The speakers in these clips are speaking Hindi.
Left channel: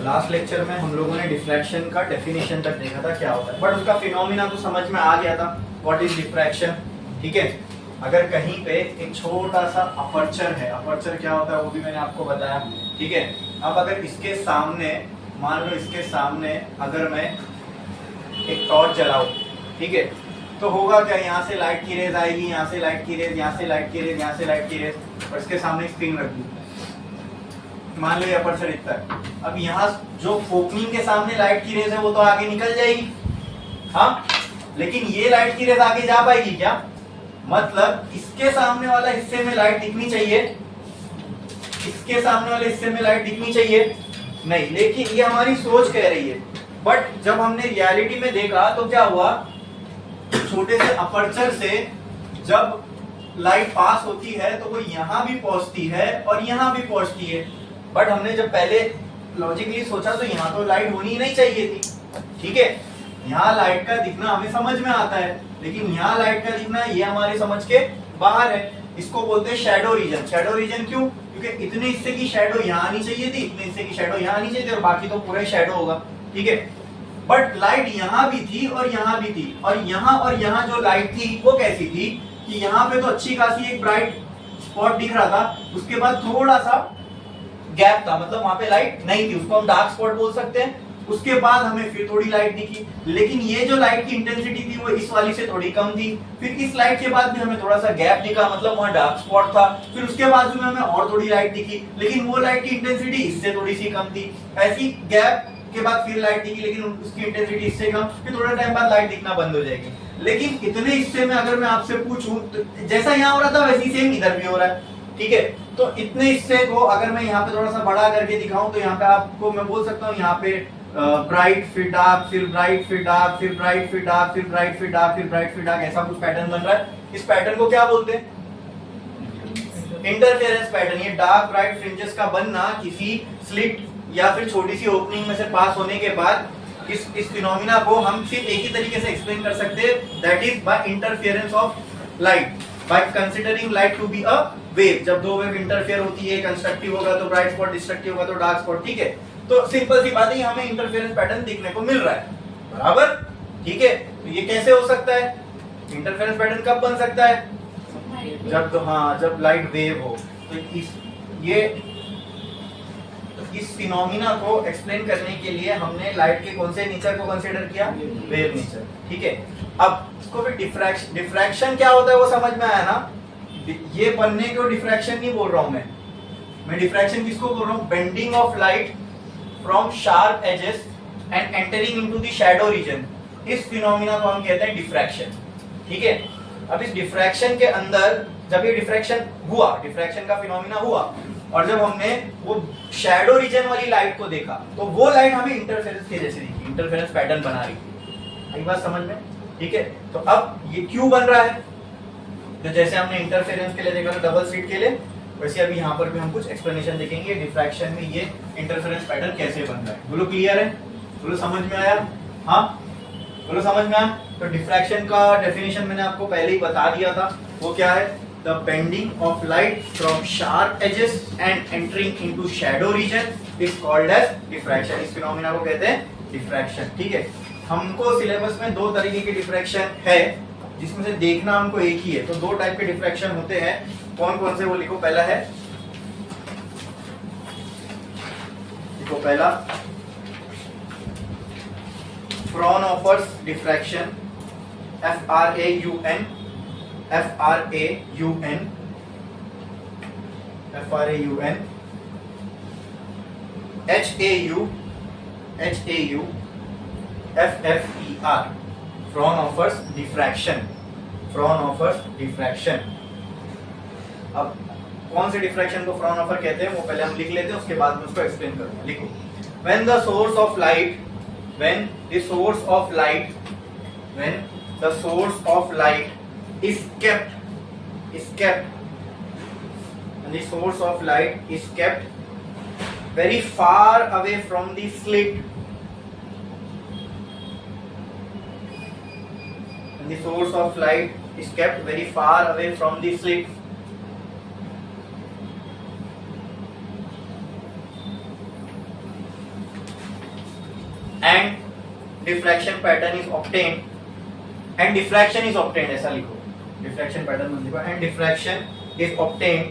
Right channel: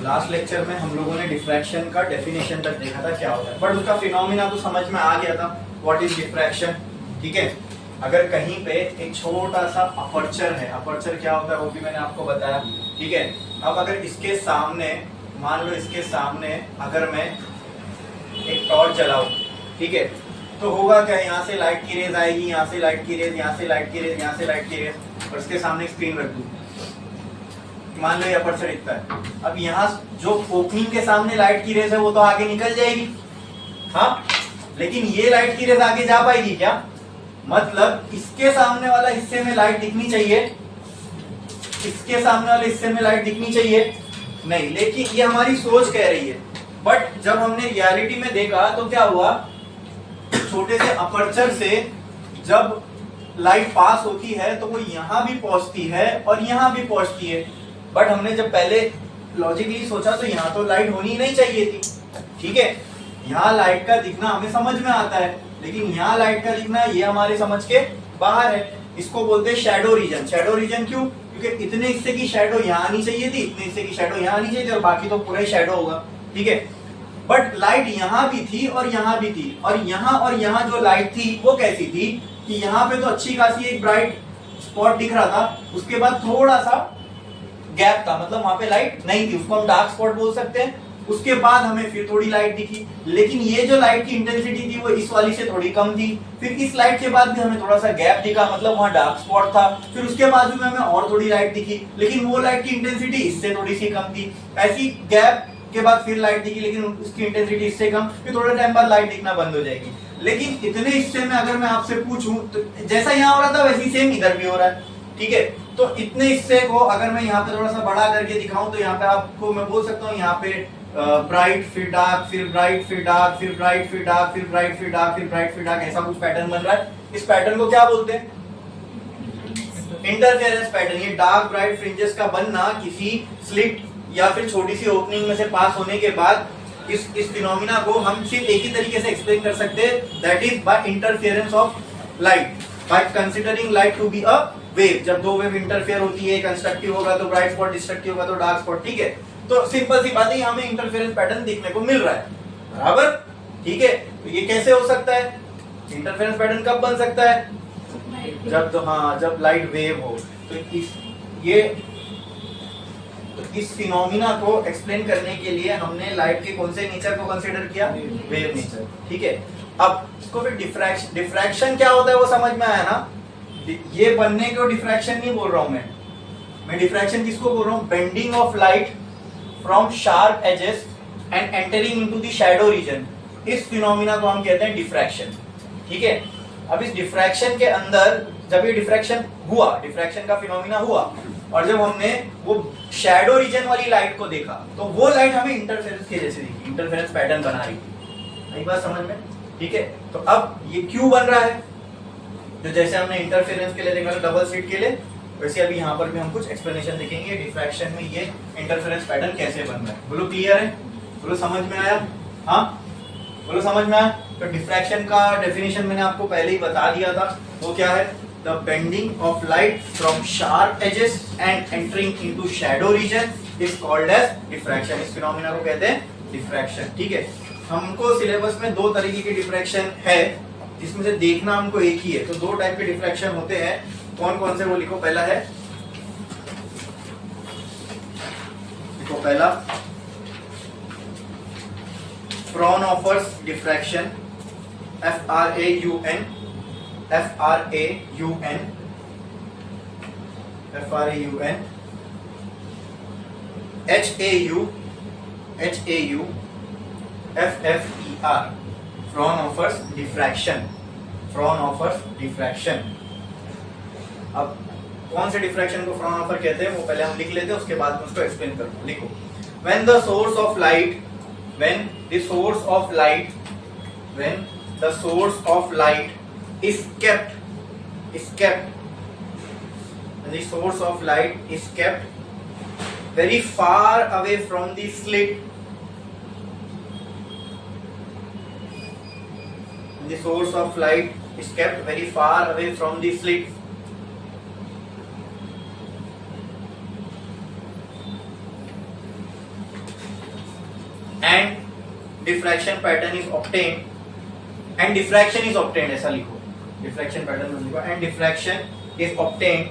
लास्ट लेक्चर में हम लोगों ने डिफ्रैक्शन का डेफिनेशन तक देखा था क्या होता है, बट उसका फिनोमिना तो समझ में आ गया था, व्हाट इज डिफ्रैक्शन। ठीक है, अगर कहीं पे एक छोटा सा अपर्चर है, अपर्चर क्या होता है वो भी मैंने आपको बताया। ठीक है, अब अगर इसके सामने, मान लो इसके सामने अगर मैं एक टॉर्च जलाऊं, ठीक है, तो होगा क्या, यहाँ से लाइट की रेज आएगी, यहाँ से लाइट की रेज, यहाँ से लाइट की रेज, यहाँ से लाइट की रेज, और इसके सामने स्क्रीन रख दी, मान लो ये अपर्चर इतना है। अब यहाँ जो ओपनिंग के सामने लाइट की रेज है वो तो आगे निकल जाएगी, हाँ, लेकिन ये लाइट की रेज आगे जा पाएगी क्या? मतलब इसके सामने वाला हिस्से में लाइट दिखनी चाहिए, इसके सामने वाले हिस्से में लाइट दिखनी चाहिए नहीं, लेकिन ये हमारी सोच कह रही है। बट जब हमने रियलिटी में देखा तो क्या हुआ, छोटे से अपर्चर से जब लाइट पास होती है तो वो यहां भी पहुंचती है और यहां भी पहुंचती है। बट हमने जब पहले लॉजिकली सोचा तो यहाँ तो लाइट होनी ही नहीं चाहिए थी। ठीक है, यहाँ लाइट का दिखना हमें समझ में आता है, लेकिन यहाँ लाइट का दिखना ये हमारे समझ के बाहर है। इसको बोलते हैं शैडो रीजन। शैडो रीजन क्यों? क्योंकि इतने हिस्से की शैडो यहाँ आनी चाहिए थी, इतने हिस्से की शैडो यहाँ आनी चाहिए थी, और बाकी तो पूरा ही शैडो होगा। ठीक है, बट लाइट यहाँ भी थी और यहाँ भी थी, और यहाँ जो लाइट थी वो कैसी थी कि यहाँ पे तो अच्छी खासी एक ब्राइट स्पॉट दिख रहा था, उसके बाद थोड़ा सा गैप था, मतलब वहां पे लाइट नहीं थी, उसको हम डार्क स्पॉट बोल सकते हैं। उसके बाद हमें फिर थोड़ी लाइट दिखी, लेकिन ये जो लाइट की इंटेंसिटी थी वो इस वाली से थोड़ी कम थी। फिर इस लाइट के बाद भी हमें थोड़ा सा गैप दिखा, मतलब वहां डार्क स्पॉट था। फिर उसके बाजू में हमें और थोड़ी लाइट दिखी, लेकिन वो लाइट की इंटेंसिटी इससे थोड़ी सी कम थी। ऐसी गैप के बाद फिर लाइट दिखी, लेकिन उसकी इंटेंसिटी इससे कम, फिर थोड़े टाइम बाद लाइट दिखना बंद हो जाएगी। लेकिन इतने हिस्से में अगर मैं आपसे पूछूं तो जैसा यहाँ हो रहा था वैसे ही सेम इधर भी हो रहा है। ठीक है, तो इतने हिस्से को अगर मैं यहाँ पे थोड़ा सा बड़ा करके दिखाऊं तो यहाँ पे आपको मैं बोल सकता हूँ, यहाँ पे ब्राइट फिर डार्क, फिर ब्राइट फिर डार्क, फिर ब्राइट फिर डार्क, फिर ब्राइट फिर डार्क, फिर ब्राइट फिर डार्क, ऐसा कुछ पैटर्न बन रहा है। इस पैटर्न को क्या बोलते हैं? Interference pattern. ये डार्क ब्राइट फ्रिंजेस का बनना किसी स्लिट या फिर छोटी सी ओपनिंग में से पास होने के बाद, इस फिनोमिना को हम सिर्फ एक ही तरीके से एक्सप्लेन कर सकते हैं, that is by interference of light, by considering light to be a wave. जब दो वेव इंटरफेयर होती है, कंस्ट्रक्टिव होगा तो ब्राइट स्पॉट, डिस्ट्रक्टिव होगा तो डार्क स्पॉट। ठीक है, तो सिंपल सी बात है, हमें इंटरफेरेंस पैटर्न देखने को मिल रहा है, बराबर। ठीक है, तो ये कैसे हो सकता है? इंटरफेरेंस पैटर्न कब बन सकता है? जब तो हाँ, जब लाइट वेव हो। तो इस फिनोमिना को एक्सप्लेन करने के लिए हमने लाइट के कौन से नेचर को कंसीडर किया? Wave nature. ठीक है, अब इसको फिर डिफ्रैक्शन क्या होता है वो समझ में आया ना? ये बनने को डिफ्रैक्शन नहीं बोल रहा हूं मैं डिफ्रैक्शन किसको बोल रहा हूं? Bending of light from sharp edges and entering into the shadow region, इस फिनोमिना को हम कहते हैं डिफ्रैक्शन। ठीक है, अब इस डिफ्रैक्शन के अंदर जब ये डिफ्रैक्शन हुआ, डिफ्रैक्शन का फिनोमिना हुआ, और जब हमने वो शैडो रीजन वाली लाइट को देखा तो वो लाइट हमें इंटरफेरेंस के जैसे दिखी, इंटरफेरेंस पैटर्न बना रही थी। एक बात समझ में? ठीक है, तो अब ये क्यों बन रहा है? तो जैसे हमने इंटरफेरेंस के लिए देखा था, डबल स्लिट के लिए, वैसे अभी यहाँ पर भी हम कुछ एक्सप्लेनेशन देखेंगे डिफ्रैक्शन में ये इंटरफेरेंस पैटर्न कैसे बन रहा है। बोलो क्लियर है? बोलो समझ में आया? हाँ, बोलो समझ में आया? तो डिफ्रैक्शन का डेफिनेशन मैंने आपको पहले ही बता दिया था, वो क्या है? The bending of light from sharp edges and entering into shadow region is called as diffraction. इस फिनोमिना को कहते हैं डिफ्रैक्शन। ठीक है, हमको सिलेबस में दो तरीके की डिफ्रैक्शन है, जिसमें से देखना हमको एक ही है। तो दो टाइप के डिफ्रैक्शन होते हैं, कौन कौन से वो लिखो। पहला है, लिखो पहला, Fraunhofer's diffraction, FRAUN, FRAUN, FRAUN, HAU, FFER, Fraunhofer's diffraction, Fraunhofer's diffraction. अब कौन से डिफ्रैक्शन को फ्राउनहोफर कहते हैं वो पहले हम लिख लेते हैं, उसके बाद मैं उसको एक्सप्लेन करूंगा। लिखो, when the source of light, when the source of light, when the source of light is kept, and the source of light is kept very far away from the slit, and the source of light is kept very far away from the slit, and diffraction pattern is obtained, and diffraction is obtained, ऐसा लिखो, डिफ्रैक्शन पैटर्न मत लिखो, and diffraction is obtained,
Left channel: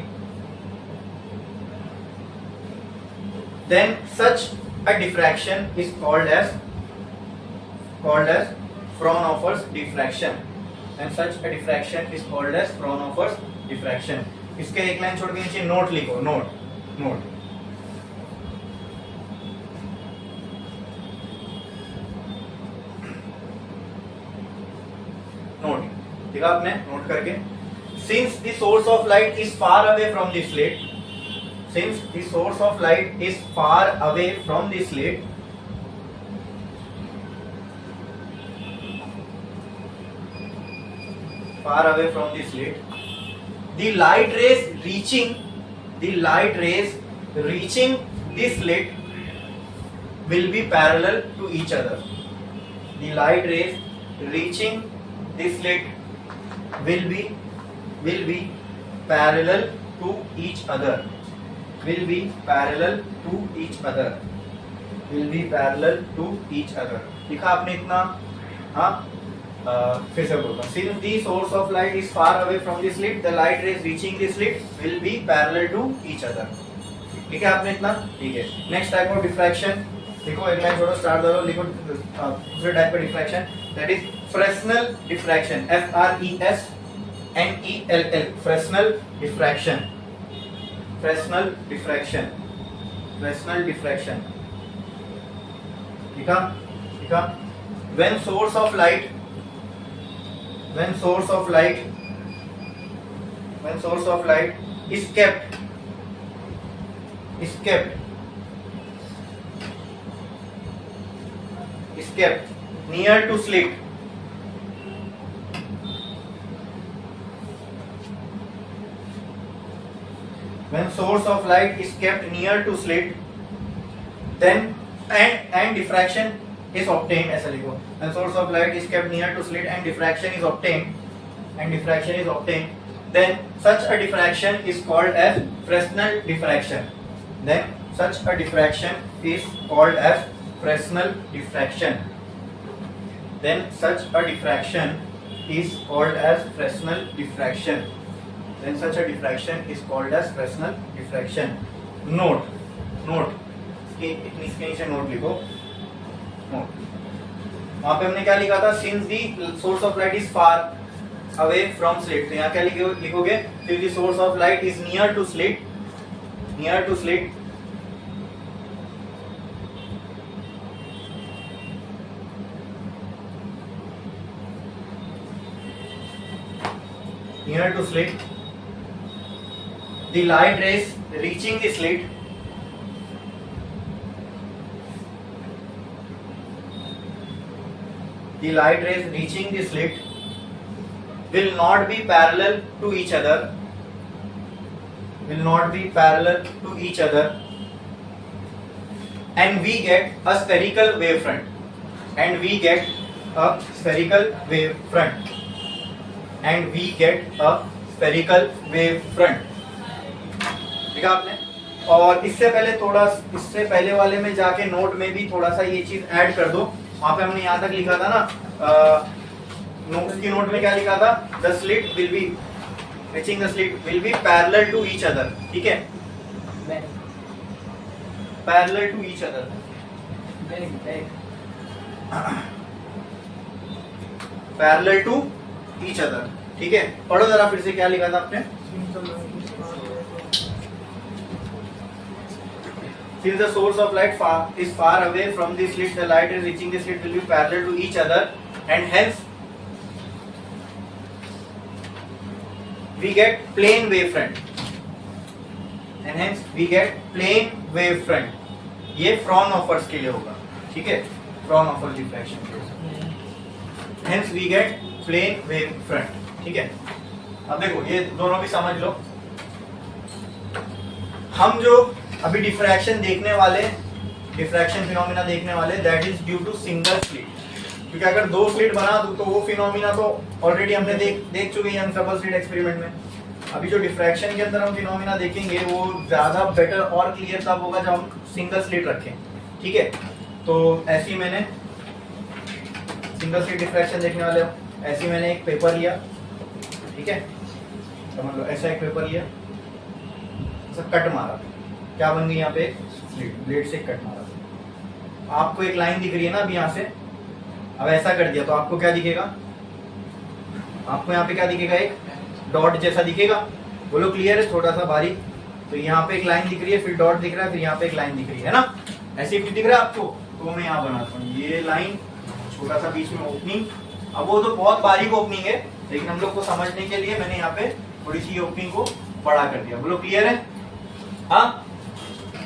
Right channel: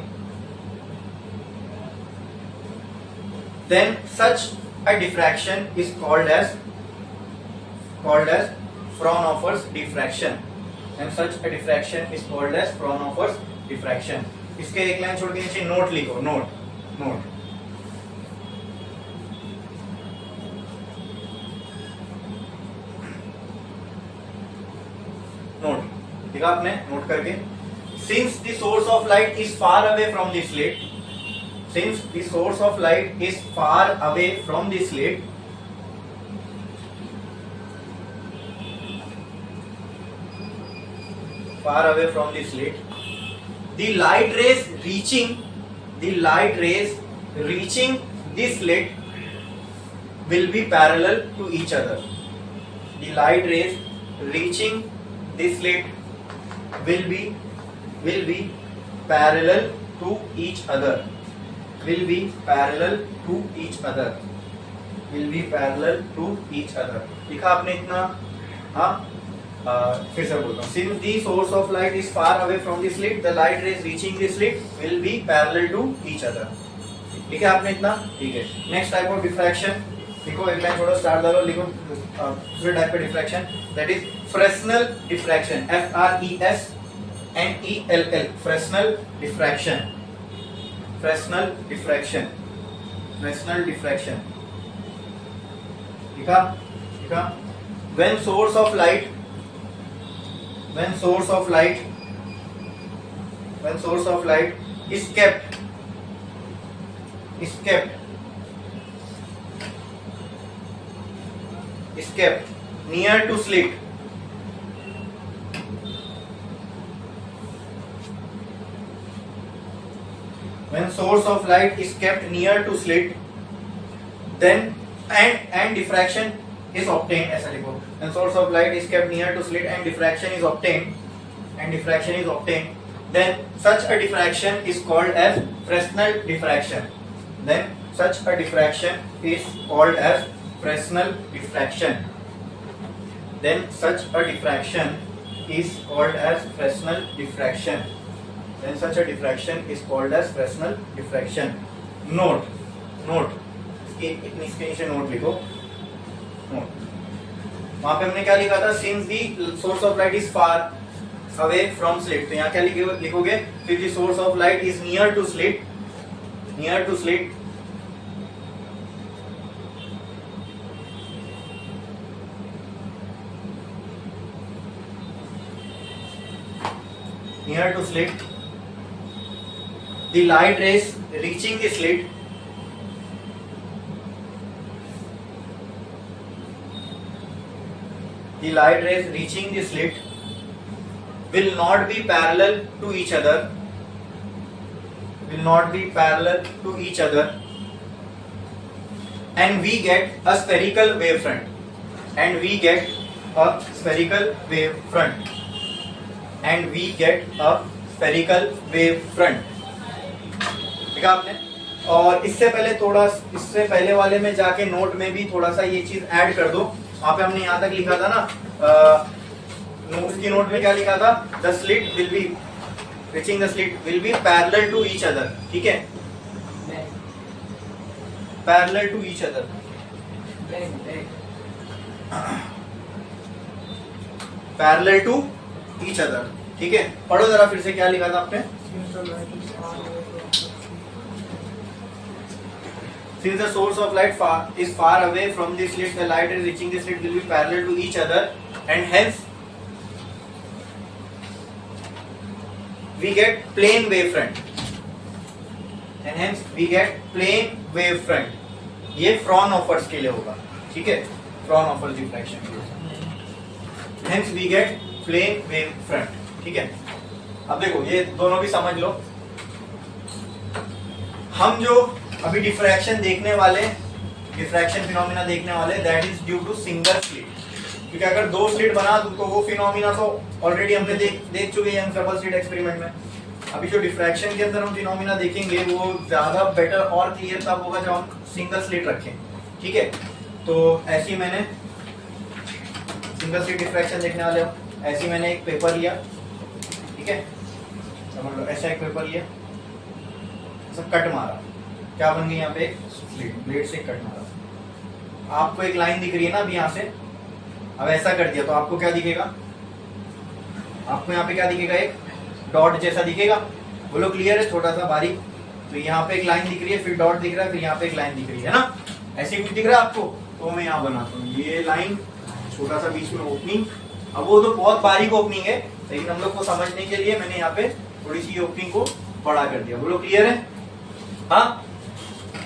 then such a diffraction is called as Fraunhofer's diffraction, and such a diffraction is called as Fraunhofer's diffraction. इसके एक लाइन छोड़ के नीचे नोट लिखो, नोट नोट नोट देखा आपने, नोट करके, since the source of light is far away from the slit, since the source of light is far away from the slit, far away from the slit, the light rays reaching the slit will be parallel to each other. The light rays reaching the slit will be parallel to each other. Will be parallel to each other. Will be parallel to each other. लिखा आपने इतना? हाँ, फिर से बोलता हूँ. Since the source of light is far away from the slit, the light rays reaching the slit will be parallel to each other. ठीक है आपने इतना? ठीक है. Next type of diffraction. लिखो, एक लाइन छोड़ो, स्टार्ट करो, लिखो दूसरे टाइप का diffraction, that is Fresnel diffraction. FRESNELL. Fresnel diffraction. Fresnel diffraction. Fresnel diffraction. लिखा? लिखा? When source of light is kept near to slit, when source of light is kept near to slit, then and diffraction is obtained, ऐसा लिखो, when source of light is kept near to slit and diffraction is obtained, then such a diffraction is called as Fresnel diffraction. Then such a diffraction is called as Fresnel diffraction. Then such a diffraction is called as Fresnel diffraction. Then such a diffraction is called as Fresnel diffraction. Note इसके नीचे नोट लिखो, नोट. वहां पे हमने क्या लिखा था? Since the source of light is far away from slit, तो यहाँ क्या लिखोगे? Since the source of light is near to slit, near to slit the light rays reaching the slit will not be parallel to each other, and we get a spherical wavefront, देखा आपने. और इससे पहले वाले में जाके नोट में भी थोड़ा सा ये चीज ऐड कर दो. वहां पे हमने यहाँ तक लिखा था ना, उसकी नोट में क्या लिखा था? The slit will be reaching the slit will be parallel to each other. ठीक है, parallel to each other. Parallel to each other. ठीक है, पढ़ो जरा फिर से, क्या लिखा था आपने? Since the source of light is far away from the slit, the light is reaching the slit will be parallel to each other, and hence we get plane wavefront. ये Fraunhofer's के लिए होगा. ठीक है, Fraunhofer's diffraction के लिए. Hence we get plane wavefront. ठीक है, अब देखो ये दोनों भी समझ लो. हम जो अभी डिफ्रैक्शन फिनोमिना देखने वाले, that is due to single slit. क्योंकि अगर दो स्लिट बना दूं तो वो फिनोमिना तो ऑलरेडी हमने देख चुके हैं डबल स्लिट एक्सपेरिमेंट में. अभी जो डिफ्रैक्शन के अंदर हम फिनोमिना देखेंगे वो ज्यादा बेटर और क्लियर तब होगा जब हम सिंगल स्लिट रखें. ठीक है, तो ऐसी मैंने सिंगल स्लिट डिफ्रैक्शन देखने वाले हो, ऐसी मैंने एक पेपर लिया, ठीक है, समझ लो ऐसा एक पेपर लिया, ऐसा कट मारा, क्या बन गई यहाँ पे एक स्लिट, ब्लेड से कट मारा, आपको एक लाइन दिख रही है ना अभी यहाँ से, अब ऐसा कर दिया तो आपको क्या दिखेगा, आपको यहाँ पे क्या दिखेगा, एक डॉट जैसा दिखेगा, बोलो क्लियर है, छोटा सा बारीक, तो यहाँ पे एक लाइन दिख रही है, फिर डॉट दिख रहा है, फिर यहाँ पे एक लाइन दिख रही है ना, ऐसे कुछ दिख रहा है आपको, तो मैं यहाँ बनाता हूँ ये लाइन, छोटा सा बीच में ओपनिंग, अब वो तो बहुत बारीक ओपनिंग है, लेकिन हम लोग को समझने के लिए मैंने यहाँ पे थोड़ी सी ओपनिंग को बड़ा कर दिया, बोलो क्लियर है, हाँ।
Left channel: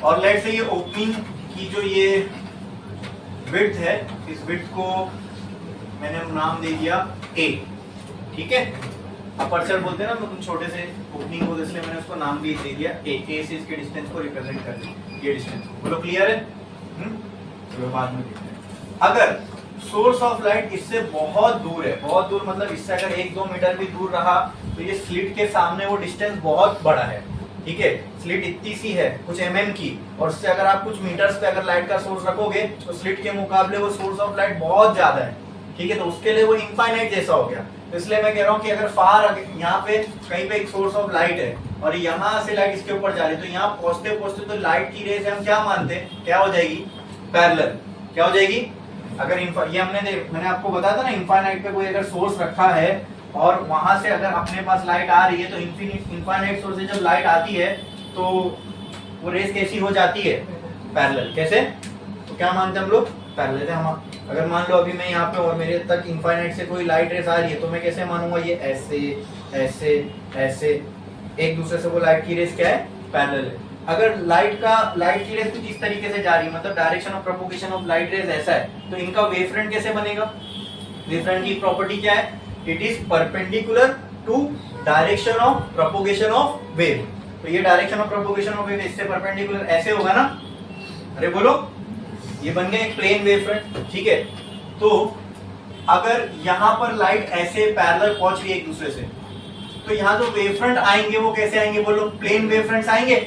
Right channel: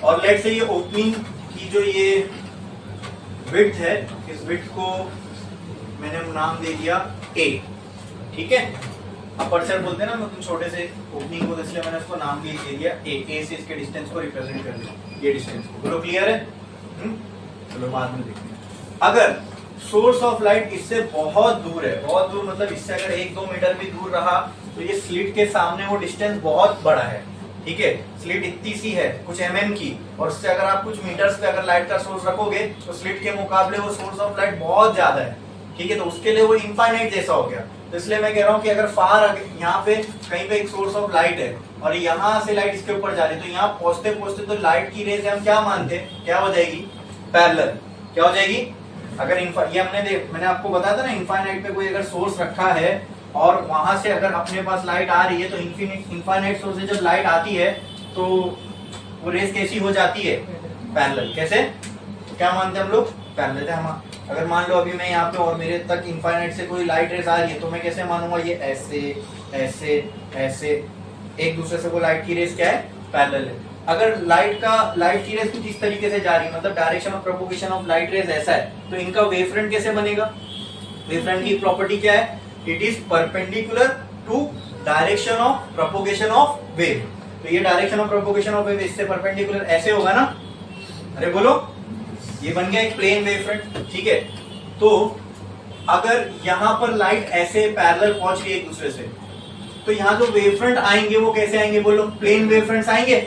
और लेट से ये ओपनिंग की जो ये विड्थ है, इस विड्थ को मैंने नाम दे दिया ए, ठीक है, अपर्चर बोलते हैं ना मतलब छोटे से ओपनिंग को, इसलिए मैंने उसको नाम भी दे दिया ए से इसके डिस्टेंस को रिप्रेजेंट कर दिया, ये डिस्टेंस को, बोलो क्लियर है, चलो बाद में देखते हैं। अगर सोर्स ऑफ लाइट इससे बहुत दूर है, बहुत दूर मतलब इससे अगर 1-2 मीटर भी दूर रहा तो ये स्लिट के सामने वो डिस्टेंस बहुत बड़ा है, ठीक है, स्लिट इतनी सी है कुछ mm की, और उससे अगर आप कुछ मीटर्स पे अगर लाइट का सोर्स रखोगे तो स्लिट के मुकाबले वो सोर्स ऑफ लाइट बहुत ज्यादा है, ठीक है, तो उसके लिए वो इनफाइनाइट जैसा हो गया, तो इसलिए मैं कह रहा हूँ कि अगर फार यहाँ पे कहीं पे एक सोर्स ऑफ लाइट है और यहाँ से लाइट इसके ऊपर जा रही है, तो यहाँ पहुंचते पहुंचते तो लाइट की रेज हम क्या मानते हैं, क्या हो जाएगी, पैरेलल, क्या हो जाएगी, अगर ये मैंने आपको बताया था ना, इनफाइनाइट पे कोई अगर सोर्स रखा है और वहां से अगर अपने पास लाइट आ रही है, तो इनफाइनाइट सोर्स से जब लाइट आती है तो वो रेस कैसी हो जाती है, पैरेलल, कैसे, तो क्या मानते हैं हम लोग, पैरेलल है। हम अगर मान लो अभी मैं यहाँ पे और मेरे तक इनफाइनाइट से कोई लाइट रेस आ रही है, तो मैं कैसे मानूंगा, ये ऐसे ऐसे ऐसे एक दूसरे से वो लाइट की रेस क्या है, पैरेलल है। अगर लाइट की रेस कुछ इस तरीके से जा रही है, मतलब direction of propagation of light rays ऐसा है, तो इनका वेवफ्रंट कैसे बनेगा, वेवफ्रंट की प्रॉपर्टी क्या है, it is perpendicular to direction of propagation of wave, तो ये direction of propagation of wave इससे परपेंडिकुलर ऐसे होगा ना, अरे बोलो, ये बन गया एक प्लेन वेवफ्रंट, ठीक है, तो अगर यहाँ पर लाइट ऐसे पैरेलल पहुंच रही है एक दूसरे से, तो यहाँ जो वेवफ्रंट आएंगे वो कैसे आएंगे, बोलो प्लेन वेवफ्रंट्स आएंगे,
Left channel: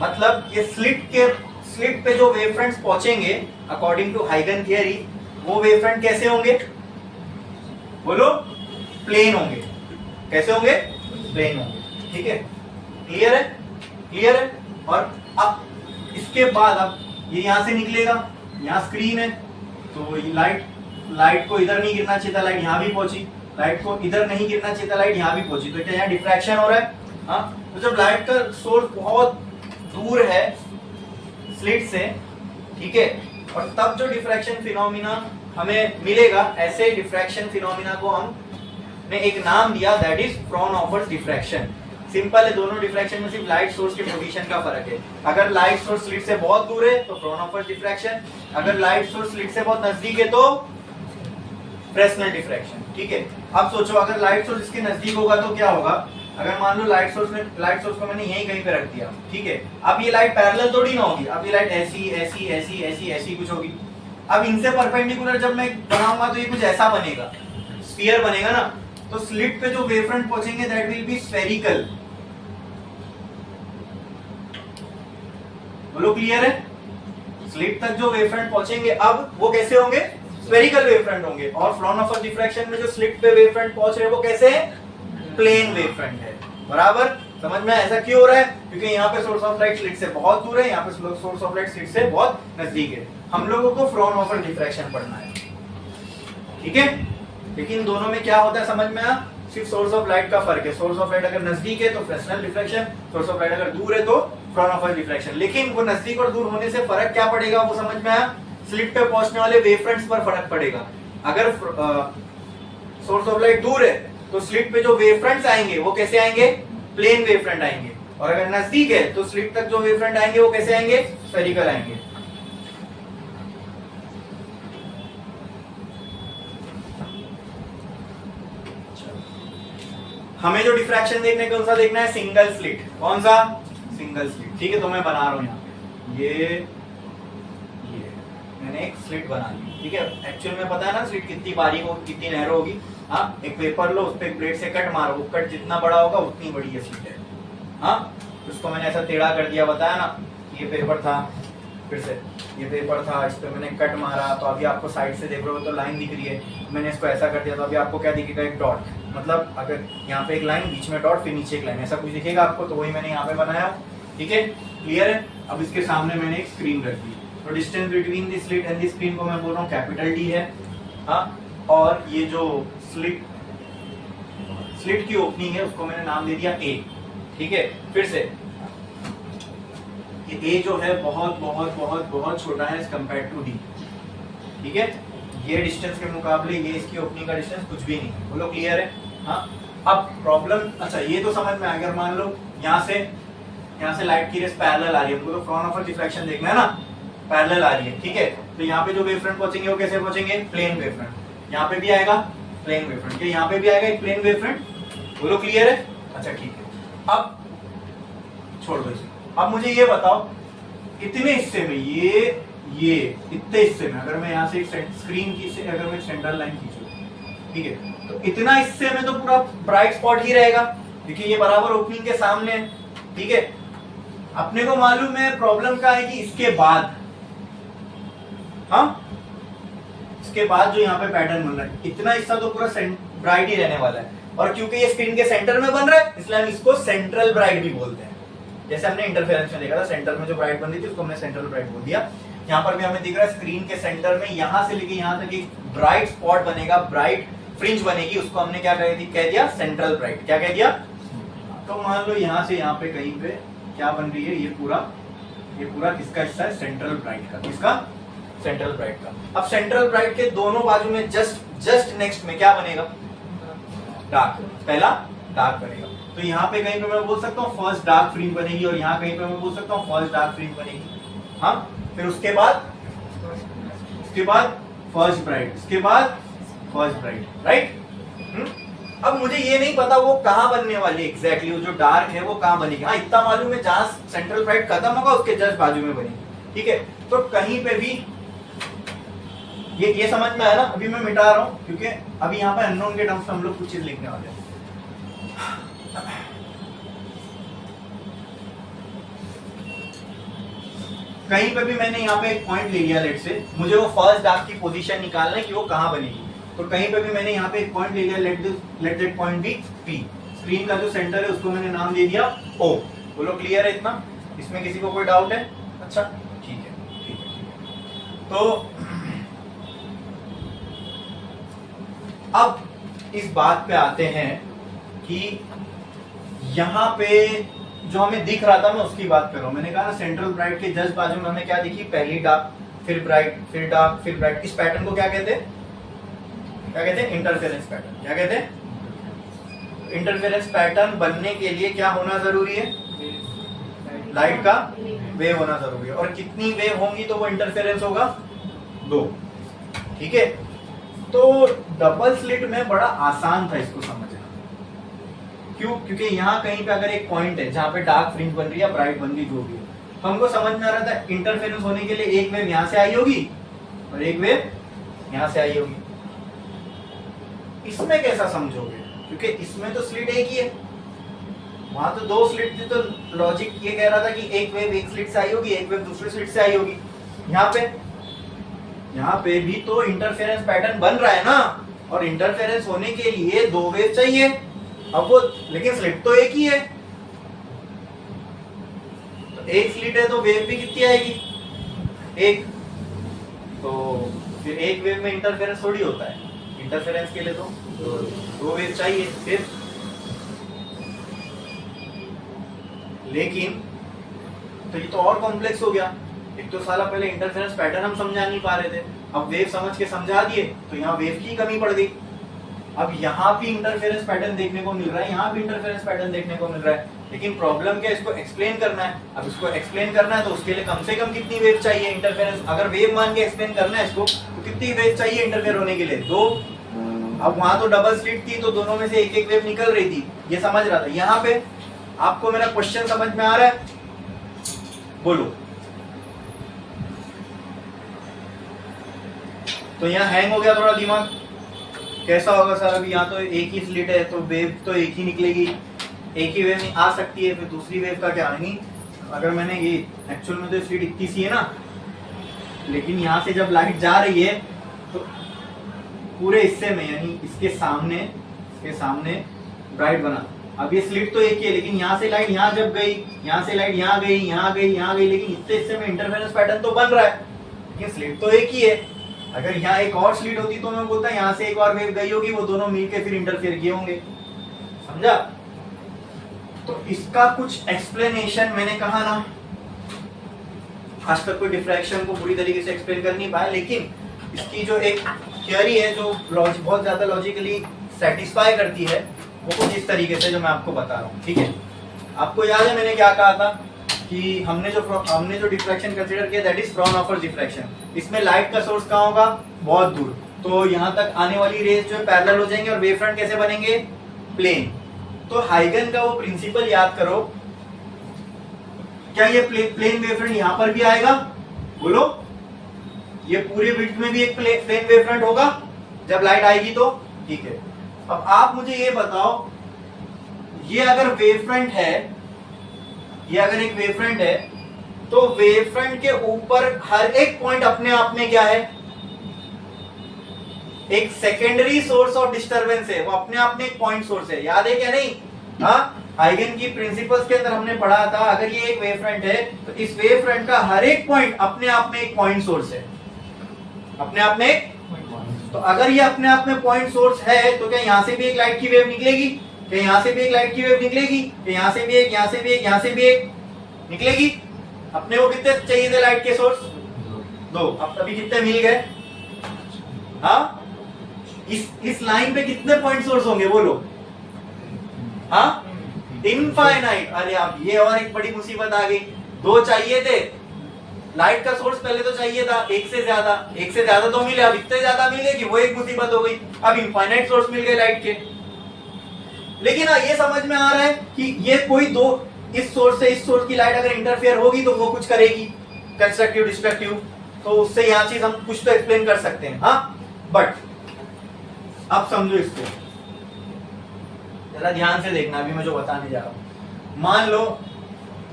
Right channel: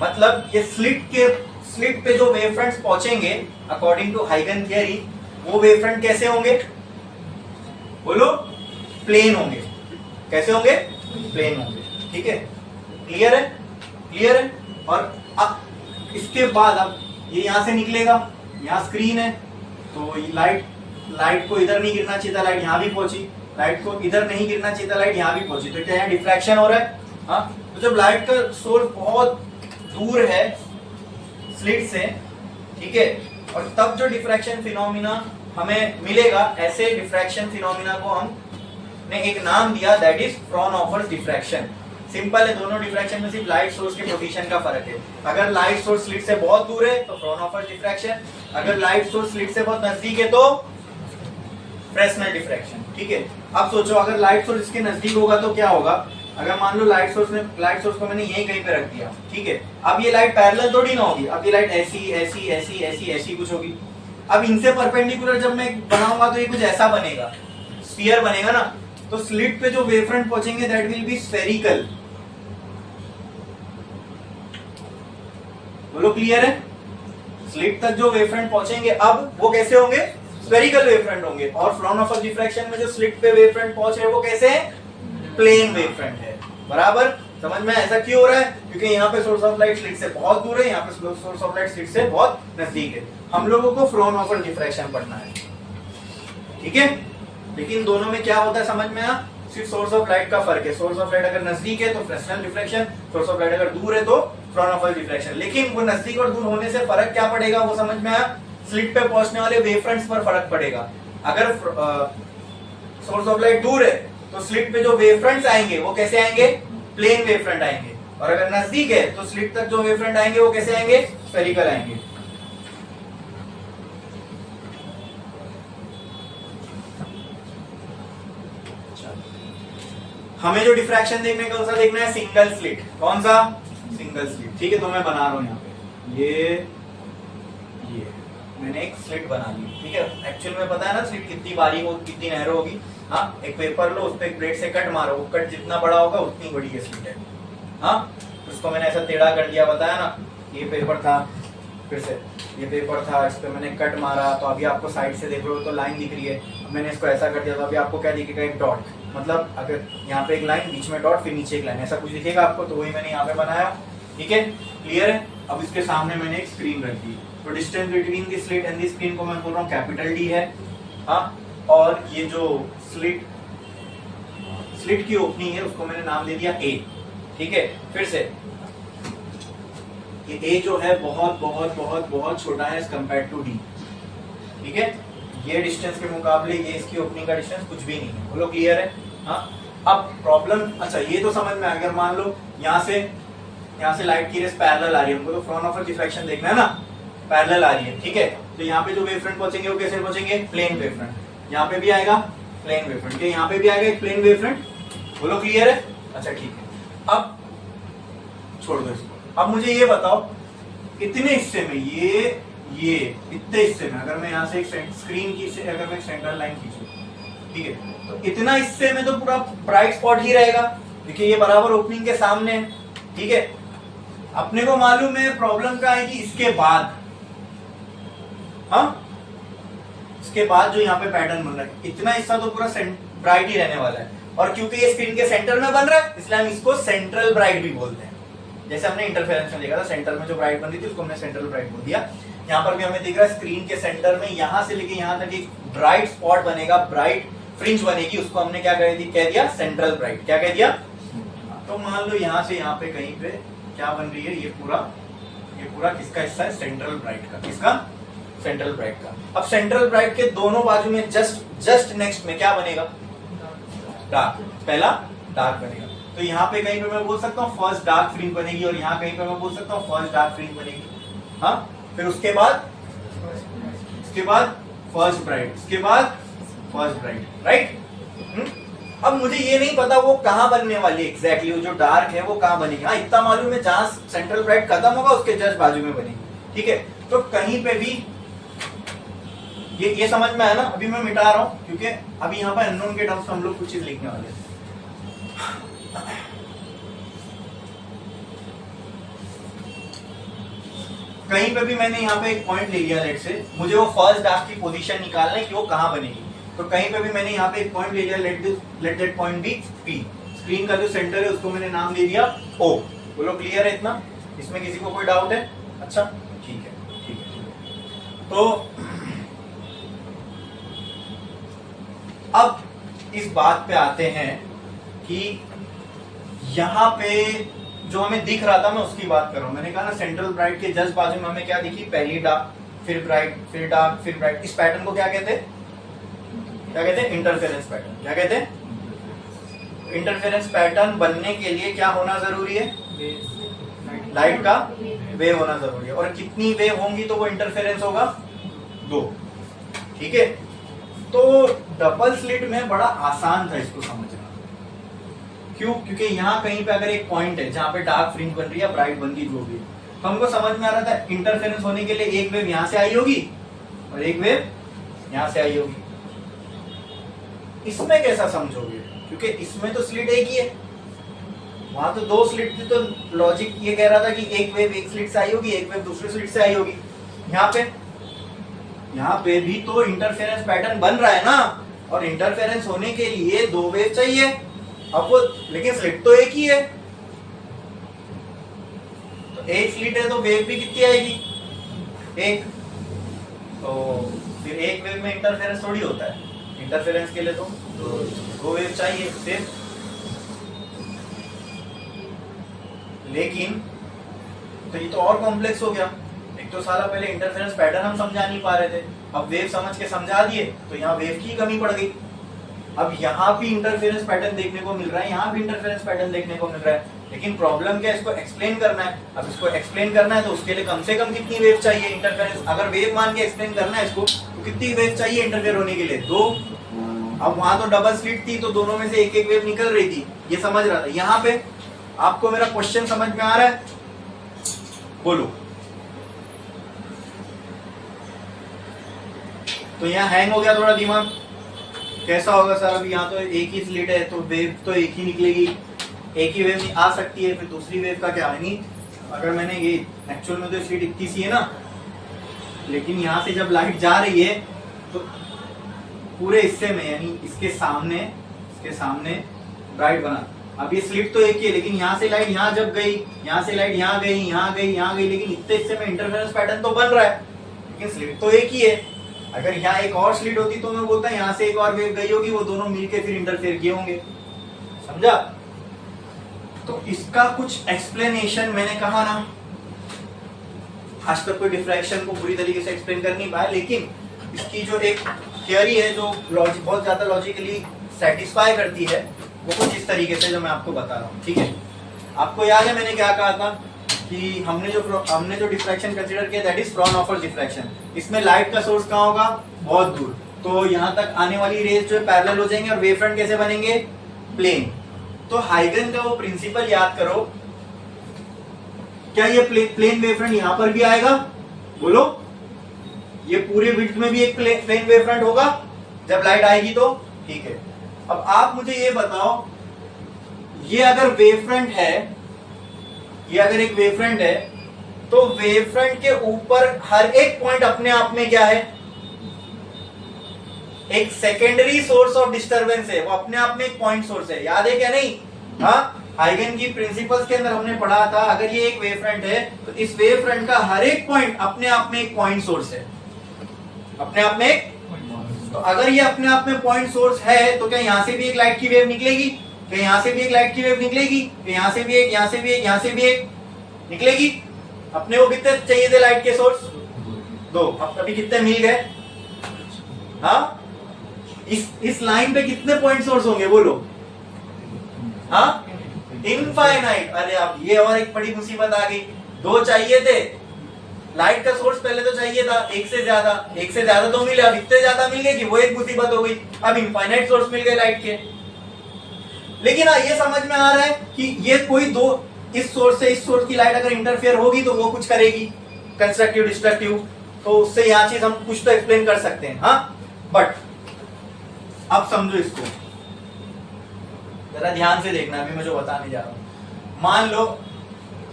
मतलब ये स्लिट पे जो वेवफ्रंट्स पहुंचेंगे अकॉर्डिंग टू हाइगन थियरी, वो वेवफ्रंट कैसे होंगे, बोलो प्लेन होंगे, कैसे होंगे, प्लेन होंगे, ठीक है, क्लियर है, क्लियर है। और अब इसके बाद अब ये यहां से निकलेगा, यहाँ स्क्रीन है, तो ये लाइट को इधर नहीं गिरना चाहिए था, लाइट यहाँ भी पहुंची, लाइट को इधर नहीं गिरना चाहिए था, लाइट यहाँ भी पहुंची, तो क्या यहाँ डिफ्रैक्शन हो रहा है, हाँ, तो जब लाइट का सोर्स बहुत दूर है स्लिट से, ठीक है, और तब जो डिफ्रैक्शन फिनोमिना हमें मिलेगा, ऐसे डिफ्रैक्शन फिनोमिना को हमने एक नाम दिया, that is Fraunhofer diffraction. Simple है, दोनों डिफ्रैक्शन में सिर्फ लाइट सोर्स के पोजीशन का फर्क है, अगर लाइट सोर्स स्लिट से बहुत दूर है तो फ्रॉनहोफर डिफ्रैक्शन, अगर लाइट सोर्स स्लिट से बहुत नजदीक है तो फ्रेस्नेल डिफ्रैक्शन, ठीक है। अब सोचो अगर लाइट सोर्स इसके नजदीक होगा तो क्या होगा, अगर मान लो लाइट सोर्स को मैंने यहीं कहीं पे रख दिया, ठीक है, अब ये लाइट पैरेलल थोड़ी ना होगी, अब ये लाइट ऐसी ऐसी ऐसी ऐसी ऐसी कुछ होगी, अब इनसे परपेंडिकुलर जब मैं बनाऊंगा तो ये कुछ ऐसा बनेगा, स्फीयर बनेगा ना, तो स्लिट पे जो वेवफ्रंट पहुंचेंगे दैट विल बी स्फेरिकल, बोलो क्लियर है, स्लिट तक जो वेवफ्रंट पहुंचेंगे अब वो कैसे होंगे, स्फेरिकल वेवफ्रंट होंगे, और फ्रॉनहोफर डिफ्रैक्शन में जो स्लिट पे वेवफ्रंट पहुंच रहे हैं वो कैसे है, प्लेन वेवफ्रंट है, बराबर, समझ में ऐसा क्यों हो रहा है, क्योंकि यहाँ पे सोर्स ऑफ लाइट स्लिट से बहुत दूर है, यहाँ पे सोर्स ऑफ लाइट स्लिट से बहुत नजदीक है, हम लोगों को फ्रॉनहोफर डिफ्रैक्शन पढ़ना है, ठीक है, लेकिन दोनों में क्या होता है समझ में आ, सिर्फ सोर्स ऑफ लाइट का फर्क है, सोर्स ऑफ लाइट अगर नजदीक है तो Fresnel diffraction, source of light अगर दूर है तो फ्रॉनहोफर डिफ्रैक्शन, लेकिन वो नजदीक और दूर होने से फर्क क्या पड़ेगा वो समझ में आया, स्लिट पे पहुंचने वाले वेवफ्रंट्स पर फर्क पड़ेगा, अगर सोर्स ऑफ लाइट दूर है तो स्लिट पे जो वेवफ्रंट्स आएंगे वो कैसे आएंगे, प्लेन वेवफ्रंट आएंगे, और अगर नजदीक है तो स्लिट तक जो वेवफ्रंट आएंगे वो कैसे आएंगे, स्फेरिकल आएंगे। हमें जो डिफ्रैक्शन देखने कौन सा देखना है, सिंगल स्लिट, कौन सा, सिंगल स्लिट, ठीक है, तो मैं बना रहा हूं यहाँ पे ये मैंने एक स्लिट बना ली, ठीक है, एक्चुअल में पता है ना स्लिट कितनी बारीक होगी, कितनी नैरो होगी, हाँ, एक पेपर लो, उस पर एक ब्लेड से कट मारो, वो कट जितना बड़ा होगा उतनी बड़ी ये स्लिट है, हाँ, उसको मैंने ऐसा टेढ़ा कर दिया, बताया ना, ये पेपर था, फिर से ये पेपर था, इस पे मैंने कट मारा, तो अभी आपको साइड से देख रहे हो तो लाइन दिख रही है, मैंने इसको ऐसा कर दिया तो अभी आपको क्या दिखेगा, एक डॉट। मतलब अगर यहाँ पे एक लाइन, बीच में डॉट, फिर नीचे एक लाइन, ऐसा कुछ दिखेगा आपको, तो वही मैंने यहाँ पे बनाया। ठीक है, क्लियर है। अब इसके सामने मैंने एक स्क्रीन रख दी, तो distance between the slit and the screen को मैं बोल रहा हूँ कैपिटल डी है। हाँ, और ये जो स्लिट की ओपनिंग है उसको मैंने नाम दे दिया ए। ठीक है, फिर से ये ए जो है बहुत बहुत बहुत बहुत छोटा है एज कंपेयर टू डी। ठीक है, ये डिस्टेंस के मुकाबले ये इसकी ओपनिंग का डिस्टेंस कुछ भी नहीं है। बोलो क्लियर है। हाँ, अब प्रॉब्लम, अच्छा ये तो समझ में आ गया। मान लो यहाँ से लाइट की रेस पैरेलल आ रही है, हमको तो फ्रंट ऑफ डिफ्रैक्शन देखना है ना, पैरेलल आ रही है। ठीक है, तो यहाँ पे जो वेव फ्रंट पहुंचेंगे वो कैसे पहुंचेंगे, प्लेन वेव फ्रंट। यहाँ पे भी आएगा प्लेन वेव फ्रंट, यहाँ पे भी आएगा एक प्लेन वेव फ्रंट। बोलो क्लियर है। अच्छा ठीक है, अब छोड़ दो इसको। अब मुझे ये बताओ, इतने हिस्से में ये इतने हिस्से में अगर मैं यहाँ से एक स्क्रीन की से अगर मैं सेंट्रल लाइन खींचूं, ठीक है, तो इतना हिस्से में तो पूरा ब्राइट स्पॉट ही रहेगा। देखिए ये बराबर ओपनिंग के सामने है। ठीक है, अपने को मालूम है प्रॉब्लम क्या है कि इसके बाद, हाँ, इसके बाद जो यहाँ पे पैटर्न बन रहा है, इतना हिस्सा तो पूरा ब्राइट ही रहने वाला है। और क्योंकि ये स्क्रीन के सेंटर में बन रहा है, इसलिए हम इसको सेंट्रल ब्राइट भी बोलते हैं। जैसे हमने इंटरफेरेंस में देखा था, सेंटर में जो ब्राइट बन रही थी उसको हमने सेंट्रल ब्राइट बोल दिया। यहाँ पर भी हमें दिख रहा है स्क्रीन के सेंटर में यहाँ से लेके यहाँ तक एक ब्राइट स्पॉट बनेगा, ब्राइट फ्रिंज बनेगी, उसको हमने क्या कह दिया, सेंट्रल ब्राइट। क्या कह दिया। तो मान लो यहाँ से यहाँ पे कहीं पे क्या बन रही है, ये पूरा किसका हिस्सा है, सेंट्रल ब्राइट का। किसका, सेंट्रल ब्राइट का। अब सेंट्रल ब्राइट के दोनों बाजू में जस्ट नेक्स्ट में क्या बनेगा, डार्क। पहला डार्क बनेगा, तो यहाँ पे कहीं पे मैं बोल सकता हूँ फर्स्ट डार्क फ्रिंज बनेगी, और यहाँ कहीं पे मैं बोल सकता हूँ फर्स्ट डार्क फ्रिंज बनेगी। हाँ, फिर उसके बाद फर्स्ट ब्राइट, उसके बाद फर्स्ट ब्राइट, राइट। अब मुझे ये नहीं पता वो कहाँ बनने वाली एग्जैक्टली, वो जो डार्क है वो कहाँ बनेगी। हाँ, इतना मालूम है जहां सेंट्रल ब्राइट खत्म होगा उसके जस्ट बाजू में बनेगी। ठीक है, तो कहीं पे भी ये समझ में आया ना। अभी मैं मिटा रहा हूँ क्योंकि अभी यहाँ पे अननोन के टर्म्स में हम लोग कुछ चीज लिखने वाले हैं। कहीं पे भी मैंने यहाँ पे एक पॉइंट ले लिया, लेट से मुझे वो फर्स्ट डार्क की पोजीशन निकालना है कि वो कहाँ बनेगी। तो कहीं पे भी मैंने यहाँ पे एक पॉइंट ले लिया, let that point be P. Screen का जो सेंटर है उसको मैंने नाम दे दिया ओ। बोलो क्लियर है इतना, इसमें किसी को कोई डाउट है। अच्छा ठीक है, ठीक है, ठीक है। तो अब इस बात पे आते हैं कि यहाँ पे जो हमें दिख रहा था, मैं उसकी बात कर रहा हूं। मैंने कहा ना सेंट्रल ब्राइट के जस्ट बाजू में हमें क्या दिखी, पहली डार्क, फिर ब्राइट, फिर डार्क, फिर ब्राइट। इस पैटर्न को क्या कहते हैं, इंटरफेरेंस पैटर्न। क्या कहते हैं, इंटरफेरेंस पैटर्न बनने के लिए क्या होना जरूरी है, लाइट का वेव होना जरूरी है। और कितनी वेव होंगी तो वो इंटरफेरेंस होगा, 2। ठीक है, तो डबल स्लिट में बड़ा आसान था इसको समझना। क्यों, क्योंकि यहाँ कहीं पे अगर एक पॉइंट है जहाँ पे डार्क फ्रिंज बन रही है, ब्राइट बन रही, जो भी है, तो हमको समझ में आ रहा था इंटरफेरेंस होने के लिए एक वेव यहाँ से आई होगी और एक वेव यहाँ से आई होगी। इसमें कैसा समझोगे, क्योंकि इसमें तो स्लिट एक ही है, वहां तो 2 स्लिट थी, तो लॉजिक ये कह रहा था कि एक वेव एक स्लिट से आई होगी, एक वेव दूसरी स्लिट से आई होगी। यहाँ पे भी तो इंटरफेरेंस पैटर्न बन रहा है ना, और इंटरफेरेंस होने के लिए 2 वेव चाहिए। अब वो, लेकिन स्लिट तो एक ही है, तो एक स्लिट है तो वेव भी कितनी आएगी, एक। तो फिर एक वेव में इंटरफेरेंस थोड़ी होता है, इंटरफेरेंस के लिए तो 2 वेव चाहिए फिर। लेकिन तो ये तो और कॉम्प्लेक्स हो गया। एक तो साला पहले इंटरफेरेंस पैटर्न हम समझा नहीं पा रहे थे, अब वेव समझ के समझा दिए तो यहाँ वेव की कमी पड़ गई। अब यहाँ भी इंटरफेरेंस पैटर्न देखने को मिल रहा है, यहाँ भी इंटरफेरेंस पैटर्न देखने को मिल रहा है, लेकिन प्रॉब्लम क्या है, इसको एक्सप्लेन करना है। अब इसको एक्सप्लेन करना है तो उसके लिए कम से कम कितनी वेव चाहिए इंटरफेरेंस, अगर वेव मान के एक्सप्लेन करना है इसको, तो कितनी वेव चाहिए इंटरफेयर होने के लिए, 2। अब वहां तो डबल स्लिट थी तो दोनों में से एक एक वेव निकल रही थी, ये समझ रहा था। यहाँ पे आपको मेरा क्वेश्चन समझ में आ रहा है, बोलो। तो यहाँ हैंग हो गया थोड़ा दिमाग, कैसा होगा सर, अभी यहाँ तो एक ही स्लिट है तो वेव तो एक ही निकलेगी, एक ही वेव आ सकती है, फिर दूसरी वेव का क्या। नहीं, अगर मैंने ये एक्चुअल में तो स्लिट इतनी सी है ना, लेकिन यहाँ से जब लाइट जा रही है तो पूरे हिस्से में यानी इसके सामने ब्राइट बना। अब ये स्लिट तो एक ही है, लेकिन यहाँ से लाइट यहाँ जब गई, यहाँ से लाइट यहाँ गई, यहाँ गई, यहाँ गई, लेकिन इतने हिस्से में इंटरफेरेंस पैटर्न तो बन रहा है, लेकिन स्लिट तो एक ही है। अगर यहाँ एक और स्लिट होती तो मैं बोलता यहाँ से एक और वेव गई होगी, वो दोनों मिलके फिर इंटरफेयर किए होंगे। समझा? तो इसका कुछ एक्सप्लेनेशन मैंने कहा ना, आज तक कोई डिफ्रैक्शन को पूरी तरीके से एक्सप्लेन कर नहीं पाया, लेकिन इसकी जो एक थियरी है जो बहुत ज्यादा लॉजिकली सेटिस्फाई करती है, वो कुछ इस तरीके से जो मैं आपको बता रहा हूँ। ठीक है, आपको याद है मैंने क्या कहा था कि हमने जो डिफ्रैक्शन कंसीडर किया दैट इज फ्रॉनहोफर डिफ्रैक्शन। इसमें लाइट का सोर्स कहाँ होगा? बहुत दूर, तो यहाँ तक आने वाली रेज जो है पैरेलल हो जाएंगे और वेव फ्रंट कैसे बनेंगे? प्लेन। तो हाइगन का वो प्रिंसिपल याद करो। क्या ये प्लेन वेव फ्रंट यहाँ पर भी आएगा? बोलो, ये पूरे विड्थ में भी एक प्लेन वेव फ्रंट होगा जब लाइट आएगी तो? ठीक है, अब आप मुझे ये बताओ, ये अगर वेव फ्रंट है, ये अगर एक वेव फ्रंट है, तो वेव फ्रंट के ऊपर हर एक पॉइंट अपने आप में क्या है? एक सेकेंडरी सोर्स ऑफ डिस्टरबेंस है, वो अपने आप में एक पॉइंट सोर्स है। याद है क्या? नहीं? हाँ, हाइगन की प्रिंसिपल्स के अंदर हमने पढ़ा था, अगर ये एक वेव फ्रंट है तो इस वेव फ्रंट का हर एक पॉइंट अपने आप में एक पॉइंट सोर्स है, अपने आप में। तो अगर ये अपने आप में पॉइंट सोर्स है तो क्या यहां से भी एक लाइट की वेव निकलेगी? क्या यहां से भी एक लाइट की वेव निकलेगी? क्या यहां से भी एक, यहां से भी एक, यहां से भी एक निकलेगी? अपने को कितने चाहिए थे लाइट के सोर्स? 2। अब अभी कितने मिल गए? हाँ, इस लाइन पे कितने पॉइंट सोर्स होंगे बोलो? हाँ, इनफाइनाइट। अरे अब ये और एक बड़ी मुसीबत आ गई, 2 चाहिए थे लाइट का सोर्स, पहले तो चाहिए था एक से ज्यादा तो मिले, अब इतने ज्यादा मिल गए कि वो एक मुसीबत हो गई, अब इनफाइनाइट सोर्स मिल गए लाइट के। लेकिन ये समझ में आ रहा है कि ये कोई दो, इस सोर्स से इस सोर्स की लाइट अगर इंटरफेयर होगी तो वो कुछ करेगी, कंस्ट्रक्टिव डिस्ट्रक्टिव, तो उससे यहाँ चीज हम कुछ तो एक्सप्लेन कर सकते हैं। हाँ, बट अब समझो इसको, जरा ध्यान से देखना अभी मैं जो बताने जा रहा हूं। मान लो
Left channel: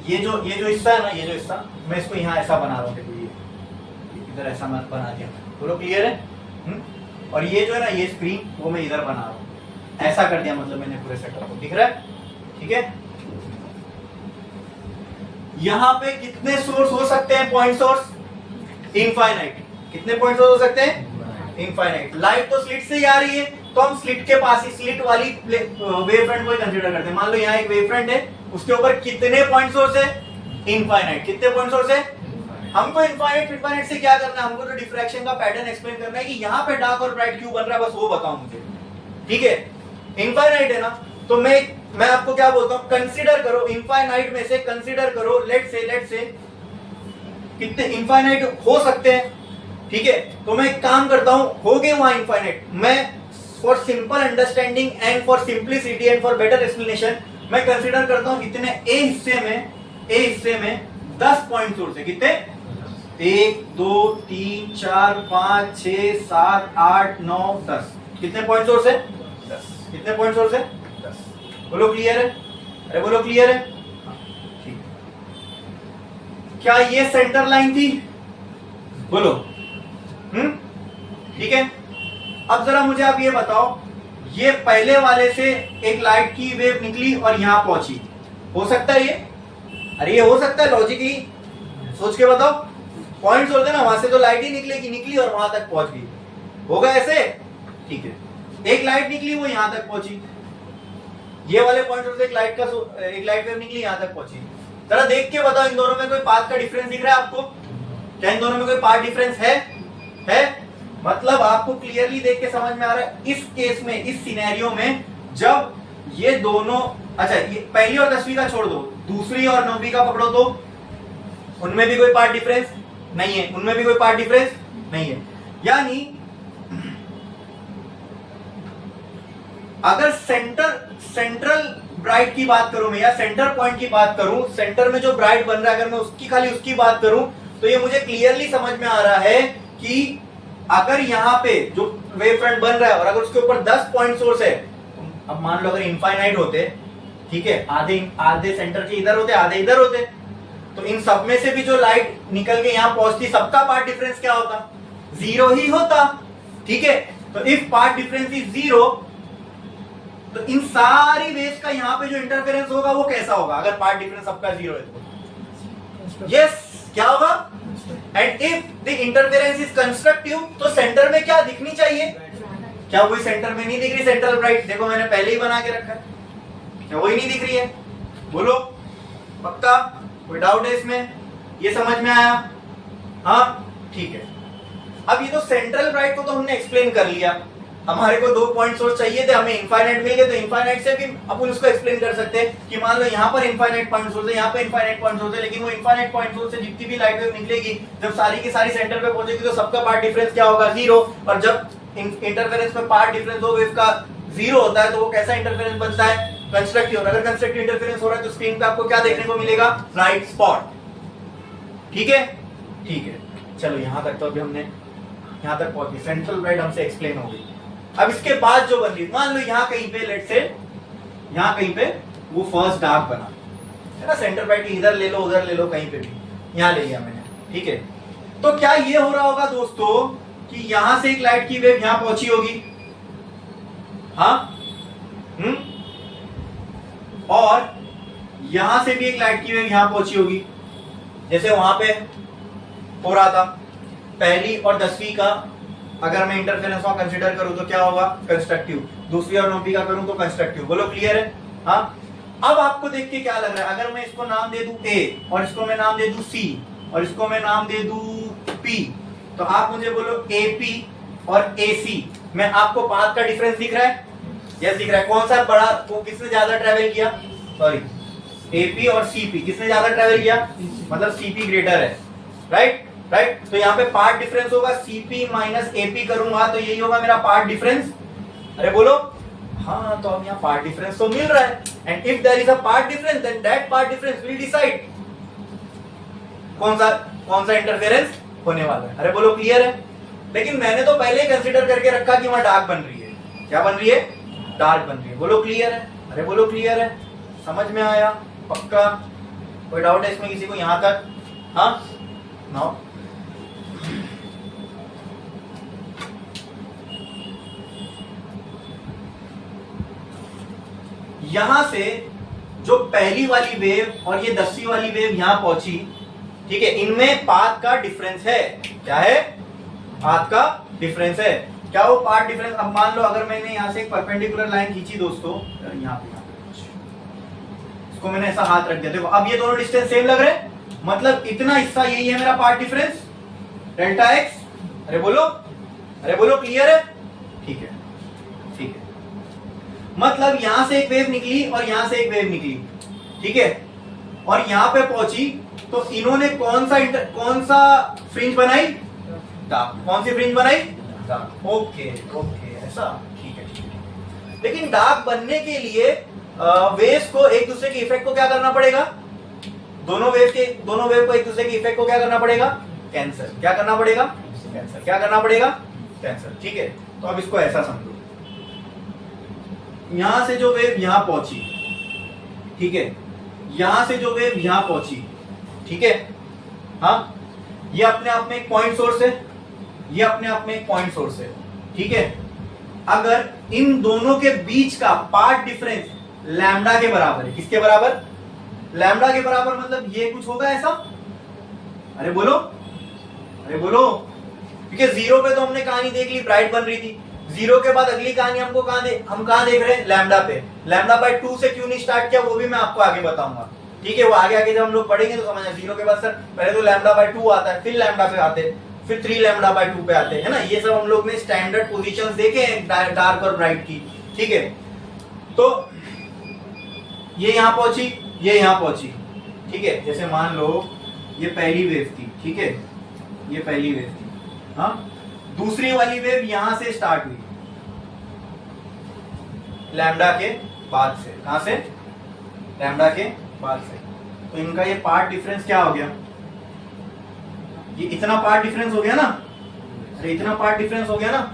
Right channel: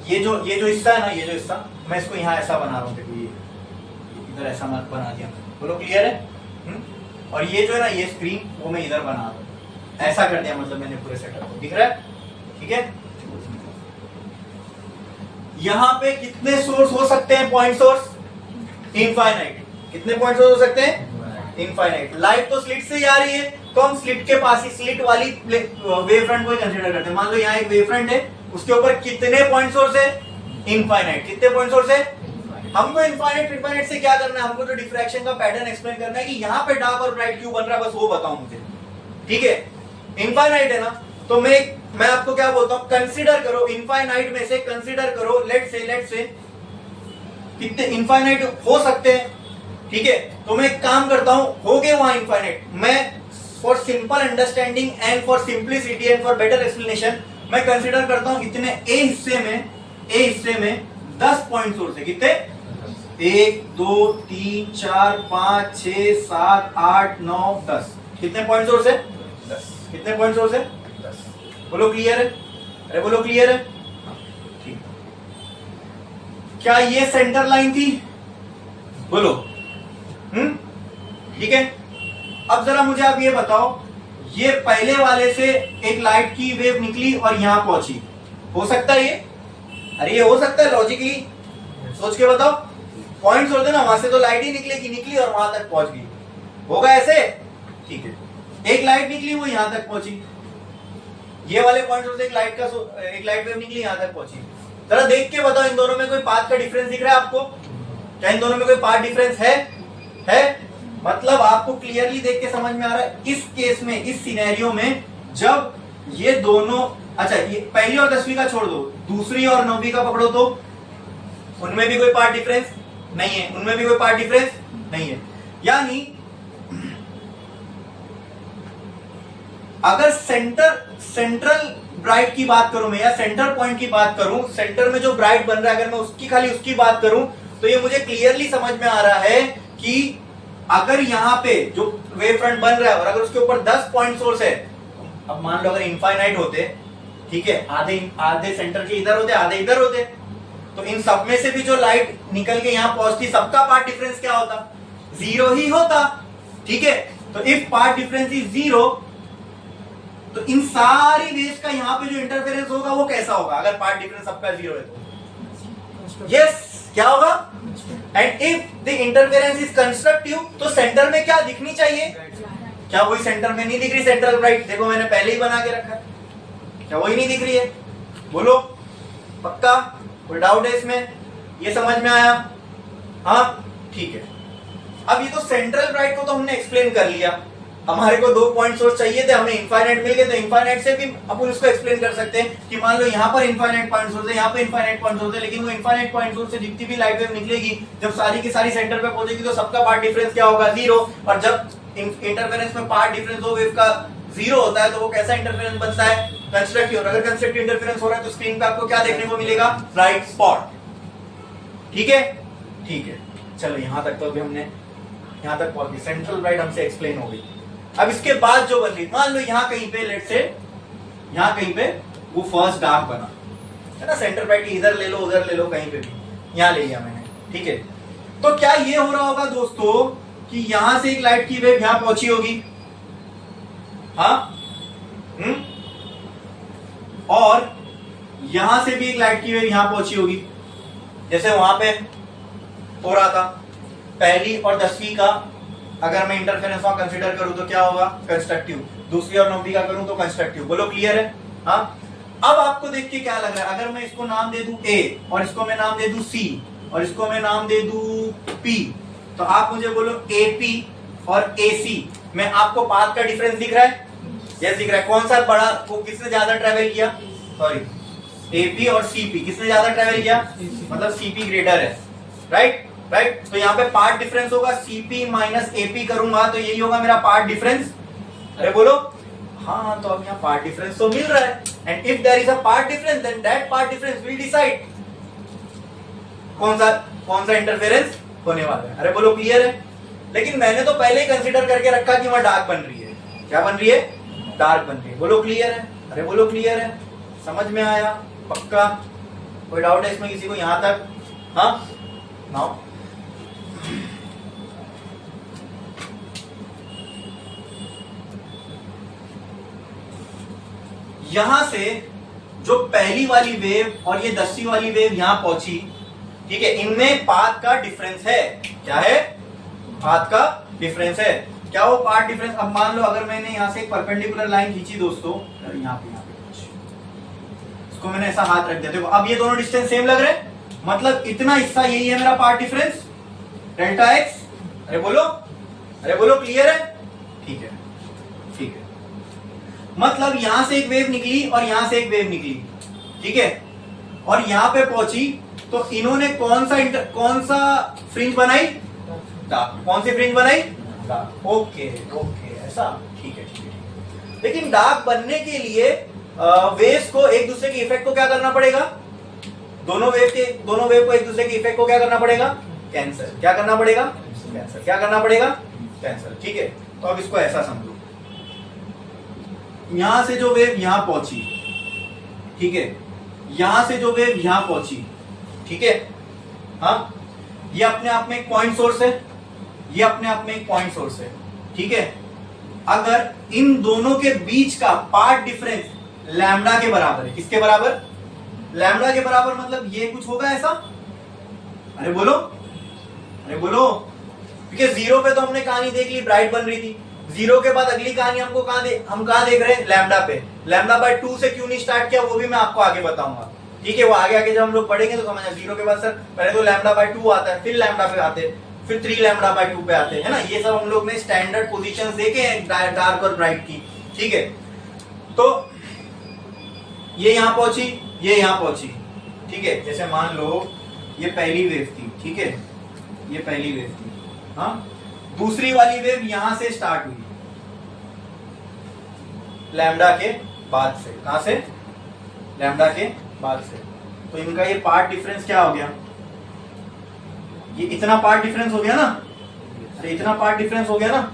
ये जो हिस्सा है ना, ये जो हिस्सा, मैं इसको यहाँ ऐसा बना रहा हूँ, देखो ये इधर ऐसा मैं बना दिया, बोलो क्लियर है? और ये जो है ना, ये स्क्रीन वो मैं इधर बना रहा हूँ, ऐसा कर दिया, मतलब मैंने पूरे सेटअप को, दिख रहा है? ठीक है, यहाँ पे कितने सोर्स हो सकते हैं? Point source infinite. कितने पॉइंट सोर्स हो सकते हैं? इनफाइनाइट। लाइट तो स्लिट से ही आ रही है, तो हम स्लिट के पास ही, स्लिट वाली वेव फ्रंट को ही कंसीडर करते हैं। मान लो यहाँ एक वेव फ्रंट है, उसके ऊपर कितने पॉइंट सोर्स है? इनफाइनाइट। कितने पॉइंट सोर्स है? हमको इनफाइनाइट से क्या करना है? हमको जो डिफ्रैक्शन का पैटर्न एक्सप्लेन करना है कि यहाँ पे डार्क और ब्राइट क्यों बन रहा है, बस वो बताओ मुझे। ठीक है, इनफाइनाइट है ना, तो मैं आपको क्या बोलता हूँ, कंसीडर करो इनफाइनाइट में से, कंसीडर करो लेट से कितने इनफाइनाइट हो सकते हैं। ठीक है, तो मैं एक काम करता हूं, हो गए वहां इनफाइनाइट, मैं for simple understanding and for simplicity and for better explanation मैं कंसीडर करता हूं कितने ए हिस्से में 10 पॉइंट सोर्स है। कितने? 1 2 3 4 5 6 7 8 9 10। कितने पॉइंट सोर्स है? 10। कितने पॉइंट सोर्स है? 10। बोलो क्लियर है? अरे बोलो क्लियर है? ठीक। क्या ये सेंटर लाइन थी? बोलो। ठीक है, अब जरा मुझे आप ये बताओ, ये पहले वाले से एक लाइट की वेव निकली और यहां पहुंची, हो सकता है ये? अरे ये हो सकता है, लॉजिकली सोच के बताओ। पॉइंट सोच देना, वहां से तो लाइट ही निकली और वहां तक पहुंच गई, होगा ऐसे? ठीक है, एक लाइट निकली, वो यहां तक पहुंची, ये वाले पॉइंट से एक लाइट वेव निकली, यहां तक पहुंची। जरा देख के बताओ, इन दोनों में कोई पाथ का डिफरेंस दिख रहा है आपको? क्या इन दोनों में कोई पाथ डिफरेंस है? मतलब आपको क्लियरली देख के समझ में आ रहा है, इस केस में, इस सिनेरियो में, जब ये दोनों, अच्छा ये पहली और 10वीं का छोड़ दो, दूसरी और 9वीं का पकड़ो, तो उनमें भी कोई पार्ट डिफरेंस नहीं है, उनमें भी कोई पार्ट डिफरेंस नहीं है। यानी अगर सेंट्रल ब्राइट की बात करूं मैं, या सेंटर पॉइंट की बात करूं, सेंटर में जो ब्राइट बन रहा है, अगर मैं उसकी बात करूं, तो ये मुझे क्लियरली समझ में आ रहा है कि अगर यहां पे जो वेव फ्रंट बन रहा है और अगर उसके ऊपर 10 पॉइंट सोर्स है, अब मान लो अगर इनफाइनाइट होते, ठीक है, आधे सेंटर के इधर होते, आधे इधर होते, तो इन सब में से भी जो लाइट निकल के यहां पहुंचती, सबका पाथ डिफरेंस क्या होता? जीरो ही होता। ठीक है, तो if path difference is zero, तो इन सारी वेव्स का यहां पे जो इंटरफेरेंस होगा वो कैसा होगा अगर पाथ डिफरेंस सबका जीरो है तो? यस, क्या होगा? And if the interference is constructive, तो सेंटर में क्या दिखनी चाहिए? क्या वही सेंटर में नहीं दिख रही? सेंट्रल ब्राइट देखो मैंने पहले ही बना के रखा है, क्या वही नहीं दिख रही है? बोलो पक्का? कोई डाउट है इसमें? ये समझ में आया? हाँ ठीक है। अब ये तो सेंट्रल ब्राइट को तो हमने एक्सप्लेन कर लिया। हमारे को 2 पॉइंट सोर्स चाहिए थे, हमें इनफाइनाइट मिल गए, तो इनफाइनाइट से भी अपन उसको एक्सप्लेन कर सकते हैं कि मान लो यहाँ पर इनफाइनाइट पॉइंट सोर्स है, यहाँ पे इनफाइनाइट पॉइंट सोर्स है, लेकिन वो इनफाइनाइट पॉइंट सोर्स से जितनी भी लाइट वेव निकलेगी, जब सारी की सारी सेंटर पे पहुंचेगी तो सबका पाथ डिफरेंस क्या होगा? जीरो। और जब इंटरफेरेंस में पाथ डिफरेंस हो वेव का जीरो होता है, तो वो कैसा इंटरफेरेंस बनता है? कंस्ट्रक्टिव। और अगर कंस्ट्रक्टिव इंटरफेरेंस हो रहा है तो स्क्रीन पे आपको क्या देखने को मिलेगा? Bright spot. ठीक है, ठीक है। चलो यहां तक तो अभी हमने यहां तक पहुंच गए, सेंट्रल ब्राइट हमसे एक्सप्लेन हो गई। अब इसके बाद जो बन रही, मान लो यहां कहीं पे, लेट से यहां कहीं पे वो फर्स्ट डार्क बना है ना, सेंट्रल ब्राइट इधर ले लो उधर ले लो, कहीं पे भी यहां ले लिया मैंने। ठीक है, तो क्या ये हो रहा होगा दोस्तों कि यहां से एक लाइट की वेव यहां पहुंची होगी? हाँ, और यहां से भी एक लाइट की वेव यहां पहुंची होगी, जैसे वहां पे हो रहा था। पहली और 10वीं का अगर मैं इंटरफेरेंस वहां कंसीडर करूं तो क्या होगा? कंस्ट्रक्टिव। दूसरी और 9वीं का करूं तो कंस्ट्रक्टिव। बोलो क्लियर है? हाँ। अब आपको देख के क्या लग रहा है? अगर मैं इसको नाम दे दूं ए, और इसको मैं नाम दे दूं सी, और इसको मैं नाम दे दूं पी, तो आप मुझे बोलो एपी और एसी में आपको पाथ का डिफरेंस दिख रहा है? यस दिख रहा है। कौन सा बड़ा, वो किसने ज्यादा ट्रेवल किया? सॉरी, एपी और सीपी किसने ज्यादा ट्रेवल किया? मतलब सीपी ग्रेटर है, राइट? राइट, तो यहाँ पे पार्ट डिफरेंस होगा सीपी माइनस एपी करूंगा तो यही होगा मेरा पार्ट डिफरेंस। अरे बोलो हाँ, तो अब यहाँ पार्ट डिफरेंस तो मिल रहा है, and if there is a path difference then that path difference will decide कौन सा इंटरफेरेंस होने वाला है। अरे बोलो क्लियर है? लेकिन मैंने तो पहले ही कंसीडर करके रखा कि वहां डार्क बन रही है। क्या बन रही है? डार्क बन रही है। बोलो क्लियर है? अरे बोलो क्लियर है? समझ में आया? पक्का? कोई डाउट है इसमें किसी को यहां तक? हाँ, नाउ यहां से जो पहली वाली वेव और ये 10वीं वाली वेव यहां पहुंची, ठीक है, इनमें पाथ का डिफरेंस है। क्या है? पाथ का डिफरेंस है। क्या वो पाथ डिफरेंस? अब मान लो अगर मैंने यहां से एक परपेंडिकुलर लाइन खींची दोस्तों, यहां पे इसको मैंने ऐसा हाथ रख दिया, देखो अब ये दोनों डिस्टेंस सेम लग रहे हैं, मतलब इतना हिस्सा यही है मेरा पाथ डिफरेंस डेल्टा एक्स। अरे बोलो क्लियर है? ठीक है, ठीक है। मतलब यहां से एक वेव निकली और यहां से एक वेव निकली, ठीक है, और यहां पे पहुंची, तो इन्होंने कौन सा फ्रिंज बनाई? डार्क। कौन सी फ्रिंज बनाई? डार्क। ओके ओके, ऐसा, ठीक है, ठीक है। लेकिन डार्क बनने के लिए वेव्स को एक दूसरे की इफेक्ट को क्या करना पड़ेगा? दोनों वेव को एक दूसरे की इफेक्ट को क्या करना पड़ेगा? कैंसर। क्या करना पड़ेगा? कैंसर। क्या करना पड़ेगा? कैंसर। ठीक है, तो अब इसको ऐसा समझो, यहां से जो वेव यहां पहुंची, ठीक है, यहां से जो वेव यहां पहुंची, ठीक है, हाँ, ये अपने आप में एक पॉइंट सोर्स है, ये अपने आप में एक पॉइंट सोर्स है, ठीक है। अगर इन दोनों के बीच का पार्ट डिफरेंस लैम्डा के बराबर है, किसके बराबर? लैम्डा के बराबर, मतलब ये कुछ होगा ऐसा? अरे बोलो क्योंकि जीरो पे तो हमने कहानी देख ली, ब्राइट बन रही थी। जीरो के बाद अगली कहानी हम कहां देख रहे हैं? लैम्डा पे। लैम्डा बाय 2 से क्यों नहीं स्टार्ट किया वो भी मैं आपको आगे बताऊंगा, ठीक है। वो आगे जब हम लोग पढ़ेंगे तो समझना। जीरो के बाद सर पहले तो लैम्डा बाय 2 आता है, फिर लैम्डा पे आते हैं, फिर 3 लैम्डा बाय 2 पे आते हैं ना। ये सब हम लोग ने स्टैंडर्ड पोजीशंस देखे हैं डार्क और ब्राइट की, ठीक है। तो ये यहां पहुंची, ये यहां पहुंची, ठीक है। जैसे मान लो ये पहली वेव थी, ठीक है, ये पहली वेव थी, हाँ। दूसरी वाली वेव यहां से स्टार्ट हुई, लैम्डा के बाद से। कहां से? लैम्डा के बाद से। तो इनका ये पार्ट डिफरेंस क्या हो गया? ये इतना पार्ट डिफरेंस हो गया ना, अरे इतना पार्ट डिफरेंस हो गया ना,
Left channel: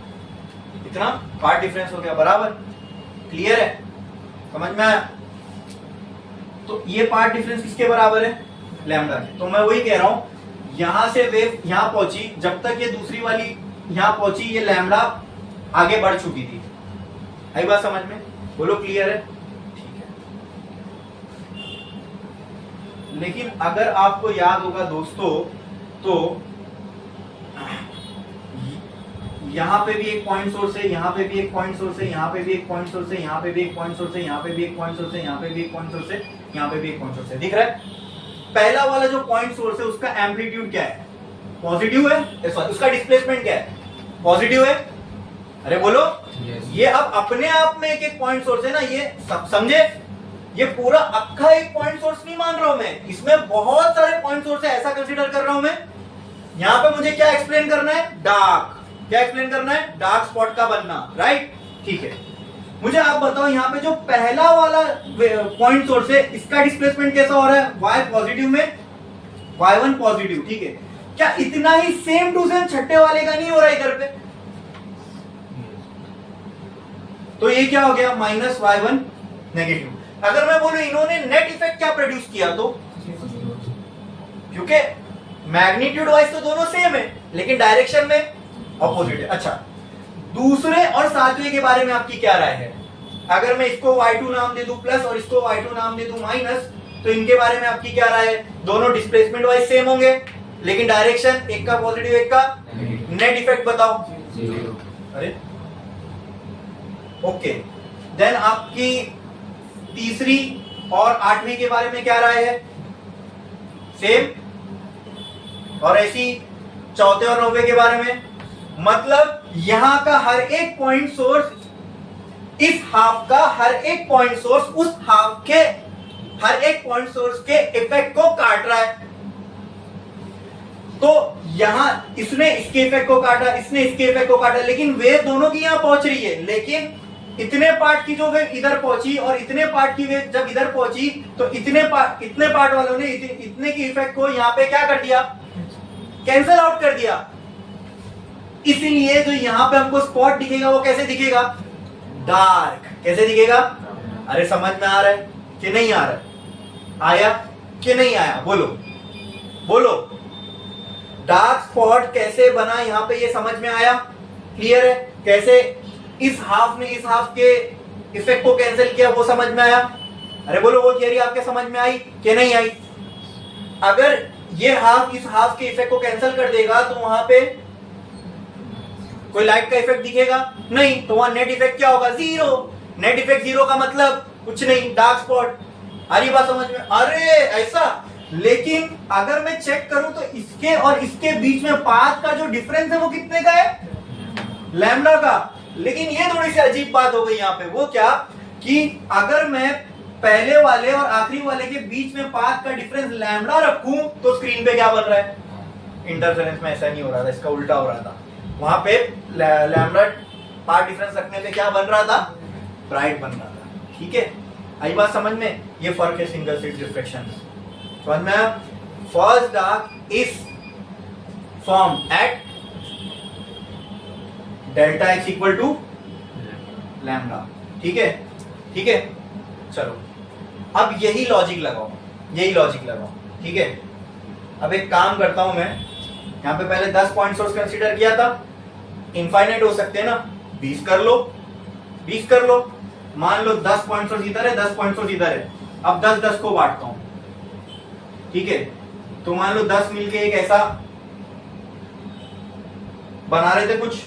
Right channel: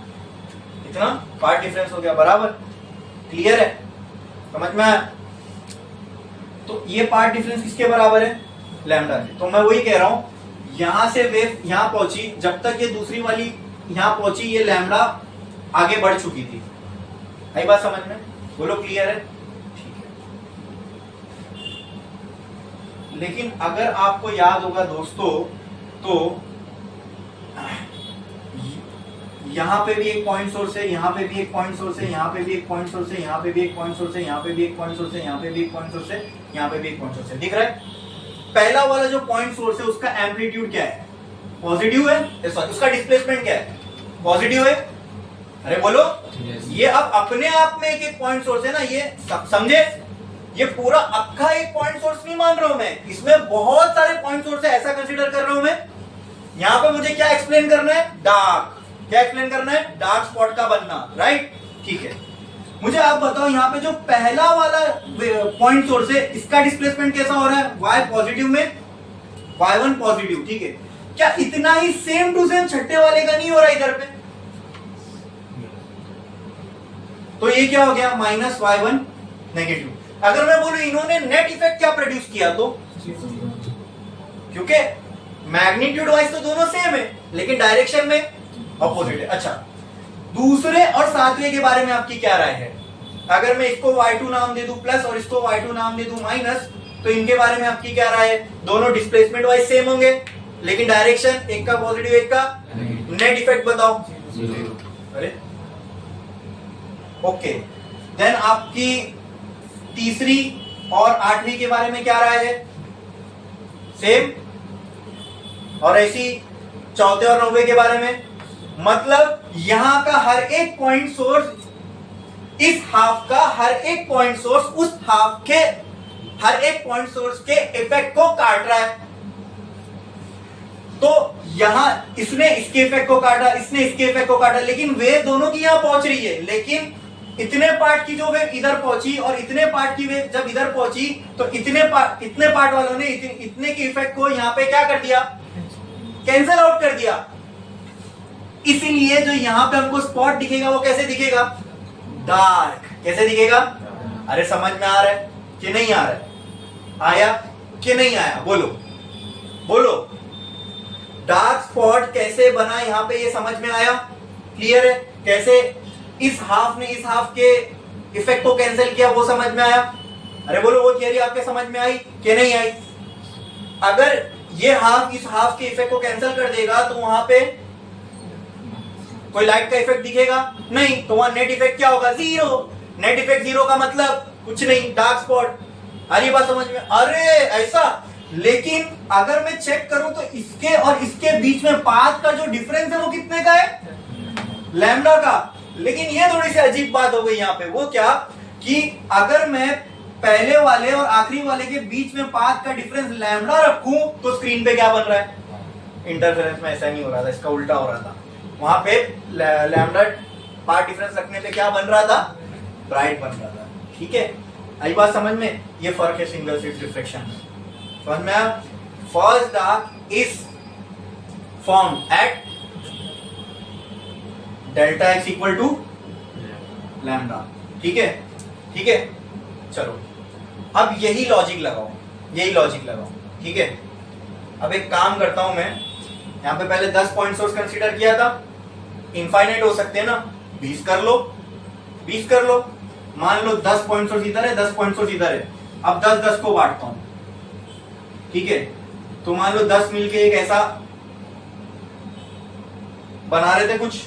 इतना पार्ट डिफरेंस हो गया, बराबर? क्लियर है? समझ में आया? तो ये पार्ट डिफरेंस किसके बराबर है? लैम्डा के। तो मैं वही कह रहा हूं, यहां से वेव यहां पहुंची, जब तक ये दूसरी वाली यहां पहुंची ये लैम्डा आगे बढ़ चुकी थी। आई बात समझ में? बोलो क्लियर है? ठीक है। लेकिन अगर आपको याद होगा दोस्तों, तो यहां पे भी एक पॉइंट सोर्स है, यहां पे भी एक पॉइंट सोर्स है, यहां पे भी एक पॉइंट सोर्स है, यहां पे भी एक पॉइंट सोर्स है, यहां पे भी एक पॉइंट सोर्स है, यहां पे भी एक पॉइंट सोर्स है, यहां पे भी एक पॉइंट सोर्स है। दिख रहा है? पहला वाला जो पॉइंट सोर्स है उसका एम्पलीट्यूड क्या है? पॉजिटिव है। उसका डिस्प्लेसमेंट क्या है? पॉजिटिव है। अरे बोलो। ये अब अपने आप में एक एक पॉइंट सोर्स है ना, ये समझे? ये पूरा अक्खा एक पॉइंट सोर्स नहीं मान रहा हूं मैं, इसमें बहुत सारे पॉइंट सोर्स है, ऐसा कंसीडर कर रहा हूं मैं। यहां पे मुझे क्या एक्सप्लेन करना है? डार्क। क्या एक्सप्लेन करना है? डार्क स्पॉट का बनना, राइट? ठीक है। मुझे आप बताओ, यहाँ पे जो पहला वाला पॉइंट सोर्स है इसका डिस्प्लेसमेंट कैसा हो रहा है? y पॉजिटिव में, y1 पॉजिटिव, ठीक है। क्या इतना ही सेम टू सेम छठे वाले का नहीं हो रहा इधर पे? तो ये क्या हो गया? Minus y1 negative. अगर मैं बोलूं इन्होंने नेट इफेक्ट क्या प्रोड्यूस किया, तो क्योंकि मैग्नीट्यूड वाइज तो दोनों सेम है लेकिन डायरेक्शन में ऑपोजिट है। अच्छा, दूसरे और सातवें के बारे में आपकी क्या राय है? अगर मैं इसको y2 नाम दे दूं प्लस और इसको y2 नाम दे दूं माइनस, तो इनके बारे में आपकी क्या राय है? दोनों डिस्प्लेसमेंट वाइज सेम होंगे लेकिन डायरेक्शन एक का पॉजिटिव एक का नेट इफेक्ट बताओ। अरे ओके, देन आपकी तीसरी और आठवीं के बारे में क्या राय है? सेम। और ऐसी चौथे और नौवे के बारे में? मतलब यहां का हर एक पॉइंट सोर्स, इस हाफ का हर एक पॉइंट सोर्स उस हाफ के हर एक पॉइंट सोर्स के इफेक्ट को काट रहा है। तो यहां इसने इसके इफेक्ट को काटा, इसने इसके इफेक्ट को काटा, लेकिन वेव दोनों की यहां पहुंच रही है। लेकिन इतने पार्ट की जो वेव इधर पहुंची और इतने पार्ट की वेव जब इधर पहुंची, तो इतने पार्ट वालों ने इतने की इफेक्ट को यहां पे क्या कर दिया? कैंसल आउट कर दिया। इसलिए जो यहां पे हमको स्पॉट दिखेगा वो कैसे दिखेगा? डार्क। कैसे दिखेगा? अरे समझ में आ रहा है कि नहीं आ रहा है? आया कि नहीं आया? बोलो बोलो। डार्क स्पॉट कैसे बना यहां पे, ये समझ में आया? क्लियर है? कैसे इस हाफ ने इस हाफ के इफेक्ट को कैंसिल किया, वो समझ में आया? अरे बोलो, वो थियरी आपके समझ में आई कि नहीं आई? अगर ये हाफ इस हाफ के इफेक्ट को कैंसिल कर देगा तो वहां पे कोई लाइट का इफेक्ट दिखेगा नहीं, तो वहां नेट इफेक्ट क्या होगा? जीरो। नेट इफेक्ट जीरो का मतलब कुछ नहीं, डार्क स्पॉट। आ रही बात समझ में? अरे ऐसा। लेकिन अगर मैं चेक करूं तो इसके और इसके बीच में पाथ का जो डिफरेंस है वो कितने का है? लैम्डा का। लेकिन ये थोड़ी सी अजीब बात हो गई यहाँ पे। वो क्या कि अगर मैं पहले वाले और आखिरी वाले के बीच में पाथ का डिफरेंस लैम्डा रखूं तो स्क्रीन पे क्या बन रहा है? इंटरफेरेंस में ऐसा नहीं हो रहा था, इसका उल्टा हो रहा था। वहां पे लैम्डा पाथ डिफरेंस रखने पे क्या बन रहा था? ब्राइट बन रहा था। ठीक है, आई बात समझ में? ये फर्क है सिंगल स्लिट रिफ्लेक्शन में। समझ में आया? First dark is formed at delta x equal to lambda. ठीक है, ठीक है। चलो अब यही लॉजिक लगाओ, यही लॉजिक लगाओ। ठीक है, अब एक काम करता हूं मैं, यहां पे पहले 10 पॉइंट सोर्स कंसीडर किया था, इनफाइनाइट हो सकते हैं ना, 20 कर लो, 20 कर लो। मान लो 10 पॉइंट सोर्स इधर है, 10 पॉइंट सोर्स इधर है। अब 10-10 को बांटता हूं। ठीक है, तो मान लो 10 मिलके एक ऐसा बना रहे थे कुछ,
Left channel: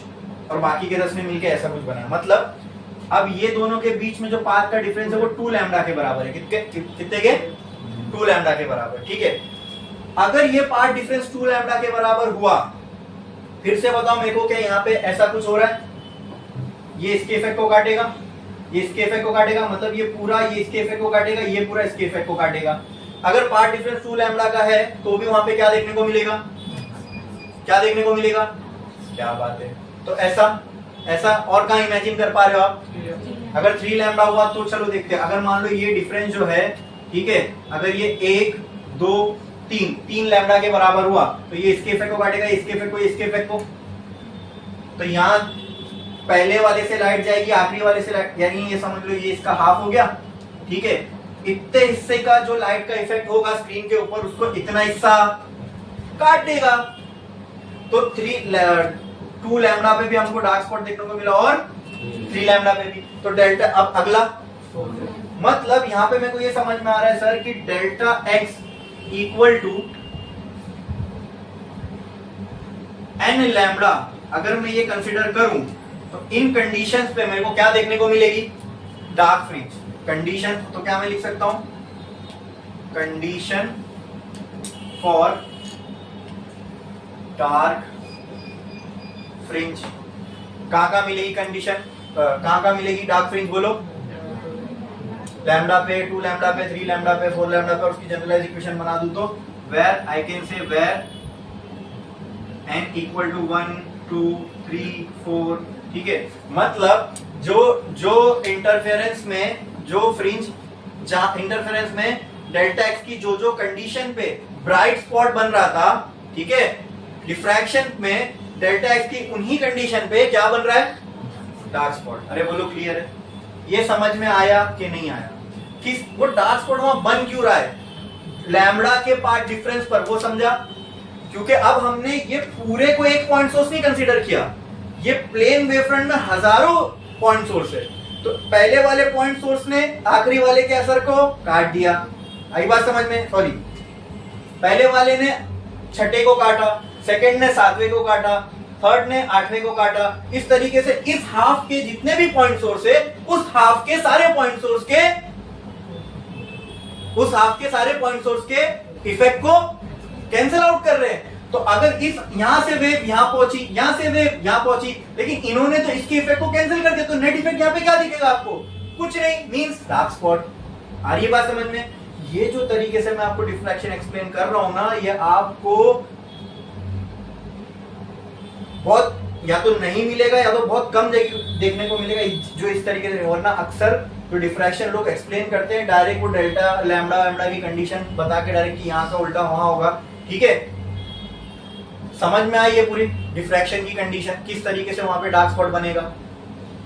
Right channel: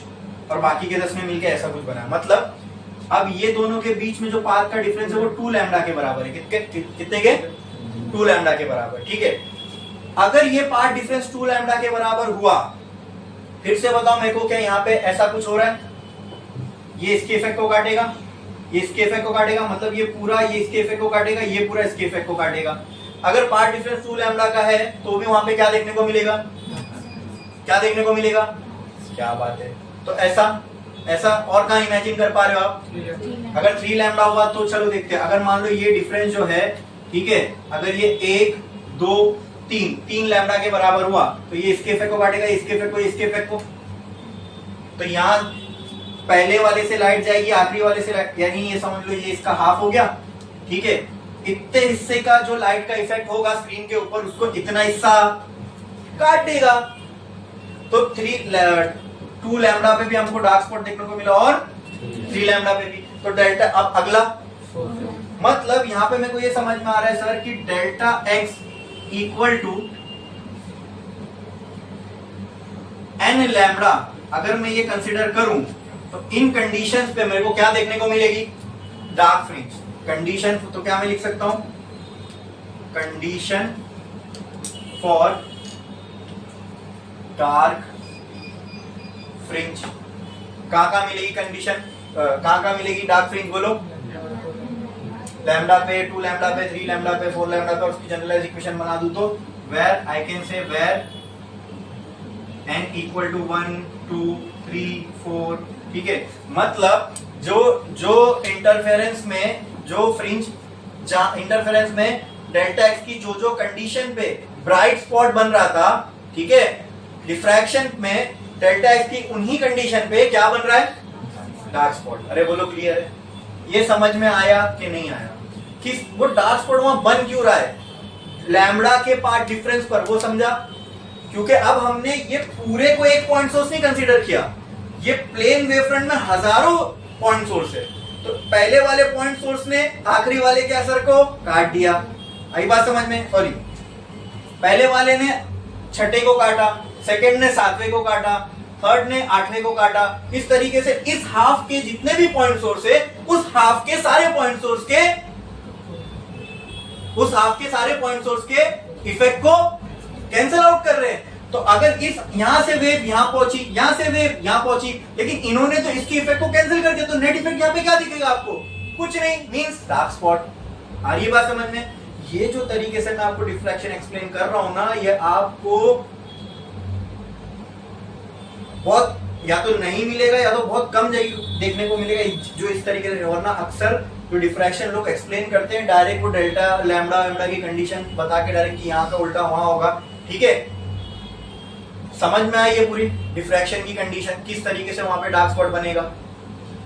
और बाकी के 10 में मिलके ऐसा कुछ बना। मतलब अब ये दोनों के बीच में जो पाथ का डिफरेंस है वो 2 लैम्डा के बराबर है। कितने के? 2 लैम्डा के बराबर। ठीक है, अगर ये पाथ डिफरेंस 2 लैम्डा के बराबर हुआ, फिर से बताओ मेरे को, क्या यहाँ पे ऐसा कुछ हो रहा है? ये इसके इफेक्ट को काटेगा, ये इसके इफेक्ट को काटेगा, मतलब ये पूरा ये इसके इफेक्ट को काटेगा, ये पूरा इसके इफेक्ट को काटेगा। अगर पाथ डिफरेंस 2 लैम्डा का है तो भी वहां पे क्या देखने को मिलेगा? क्या देखने को मिलेगा? क्या बात है। तो ऐसा और कहां इमेजिन कर पा रहे हो आप? अगर 3 लैम्डा हुआ तो चलो देखते हैं। अगर मान लो ये डिफरेंस जो है, ठीक है, अगर ये 1 2 3 लैम्डा के बराबर हुआ तो ये इसके इफेक्ट को काटेगा, इसके इफेक्ट को, इसके इफेक्ट को। तो यहां पहले वाले से लाइट जाएगी, आखिरी वाले से लाइट, यानी ये समझ लो ये इसका हाफ हो गया। ठीक है, इतने हिस्से का जो लाइट का इफेक्ट होगा स्क्रीन के ऊपर उसको इतना हिस्सा काट देगा। तो 2 लैम्डा पे भी हमको डार्क स्पॉट देखने को मिला और 3 लैम्डा पे भी। तो डेल्टा, अब अगला मतलब यहां पे मेरे को ये समझ में आ रहा है सर कि delta x equal to n lambda अगर मैं ये कंसीडर करूं तो इन कंडीशंस पे मेरे को क्या देखने को मिलेगी, डार्क फ्रिंज। कंडीशन तो क्या मैं लिख सकता हूं, कंडीशन फॉर डार्क फ्रिंज। कहां मिलेगी कंडीशन, कहां मिलेगी डार्क फ्रिंज बोलो, लैम्डा पे, 2 लैम्डा पे, 3 लैम्डा पे, 4 लैम्डा पे। और उसकी जनरलाइज इक्वेशन बना दूं तो where I can say where n equal to 1 2 3 4, ठीक है। मतलब जो इंटरफेरेंस में जो फ्रिंज, जहां इंटरफेरेंस में डेल्टा एक्स की जो कंडीशन पे ब्राइट स्पॉट बन रहा था, ठीक है, डिफ्रैक्शन में डेल्टा एक्स की उन्हीं कंडीशन पे क्या बन रहा है, डार्क स्पॉट। अरे बोलो क्लियर है, ये समझ में आया कि नहीं आया कि वो डार्क स्पॉट वहां बन क्यों रहा है, लैम्डा के पार्ट डिफरेंस पर, वो समझा। क्योंकि अब हमने ये पूरे को एक पॉइंट सोर्स नहीं कंसीडर किया, ये प्लेन वेवफ्रंट में हजारों पॉइंट सोर्स है। तो पहले वाले पॉइंट सोर्स ने आखिरी वाले के असर को काट दिया, आई बात समझ में, सॉरी, पहले वाले ने छठे को काटा, सेकंड ने 7वें को काटा, थर्ड ने 8वें को काटा। इस तरीके से इस हाफ के जितने भी पॉइंट सोर्स है उस हाफ के सारे पॉइंट सोर्स के इफेक्ट को कैंसिल आउट कर रहे हैं। तो अगर इस यहां से वेव यहां पहुंची, यहां से वेव यहां पहुंची, लेकिन इन्होंने तो इसके इफेक्ट को कैंसिल कर दिया, तो नेट इफेक्ट यहां पे क्या दिखेगा आपको, कुछ नहीं, मींस डार्क स्पॉट। आ रही है बात समझ में। ये जो तरीके से मैं आपको डिफ्रैक्शन एक्सप्लेन कर रहा हूं ना, ये आपको बहुत या तो नहीं मिलेगा या तो बहुत कम जगह देखने को मिलेगा जो इस तरीके से। वरना अक्सर जो डिफ्रैक्शन लोग एक्सप्लेन करते हैं डायरेक्ट वो डेल्टा लैम्डा की कंडीशन बता के डायरेक्ट कि यहां का उल्टा वहां होगा, ठीक है। समझ में आई ये पूरी डिफ्रैक्शन की कंडीशन, किस तरीके से वहां पे डार्क स्पॉट बनेगा।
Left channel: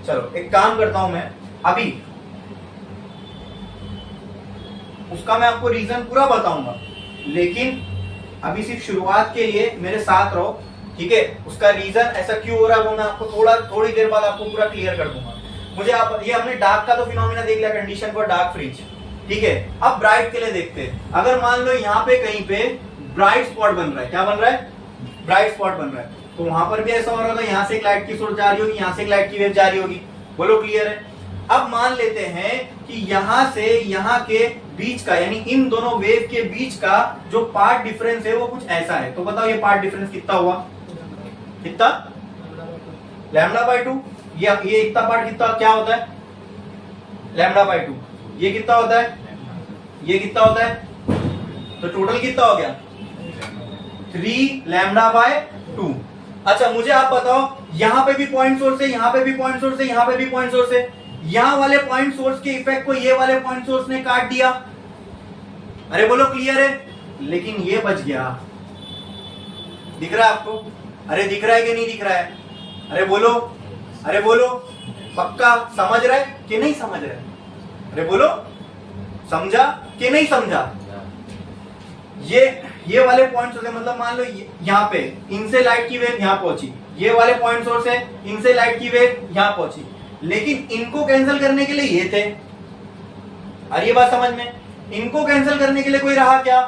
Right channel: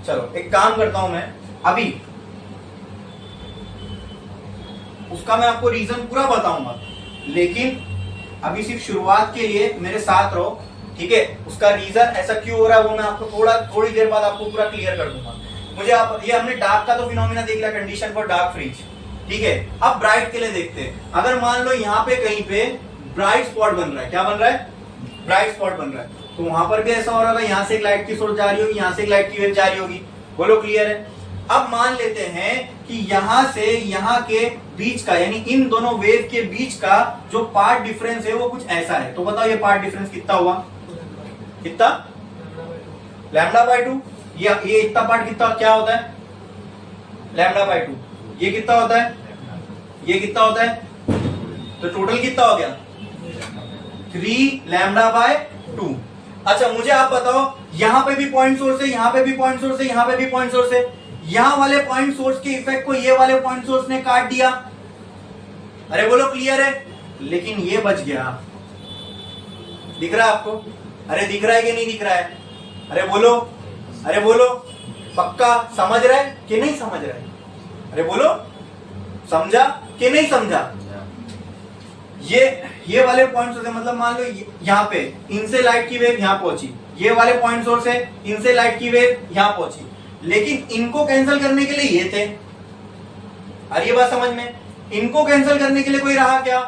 चलो एक काम करता हूं मैं, अभी उसका मैं आपको रीजन पूरा बताऊंगा, लेकिन अभी सिर्फ शुरुआत के लिए मेरे साथ रहो, ठीक है। उसका रीजन ऐसा क्यों हो रहा है वो मैं आपको थोड़ी देर बाद आपको पूरा क्लियर कर दूंगा। मुझे आप ये हमने डार्क का तो फिनोमिना देख लिया, कंडीशन फॉर डार्क फ्रिंज, ठीक है। अब ब्राइट के लिए देखते हैं। अगर मान लो यहाँ पे कहीं पे ब्राइट स्पॉट बन रहा है, क्या बन रहा है, ब्राइट स्पॉट बन रहा है, तो वहां पर भी ऐसा हो रहा होगा, यहाँ से एक लाइट की सोर्स जा रही होगी, यहाँ से एक लाइट की वेव जा रही होगी, बोलो क्लियर है। अब मान लेते हैं कि यहां से यहां के बीच का, यानी इन दोनों वेव के बीच का जो पार्ट डिफरेंस है वो कुछ ऐसा है। तो बताओ ये पार्ट डिफरेंस कितना हुआ, कितना, लैम्डा बाय 2। ये इतना पार्ट कितना क्या होता है, लैम्डा बाय 2। ये कितना होता है, ये कितना होता है, तो टोटल कितना हो गया, 3 लैम्डा बाय 2। अच्छा मुझे आप बताओ, यहां पे भी पॉइंट सोर्स है, यहां पे भी पॉइंट सोर्स है, यहां पे भी पॉइंट सोर्स है, यहां वाले पॉइंट सोर्स के इफेक्ट को ये वाले पॉइंट सोर्स ने काट दिया। अरे बोलो क्लियर है, लेकिन ये बच गया। दिख रहा है आपको, अरे दिख रहा है कि नहीं दिख रहा है, अरे बोलो, अरे बोलो, पक्का समझ रहे कि नहीं समझ रहे, अरे बोलो, समझा कि नहीं समझा। ये वाले पॉइंट सोर्स है, मतलब मान लो यहाँ पे इनसे लाइट की वेव यहाँ पहुंची, ये वाले पॉइंट सोर्स है, इनसे लाइट की वेव यहाँ पहुंची, लेकिन इनको कैंसिल करने के लिए ये थे। अरे ये बात समझ में, इनको कैंसिल करने के लिए कोई रहा क्या,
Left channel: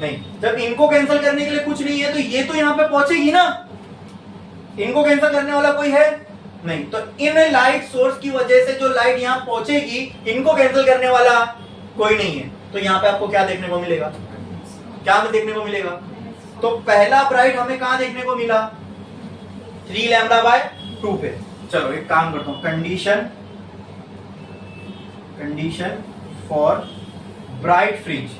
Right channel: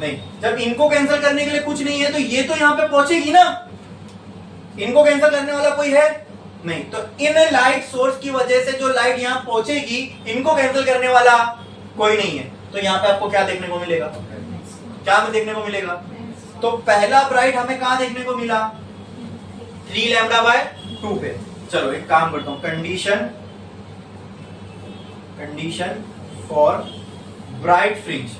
नहीं। जब इनको कैंसिल करने के लिए कुछ नहीं है तो ये तो यहाँ पे पहुंचेगी ना, इनको कैंसिल करने वाला कोई है नहीं। तो इन लाइट सोर्स की वजह से जो लाइट यहाँ पहुंचेगी, इनको कैंसिल करने वाला कोई नहीं है। तो यहाँ पे आपको क्या देखने को मिलेगा, क्या हमें देखने को मिलेगा, तो पहला ब्राइट हमें कहां देखने को मिला, 3 लैम्डा बाय 2 पे। चलो एक काम करता हूं, condition for bright fringe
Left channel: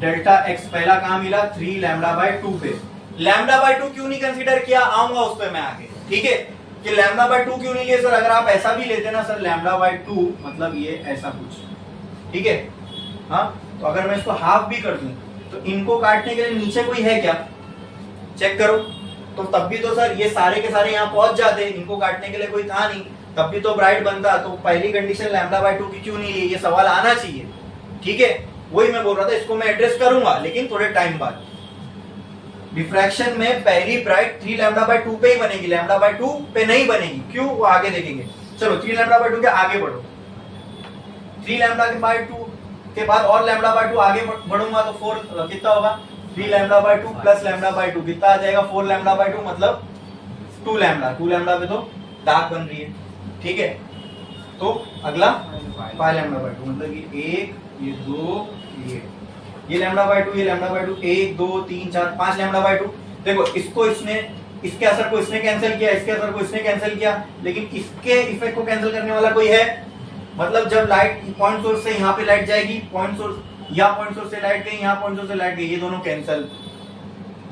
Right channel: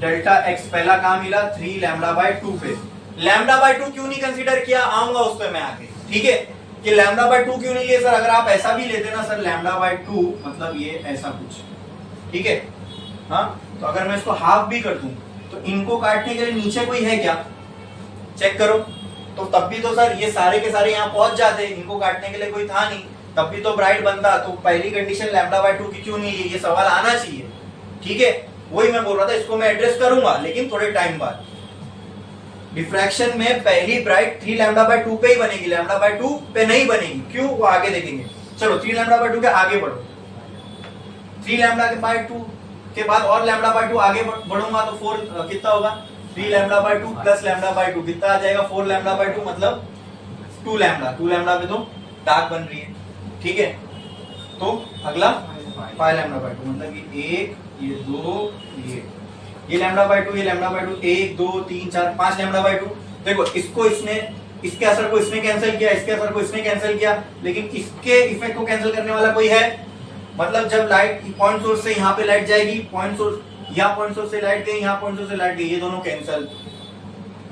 delta x पहला कहां मिला, 3 लैम्डा बाय 2 पे। लैम्डा बाय 2 क्यों नहीं कंसीडर किया, आऊंगा उस पर मैं आगे, ठीक है, कि लैम्डा बाय 2 क्यों नहीं लिया सर। अगर आप ऐसा भी लेते ना सर, लैम्डा बाय 2 मतलब ये ऐसा कुछ, ठीक है, हाँ। तो अगर मैं इसको हाफ भी कर दूं तो इनको काटने के लिए नीचे कोई है क्या, चेक करो। तो तब भी तो सर ये सारे के सारे यहाँ पहुंच जाते, इनको काटने के लिए कोई था नहीं, तब भी तो ब्राइट बनता। तो पहली कंडीशन लैम्डा बाय 2 की क्यों नहीं ली, ये सवाल आना चाहिए, ठीक है, वही मैं बोल रहा था, इसको मैं एड्रेस करूंगा लेकिन थोड़े टाइम बाद। डिफ्रैक्शन में पहली ब्राइट 3 लैम्डा बाय 2 पे ही बनेगी, लैम्डा बाय 2 पे नहीं बनेगी। क्यों, वो आगे देखेंगे। चलो 3 लैम्डा बाय 2 के आगे बढ़ो, 3 लैम्डा के बाय 2 के बाद और लैम्डा बाय 2 आगे बढ़ूंगा तो 4 कितना होगा, 3 lambda by 2 plus lambda by 2 कितना आ जाएगा, 4 लैम्डा बाय 2 मतलब 2 लैम्डा। 2 लैम्डा पे तो डार्क बन रही है, ठीक है। तो अगला 5 लैम्डा बाय 2 मतलब ये 1, ये 2, ये लैम्डा बाय 2, ये लैम्डा बाय 2, 1 2 3 4 5 लैम्डा बाय 2। देखो इसको इसने, इसके असर को इसने कैंसिल किया, इसके असर को इसने कैंसिल किया, लेकिन इसके इफेक्ट को कैंसिल करने वाला कोई है। मतलब जब लाइट पॉइंट सोर्स से यहाँ पे लाइट जाएगी, पॉइंट सोर्स यहाँ पॉइंट सोर्स से लाइट गई, यहाँ पॉइंट सोर्स से लाइट गई, ये दोनों कैंसिल।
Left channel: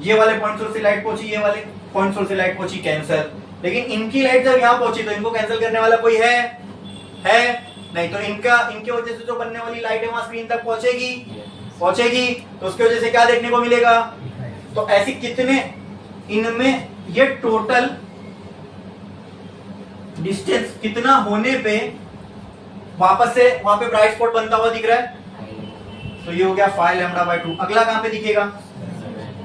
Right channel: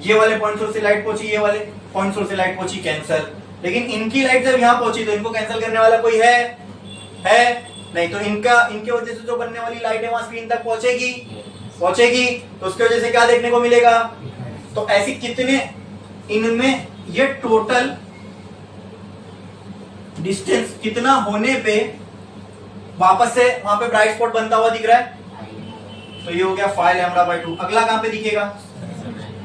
ये वाले पॉइंट सोर्स से लाइट पहुंची, ये वाले पॉइंट सोर्स से लाइट पहुंची, कैंसिल। लेकिन इनकी लाइट जब यहाँ पहुंची तो इनको कैंसिल करने वाला कोई है नहीं। तो इनके वजह से जो बनने वाली लाइट है वहां स्क्रीन तक पहुंचेगी, तो उसकी वजह से क्या देखने को मिलेगा। तो ऐसी कितने, इनमें ये टोटल डिस्टेंस कितना होने पे वापस से वहां पे ब्राइट स्पॉट बनता हुआ दिख रहा है, तो ये हो गया 5 लैम्डा बाय 2। अगला कहां पे दिखेगा,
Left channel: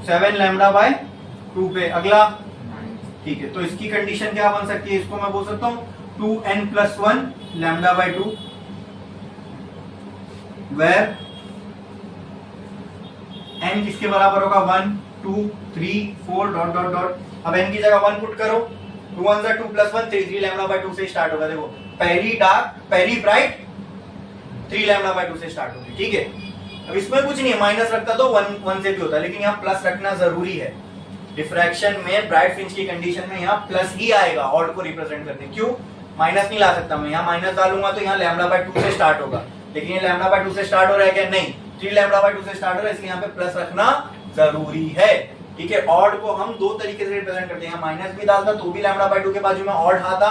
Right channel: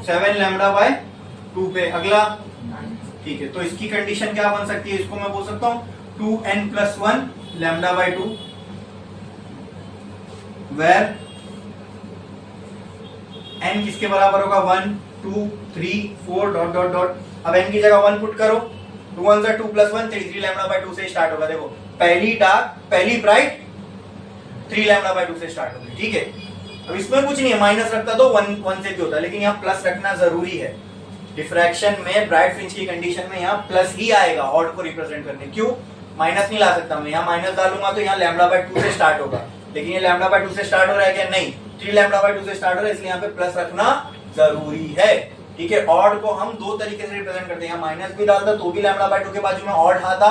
7 लैम्डा बाय 2 पे। अगला, ठीक है, तो इसकी कंडीशन क्या बन सकती है, इसको मैं बोल सकता हूं 2n+1 lambda by 2 where n किसके बराबर होगा, 1 2 3 4 डॉट डॉट डॉट। अब n की जगह 1 पुट करो, 2 1 2 + 1 3 लैम्डा बाय 2 से स्टार्ट होगा। देखो पहली ब्राइट 3 लैम्डा बाय 2 से स्टार्ट होगी, ठीक है। अब इसमें कुछ नहीं है, माइनस रखता तो 1 से भी होता, लेकिन यहाँ प्लस रखना जरूरी है। डिफ्रैक्शन में ब्राइट फ्रिंज की कंडीशन में यहाँ प्लस ही आएगा ऑड को रिप्रेजेंट करने। क्यों, माइनस नहीं ला सकता मैं, यहाँ माइनस डालूंगा तो यहाँ लैम्डा बाय 2 से स्टार्ट होगा, लेकिन ये लैम्डा बाय 2 से स्टार्ट हो रहा है क्या, नहीं, 3 लैम्डा बाय 2 से स्टार्ट हो रहा है, इसलिए यहाँ पे प्लस रखना जरूरी है, ठीक है। ऑड को हम दो तरीके से रिप्रेजेंट करते हैं, माइनस भी डालता तो भी लैम्डा बाय 2 के बाजू में ऑड आता,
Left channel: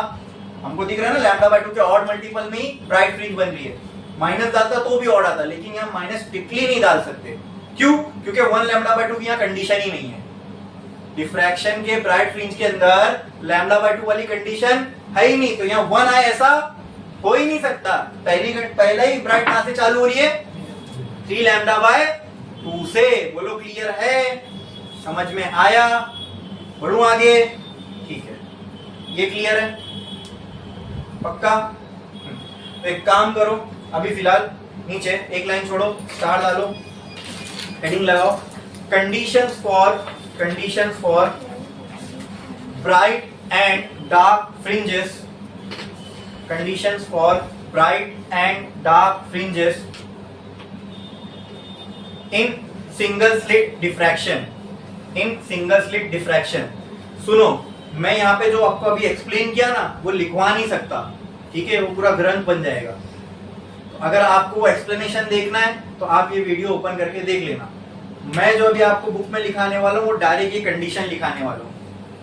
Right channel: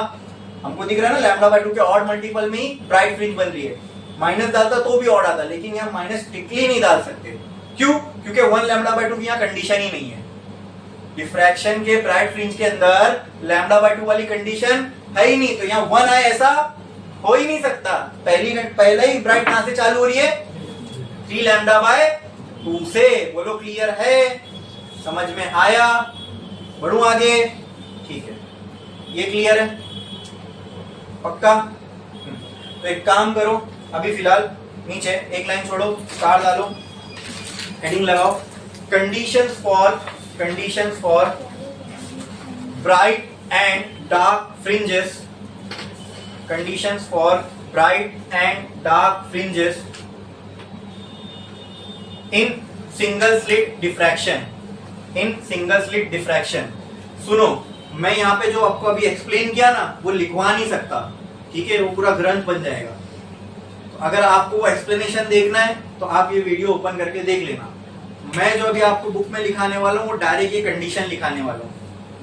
हमको दिख रहा है ना, लैम्डा बाय 2 के ऑड मल्टीपल में ही ब्राइट फ्रिंज बन रही है। माइनस डालता तो भी ऑड आता, लेकिन यहाँ माइनस स्ट्रिक्टली नहीं डाल सकते। क्यों, क्योंकि 1 लैम्डा बाय 2 की यहाँ कंडीशन ही नहीं है। डिफ्रैक्शन के ब्राइट फ्रिंज के अंदर लैम्डा बाय 2 वाली कंडीशन है ही नहीं, तो यहाँ 1 आए ऐसा हो ही नहीं सकता। पहले ही ब्राइट कहां से चालू हो रही है, 3 लैम्डा बाय 2 से। बोलो क्लियर है, समझ में आया, बढ़ू आगे, ठीक है, ये क्लियर है पक्का। तो एक काम करो, अभी फिलहाल नीचे एक लाइन छोड़ो, स्टार डालो, हेडिंग लगाओ, conditions for bright and dark fringes, conditions for bright and dark fringes in single slit diffraction. सुनो, मैं यहाँ पे जो आपको अभी एक्सप्लेन किया ना वो लिखवा नहीं सकता, ठीक है, वो पूरा ग्रंथ बन जाएगा। तो अगर आपको वो एक्सप्लेनेशन देखना है तो आप ये वीडियो ओपन करके देख लेना। मैं जो अभी आपको बुक में लिखाने वाला हूँ वो डायरेक्ट ये कंडीशन लिखाने वाला हूँ,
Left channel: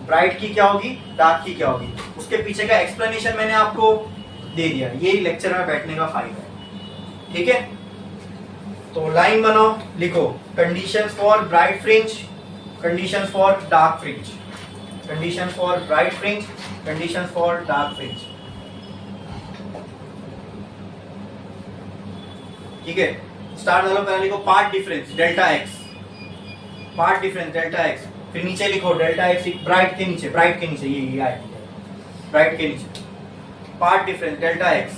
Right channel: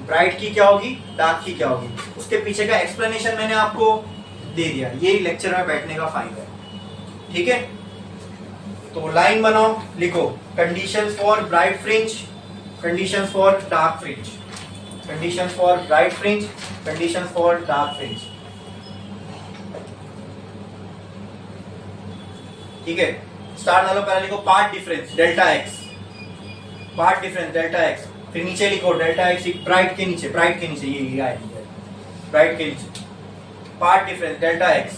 ब्राइट की क्या होगी, डार्क की क्या होगी, उसके पीछे का एक्सप्लेनेशन मैंने आपको दे दिया। ये लेक्चर में बैठने का फायदा है, ठीक है। तो लाइन बनाओ, लिखो conditions for bright fringe, conditions for dark fringe, conditions for bright fringe, conditions for dark fringe, ठीक है। स्टार डालो, पहले लिखो path difference delta x, path difference delta x, फिर नीचे लिखो डेल्टा एक्स ब्राइट के नीचे ये आएगी ब्राइट के नीचे पार्ट डिफरेंस डेल्टा एक्स,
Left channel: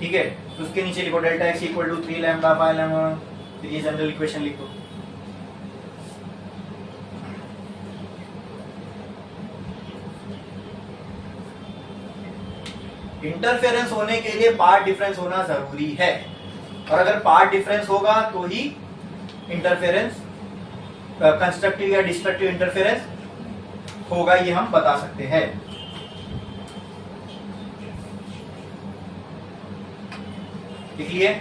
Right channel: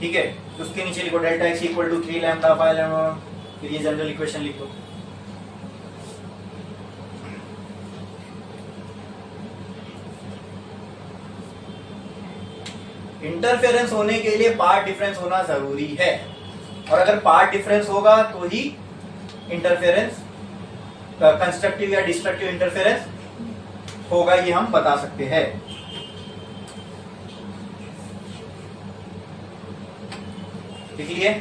ठीक है। उसके नीचे लिखो delta x equal to 3 lambda 5 lambda, फिर ये जनरल इक्वेशन लिखो। इंटरफेरेंस होने के लिए पार्ट डिफरेंस होना जरूरी है, और अगर पार्ट डिफरेंस होगा तो ही इंटरफेरेंस, कंस्ट्रक्टिव या डिस्ट्रक्टिव इंटरफेरेंस होगा, ये हम बता सकते हैं। लिख लिए,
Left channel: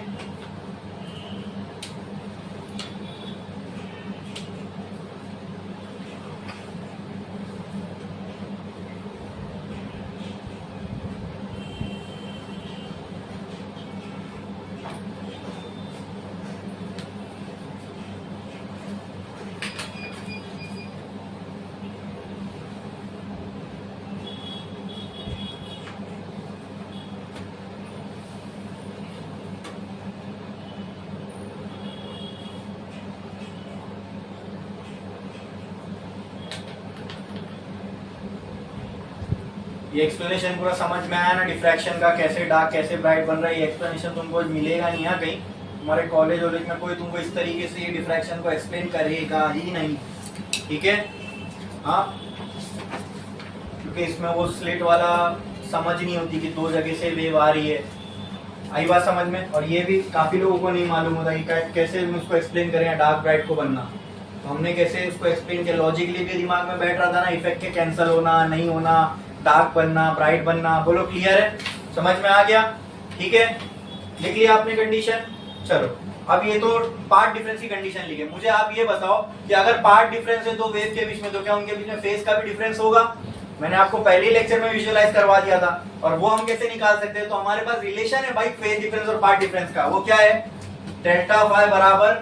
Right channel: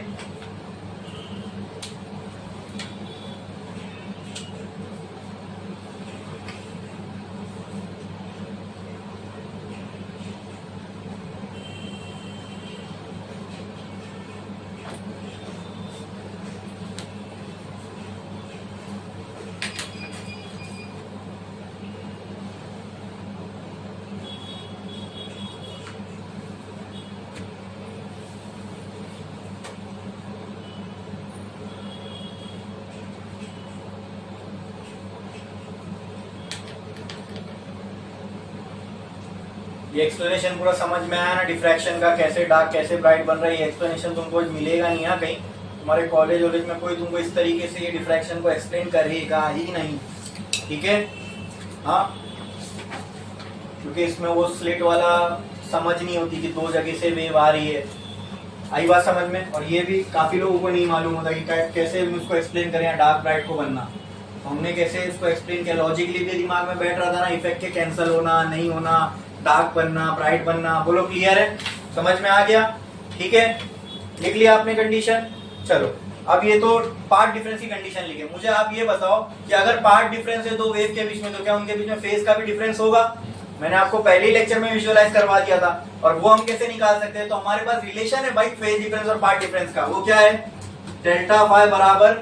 ये एक्सप्लेनेशन पूरा समझ में आया ना डिफ्रैक्शन का, कैसे डार्क कैसे ब्राइट बन रहा है। ये एक्सप्लेनेशन तुमको मिलेगा नहीं है कहीं, तुम्हारे कॉलेज वॉलेज में कोई तुमको इस तरीके से ये डिफ्रैक्शन को एक्सप्लेन करेगा ही नहीं, ठीक है। हाँ, क्योंकि इसमें वो स्लिट वाला समझ नहीं होती कि दो जगह से वेव आ रही है। आई बात समझ में। और ये भी काफी लोगों को नहीं मालूम होता कि कैसे हम उसको एक्सप्लेन करें डार्क ब्राइट को बनना। तो हमने कैसे उसको एक्सप्लेन किया, लॉजिकली भी दिमाग में बैठ रहा था ना, इफेक्ट के कैंसिल होना नहीं होना, डार्क बनना ब्राइट बनना। बोलो क्लियर है, समझ में आ गया, ठीक है। लिख लिया आपने कंडीशन। चलो अब ये तो पार्ट डिफरेंस की कंडीशन लिखे। मुझे आप ये बताओ कि अगर पार्ट डिफरेंस है दो वेव के बीच में, तो क्या उनके बीच में फेज का भी डिफरेंस होगा? मैंने आपको पहले ही लेक्चर में विजुअलाइज करवा दिया था। और वो हम कैसे निकाल सकते हैं? तो हमारे पास रिलेशन है भाई फेज डिफरेंस और पार्ट डिफरेंस का। वो क्या है? डेल्टा फाई बराबर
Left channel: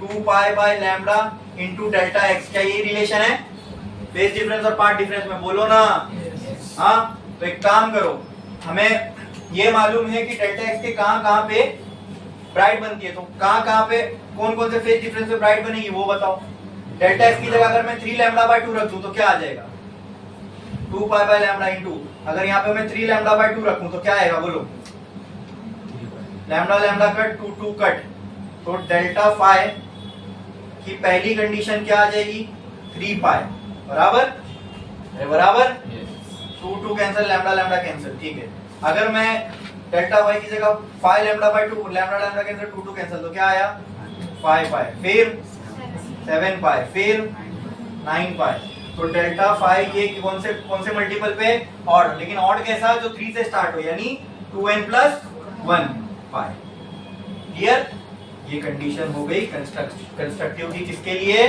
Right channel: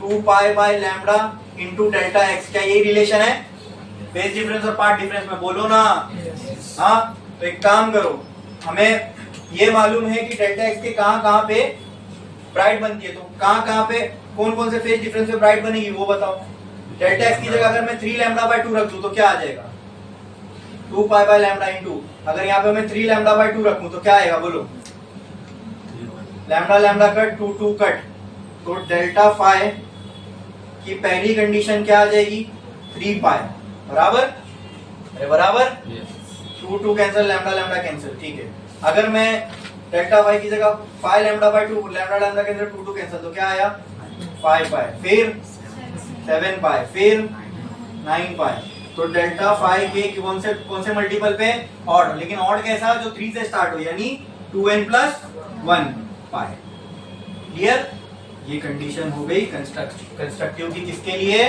2 pi by lambda into delta x. क्या ये रिलेशन है फेज डिफरेंस और पार्ट डिफरेंस में? बोलो ना। हाँ, तो एक काम करो, हमें ये मालूम है कि डेल्टा एक्स के कहां पे ब्राइट बनती है, तो कहां पे कौन कौन से फेज डिफरेंस में ब्राइट बनेगी वो बताओ। डेल्टा एक्स की जगह अगर मैं 3 लैम्डा बाय 2 रख दूं तो क्या आ जाएगा? 2 पाई बाय लैम्डा इंटू, अगर यहाँ पे मैं 3 लैम्डा बाय 2 रखूं तो क्या आएगा बोलो? लैम्डा लैम्डा कट 2 2 कट, तो डेल्टा फाई की पहली कंडीशन क्या आ जाएगी? 3 पाई बराबर, अरे बराबर 2 2 कैंसिल, लैम्डा लैम्डा कैंसिल, ठीक है। अगर मैं डेल्टा फाई की जगह 5 lambda by 2, lambda lambda cancel 2 2 cancel, तो क्या आया? 5 पाई, फिर 7 पाई, फिर 9 पाई। तो डेल्टा फाई के कौन से मल्टीपल पे? ऑड। लेकिन ऑड कैसा? जो 3 से स्टार्ट हो, यानी 2n प्लस 1 पाई। क्लियर? ये कंडीशन हो गई कंस्ट्रक्टिव की, किसके लिए?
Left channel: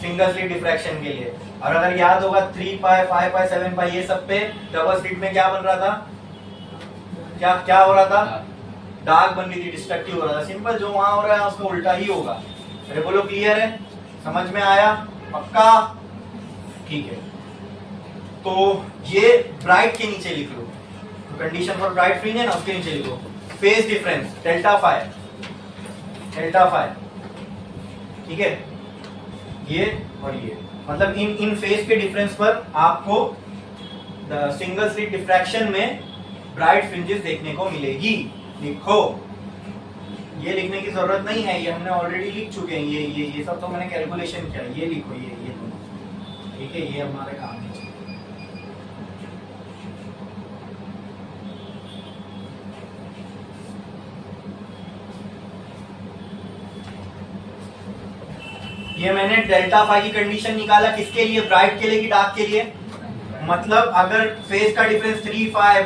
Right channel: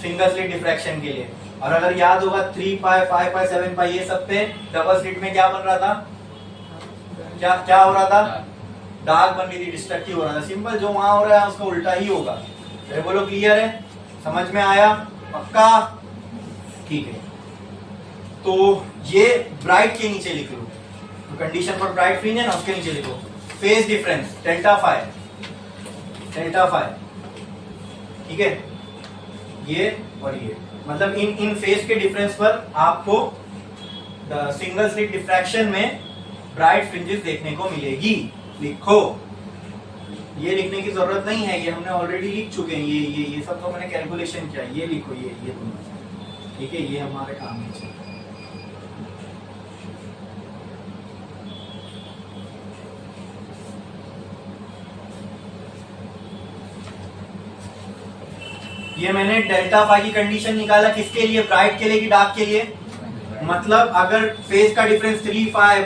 सिंगल स्लिट डिफ्रैक्शन के लिए। और अगर याद होगा 3 पाई 5 पाई 7 पाई ये सब पे डबल स्लिट में क्या बन रहा था? क्या हो रहा था? डार्क बन रही थी, डिस्ट्रक्टिव हो रहा था। सिंपल, जो वहां हो रहा है उसका उल्टा ही होगा। अरे बोलो क्लियर है, समझ में आया? पक्का? ठीक है। तो ये ब्राइट के नीचे लिख लो, तो कंडीशन फॉर ब्राइट फ्रिंज है ना, उसके नीचे लिखो फेज डिफरेंस डेल्टा फाई, ठीक है। ये और ये मतलब इन फेज के डिफरेंस पर आपको सिंगल स्लिट डिफ्रैक्शन में ब्राइट फ्रिंजेस देखने को मिलेगी। लिखो, ये लिखने की जरूरत नहीं है, ये हमने ऑलरेडी लिख चुके हैं। ये सब तो मैंने कैलकुलेशन किया। ये लिखो, ये ठीक है, ये हमारे काम है। ये मैंने डेल्टा फाई की कंडीशन निकाला, किसके लिए? ब्राइट के लिए कि डार्क के लिए? मतलब अगर फेज का डिफरेंस 3 5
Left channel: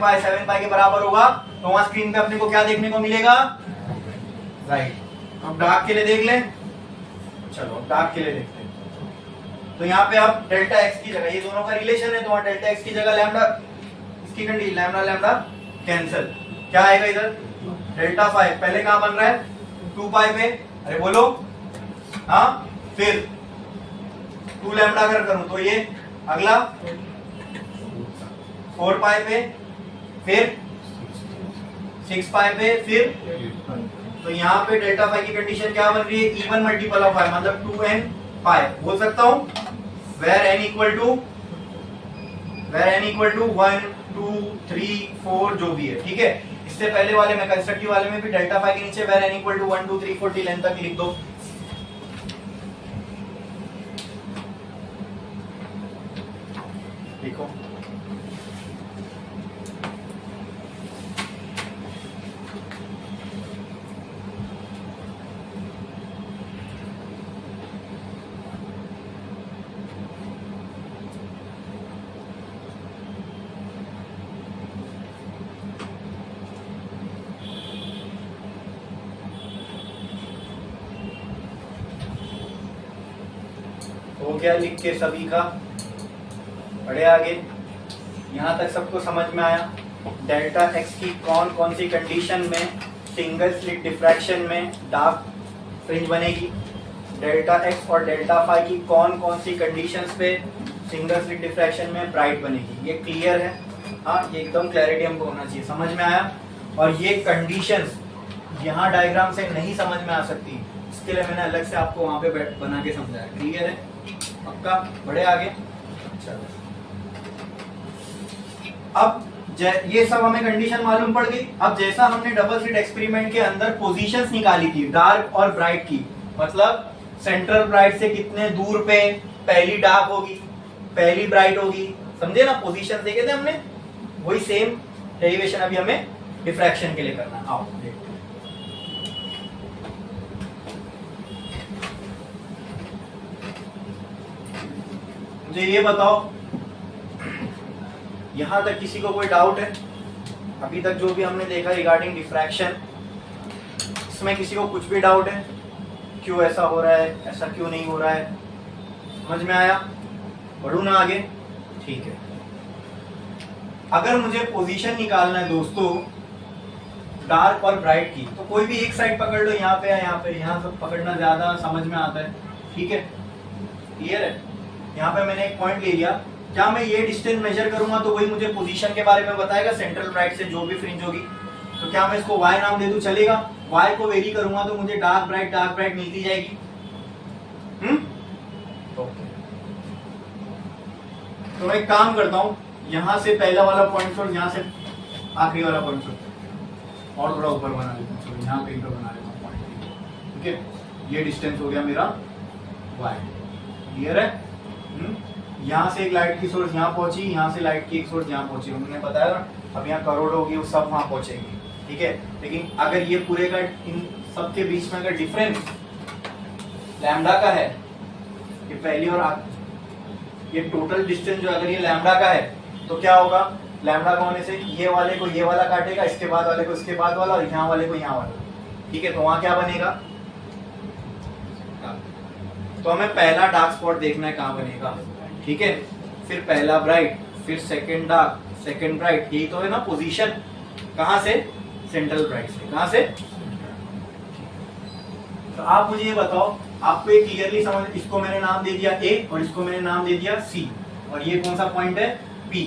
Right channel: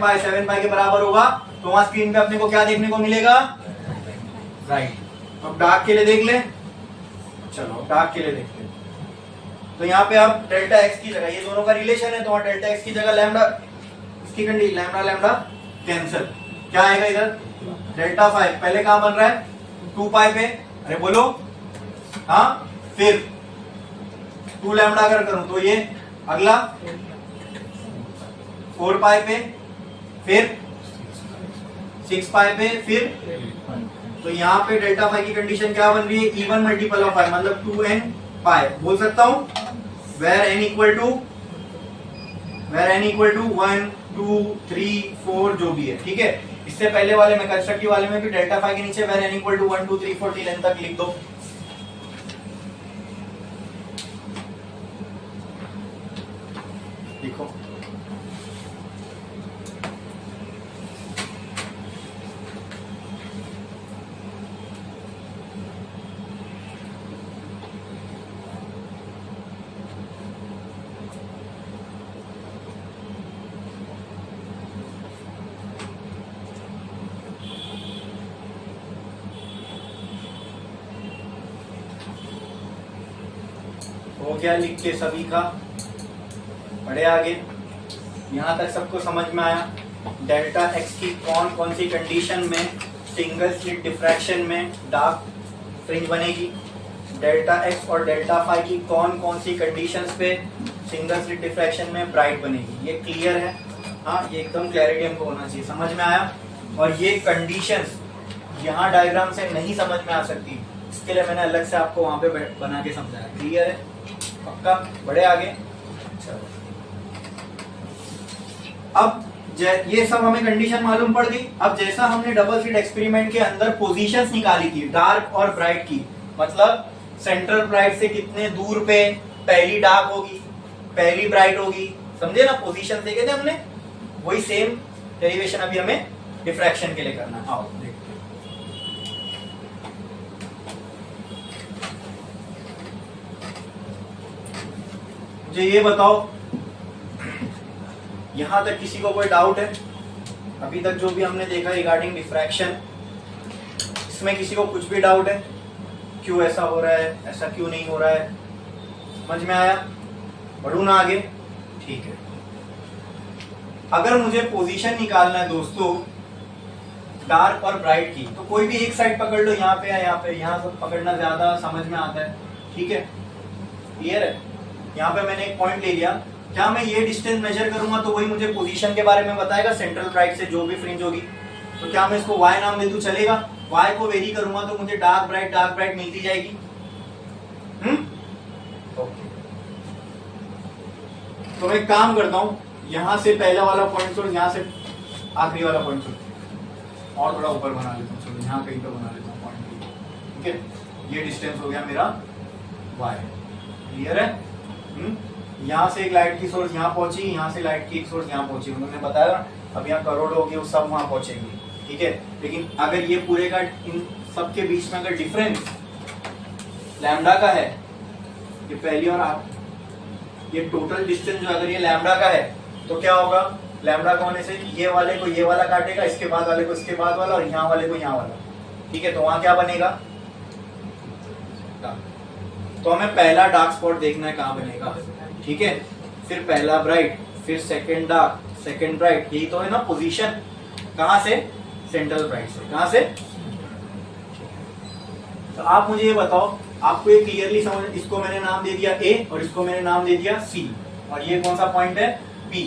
पाई 7 पाई के बराबर होगा तो वहां स्क्रीन पे अपने को क्या देखने को मिलेगा? राइट। अब डार्क के लिए देख ले। चलो डार्क के लिए देखते हैं। तो यहाँ पे अब डेल्टा एक्स की जगह, ये दोनों का रिलेशन है, तो वहां डेल्टा एक्स की जगह लैम्डा, इसकी कंडीशन लैम्डा लैम्डा कैंसिल, क्या आएगा इधर? डेल्टा फाई पहले कहां बन रहा है? 2 पाई पे, अरे बोलो। हाँ, फिर 2 लैम्डा अगर करूं तो ये अगला 4 पाई पे, फिर 6 पाई पे, फिर तो यहाँ पे डेल्टा फाई की कंडीशन क्या बन रही है? इवन मल्टीपल ऑफ फाई, मतलब 2n पाई। बोल सकता हूं वेर n इक्वल टू 1 2 3 4 जो भी है, ठीक है। इससे पहले वाले में कंस्ट्रक्टिव वाले में भी डेल्टा फाई के नीचे where n equal to 1 2 3 4 till n तक लिख दो। लिखो, हो गया लिख के सभी का? बढ़े आगे, यहां तक सबको समझ में आया? डेल्टा एक्स की कौन कौन सी कंडीशन में सिंगल स्लिट डिफ्रैक्शन में डार्क फ्रिंज बनेगी, डेल्टा एक्स और डेल्टा फाई की कौन कौन सी कंडीशंस पे सिंगल स्लिट डिफ्रैक्शन में ब्राइट बनेगी। ये क्लियर है? हाँ, ये एकदम क्लैरिटी हमको होना चाहिए, समझ में आया? और ये कंडीशंस यहाँ डायग्राम से नहीं समझ में आ सकती, इसके लिए मैंने अलग से आपको वहां पे बना के समझाया। क्लियर है? पक्का? बढ़े आगे। चलो अब ये सब हमें कंडीशन मालूम पड़ गई। अब जैसा हमने डबल स्लिट एक्सपेरिमेंट के अंदर पोजीशंस निकाली थी डार्क और ब्राइट की, मतलब सेंट्रल ब्राइट से कितने दूर पे पहली डार्क होगी पहली ब्राइट होगी, समझे ना, पोजीशन देखे थे हमने, वही सेम डेरिवेशन अभी हमें डिफ्रैक्शन के लिए करना। आओ देखते हैं। मुझे ये बताओ, यहां तक किसी को कोई डाउट है? अभी तक जो भी हमने देखा रिगार्डिंग डिफ्रैक्शन, इसमें किसी को कुछ भी डाउट है? क्यों ऐसा हो रहा है, ऐसा क्यों नहीं हो रहा है? समझ में आया? बढ़ू ना आगे? ठीक है। अगर मुझे पोजीशन निकालना है दोस्तों डार्क और ब्राइट की, तो कोई भी एक साइड पकड़ लो, यहाँ पे है, यहाँ पे, यहाँ से पकड़ना ज्यादा समझ में आता है, ठीक है, क्लियर है? यहाँ पे मैंने एक पॉइंट ले लिया, क्या मैं ये डिस्टेंस मेजर करूंगा तो वही मुझे पोजीशन के बारे में बताएगा, सेंट्रल ब्राइट से जो भी फ्रिंज होगी, तो क्या मैं इसको y नाम दे दूं, चलेगा? y को वेरी करूंगा तो मुझे डार्क ब्राइट मिलती जाएगी। ओके, तो मैं एक काम करता हूं, यहां से पहला वाला पॉइंट सोर्स, यहां से आखिरी वाला पॉइंट सोर्स और थोड़ा ऊपर बना लेता हूँ, चलो यहाँ कहीं पर बना लेता हूँ पॉइंट, ठीक है? ये डिस्टेंस हो गया मेरा y, क्लियर है? यहाँ से एक लाइट की सोर्स यहाँ पहुंची, यहाँ से लाइट की एक सोर्स यहाँ पहुंची, उन्होंने बताया अब यहाँ करोड़ होगी, वो सब वहां पहुंचेंगे, ठीक है? लेकिन अगर ये पूरे का इन सब के बीच में अगर डिफरेंस लैम्डा का है, ये पहली और ये टोटल डिस्टेंस जो अगर ये लैम्डा का है, तो क्या होगा? लैम्डा का होने से ये वाले को ये वाला काटेगा, इसके बाद वाले को इसके बाद वाला, और यहाँ वाले को यहाँ वाला, ठीक है? तो वहां क्या बनेगा? तो हमें पहला डार्क स्पॉट देखना है कहां बनेगा, ठीक है? फिर पहला ब्राइट, फिर सेकंड डार्क, सेकंड ब्राइट, यही तो है ना पोजीशन। कहां से? सेंट्रल ब्राइट से। कहां से? तो आप मुझे ये बताओ, आपको ये क्लियरली समझ, इसको मैंने नाम दे दिया A और इसको मैंने नाम दे दिया C, और ये कौन सा पॉइंट है? P,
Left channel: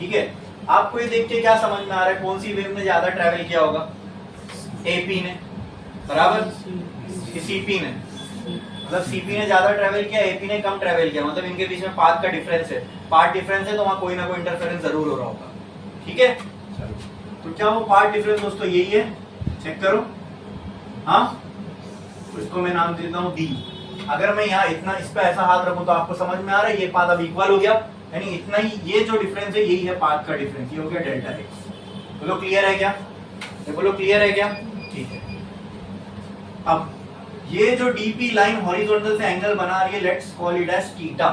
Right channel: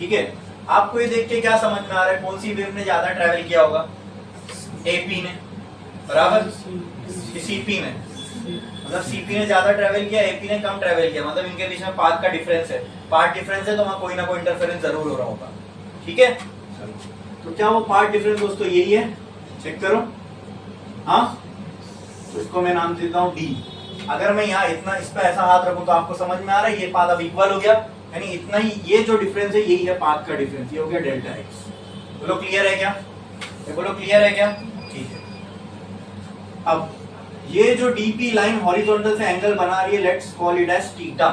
ठीक है? आपको ये देख के क्या समझ में आ रहा है, कौन सी वेव ने ज्यादा ट्रेवल किया होगा? AP ने, बराबर? CP ने, मतलब CP ने ज्यादा ट्रेवल किया, AP ने कम ट्रेवल किया, मतलब इनके बीच में पाथ का डिफरेंस है, पाथ डिफरेंस है, तो वहां कोई ना कोई इंटरफेरेंस जरूर हो रहा होगा, ठीक है? तो क्या वो पाथ डिफरेंस दोस्तों यही है? चेक करो, हाँ, उसको मैं नाम देता हूं D। अगर मैं यहाँ इतना इस पे ऐसा हाथ रखूं तो आपको समझ में आ रहा है, ये पाथ अब इक्वल हो गया, यानी इतना ही, ये जो डिफरेंस है यही है पाथ का डिफरेंस, ये हो गया डेल्टा x। बोलो क्लियर है क्या? बोलो क्लियर है क्या? ठीक है। अब ये जो डीपी लाइन हॉरिजॉन्टल से एंगल बना रही है, let's call it as theta,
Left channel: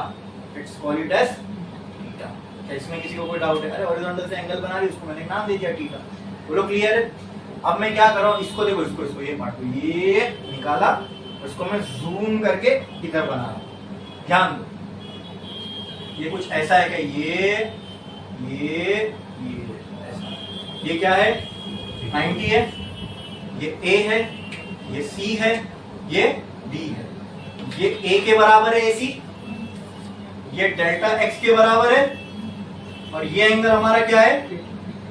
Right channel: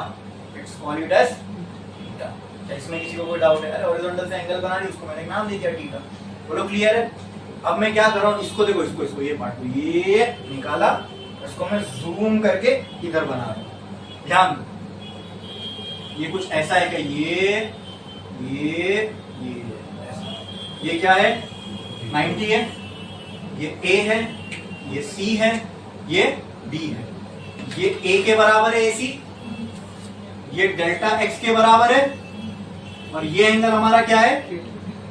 let's call it as theta. क्या इसमें किसी को कोई डाउट है? अरे हॉरिजॉन्टल से एंगल बना रही है, उसको मैंने नाम दे दिया थीटा। बोलो क्लियर है? अब मैं क्या कर रहा हूं, इसको देखो, इसको ये पार्ट को ये निकाला, उसको मैं जूम करके इधर बना रहा हूं, ध्यान दो, ये कुछ ऐसा है क्या? ये ऐसा, ये क्या है? 90 है, ये A है, ये C है, ये D है, ये A के बराबर है AC, ये डेल्टा x के बराबर है, और ये एंगल हमारा क्या है?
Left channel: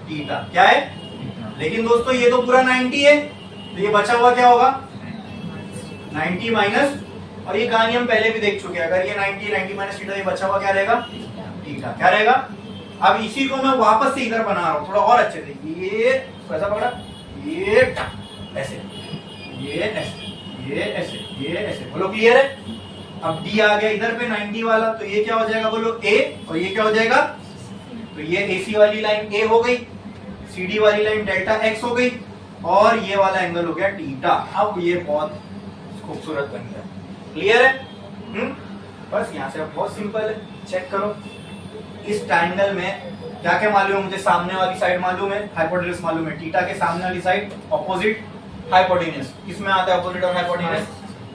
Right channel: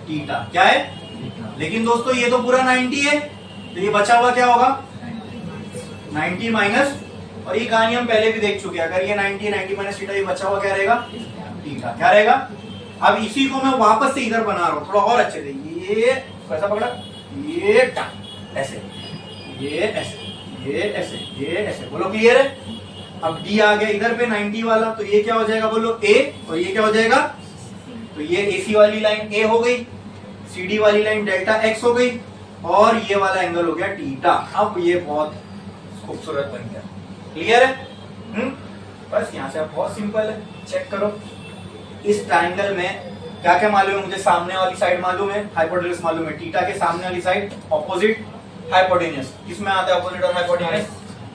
थीटा। क्या है? लेकिन दोस्तों ये तो पूरा 90 है, तो ये बचा हुआ क्या होगा? 90 माइनस, और ये कहानी हम पहले भी देख चुके हैं, अगर ये 90 माइनस थीटा, ये बचा हुआ क्या रहेगा? थीटा। क्या रहेगा? अब इसी को मैं वापस से इधर बना रहा हूं थोड़ा और अच्छे से, ये कैसा पकड़ा? ये ऐसे, ये ऐसे, ये ऐसे, ये ऐसे। बोलो क्लियर है? अब D आ गया इधर पे 90 वाला, तो ये क्या हो जाएगा? बोलो A, और ये क्या हो जाएगा? तो ये AC वाली लाइन A हो गई, CD वाली लाइन डेल्टा x हो गई, और ये वाला एंगल हो गया थीटा। अब ये बहुत खूबसूरत बन गया, क्लियर है? बस यहाँ से अब बहुत सिंपल है, चेक करो। इस ट्रायंगल में क्या क्या मालूम है मुझे? सामने वाली साइड मालूम है, हाइपोटेन्यूज मालूम है, थीटा के सामने वाली साइड ऑपोजिट हाइपोटेन्यूज। किसमें आता है ऑपोजिट और हाइपोटेन्यूज?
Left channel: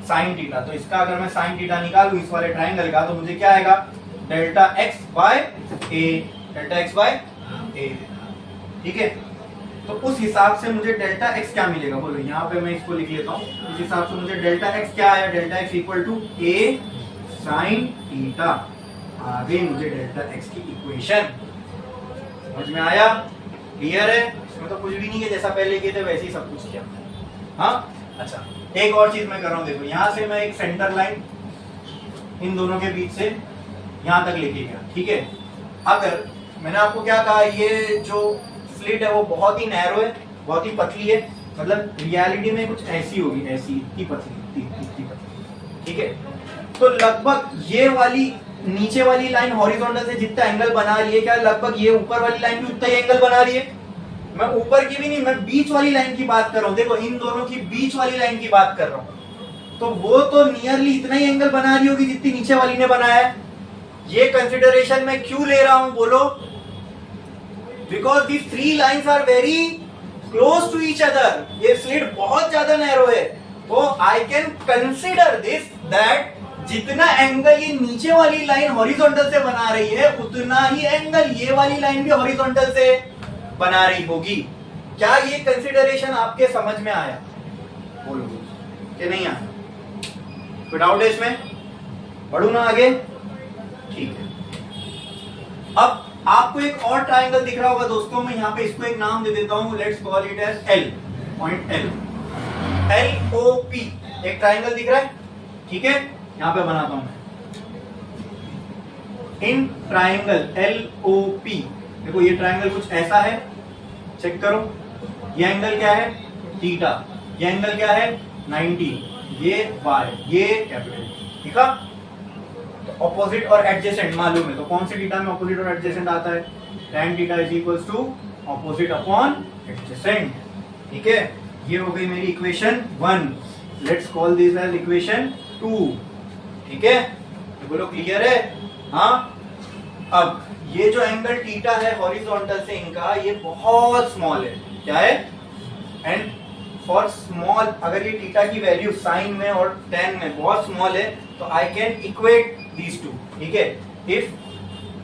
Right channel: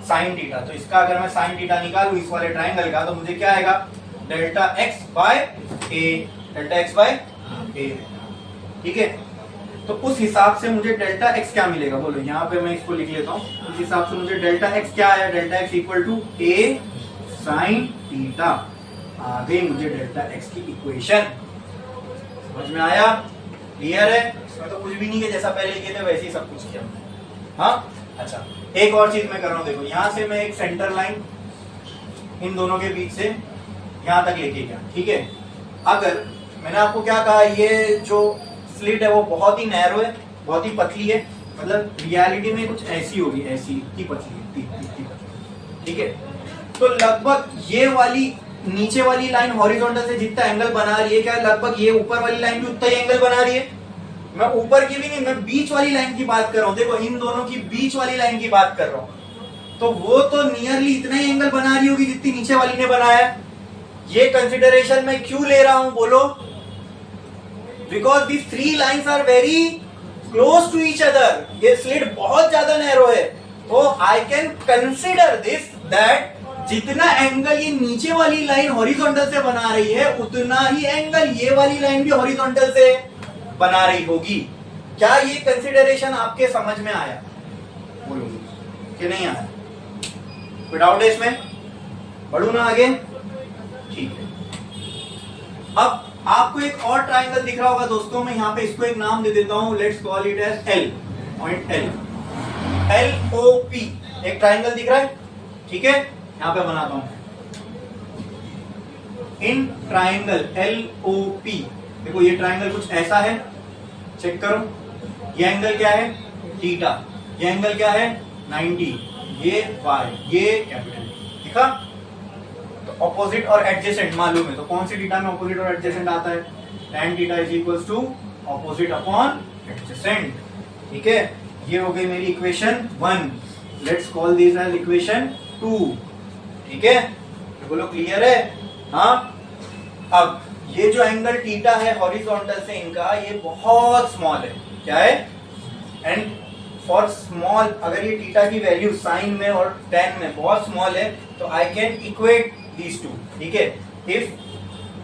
Sine theta. तो इसका अगर मैं साइन थीटा निकालूं इस वाले ट्रायंगल का, तो मुझे क्या आएगा? Delta x by a, delta x by a, ठीक है? तो उस हिसाब से मुझे डेल्टा x क्या मिलेगा? बोलो, यहाँ पे मैं इसको लिख लेता हूँ, उस हिसाब से मुझे डेल्टा x क्या आया? Delta x equal to a sine theta. आ गई मुझे डेल्टा x की इक्वेशन। समझ में आया? क्लियर है? इसमें तो कुछ भी नहीं है, जैसा पहले किए थे वैसे ही सब कुछ किया। हाँ, अच्छा, एक और चीज मैं कर रहा हूँ, देखो, यहाँ से मैं एक सेंटर लाइन इन दोनों के बीच से यहाँ तक लेके गया, ठीक है? अगर मैंने आपको क्या कहा, ये जो स्लिट है वो बहुत ही नैरो है, बहुत ही पतली है, मतलब रियलिटी में कुछ ऐसी होगी, ऐसी इतनी पतली, इतनी पतली, ठीक है। तो लगभग ये वाली नीचे वाली लाइन हॉरिजॉन्टल से जितना एंगल बना रही है, क्या लगभग ये ऊपर वाली लाइन भी उतना ही एंगल बना रही है? मैं ऊपर की भी नहीं, मैं बीच वाली लाइन की बात कर रहा हूं। देखो इन दोनों की बीच वाली लाइन की बात कर रहा हूं, तो वो तो नियरली इतना ही एंगल बना रही होगी जितनी नीचे वाली ने बनाया है। ये कंसिडरेशन मैं क्यों ले रहा हूं बोलो? Because the three lines are very close to each other. ये स्लिट बहुत ज्यादा नैरो है, तो I can consider this that जितना एंगल ये नीचे वाली लाइन हॉरिजॉन्टल से बना रही है, उतना ही एंगल ये वाली लाइन भी हॉरिजॉन्टल से बना रही होगी। क्या ये कंसिडरेशन आपके समझ में आया? बोलोगे कि नहीं आया? कोई डाउट है इसमें? बढ़ू ना आगे? ठीक है। अब आपको एक और ट्राइंगल दिख रहा होगा दोस्तों, मैं यहां पे इसको एक नाम दे देता हूं, let's call it as L, point L, LOP एक ट्राइंगल दिख रहा है, ठीक है। यहां पे बनाता हूं इन ट्राइंगल LOP। देखो ये ट्राइंगल कुछ ऐसा है, चेक करो। ये एंगल क्या है? थीटा। ये एंगल क्या है? 90। ये y, ये कैपिटल, ठीक है। तो ऑपोजिट और एडजेसेंट मालूम है, तो कौन सी थीटा में ऑपोजिट और एडजेसेंट आता है? tan theta is equals to opposite upon adjacent, ठीक है। ये हो गई मेरी equation 1। Let's call this as equation 2, ठीक है। बोलो क्लियर है? हाँ। अब ये जो एंगल थीटा है हॉरिजॉन्टल से इनका, ये बहुत स्मॉल है। क्या है? एंड फॉर स्मॉल, अगर ये थीटा की वैल्यू साइन में और tan में बहुत स्मॉल है, तो I can equate these two, ठीक है।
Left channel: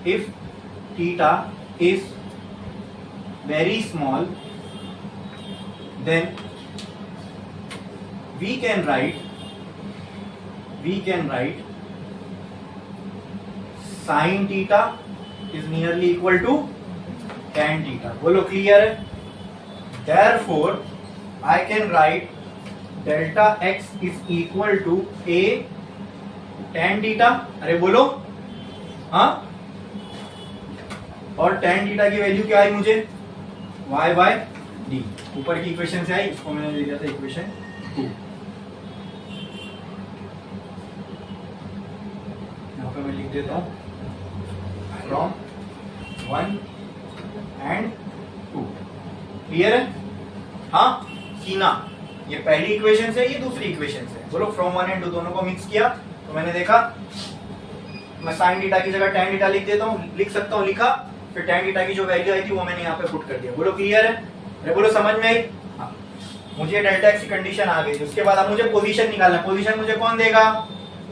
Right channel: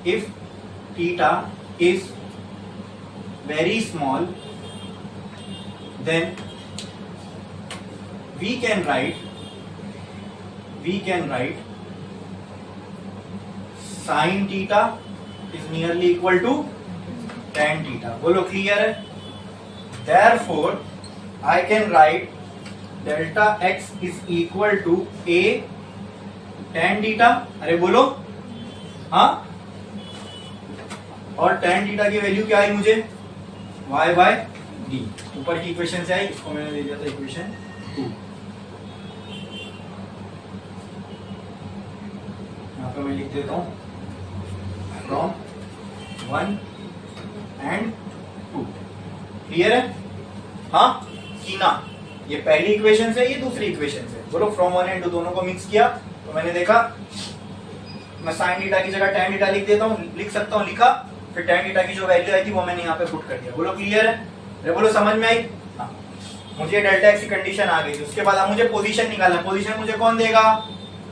If theta is very small, then we can write sin theta is nearly equal to tan theta। बोलो क्लियर है? Therefore I can write delta x is equal to a tan theta। अरे बोलो हाँ। और tan theta की वैल्यू क्या आई मुझे? y by d। ऊपर की इक्वेशन से आई, इसको मैंने दे दिया था इक्वेशन 2। यहाँ पे मैं लिख देता हूं फ्रॉम 1 and 2। क्लियर है? हाँ कि ना? ये पहली इक्वेशन से, ये दूसरी इक्वेशन से। बोलो फ्रॉम 1 and 2 दोनों को मिक्स किया, तो मैंने देखा मैं साइन थीटा की जगह tan थीटा लिख देता हूँ, लिख सकता हूँ, लिखा। फिर tan थीटा की जो वैल्यू आई थी वो मैंने यहाँ पे पुट कर दिया। बोलो क्लियर है? अरे बोलो समझ में आई? हाँ। मुझे डेल्टा एक्स की कंडीशन आ गई, उसके बाद अब मुझे पोजीशन निकालना। पोजीशन मुझे कौन देगा?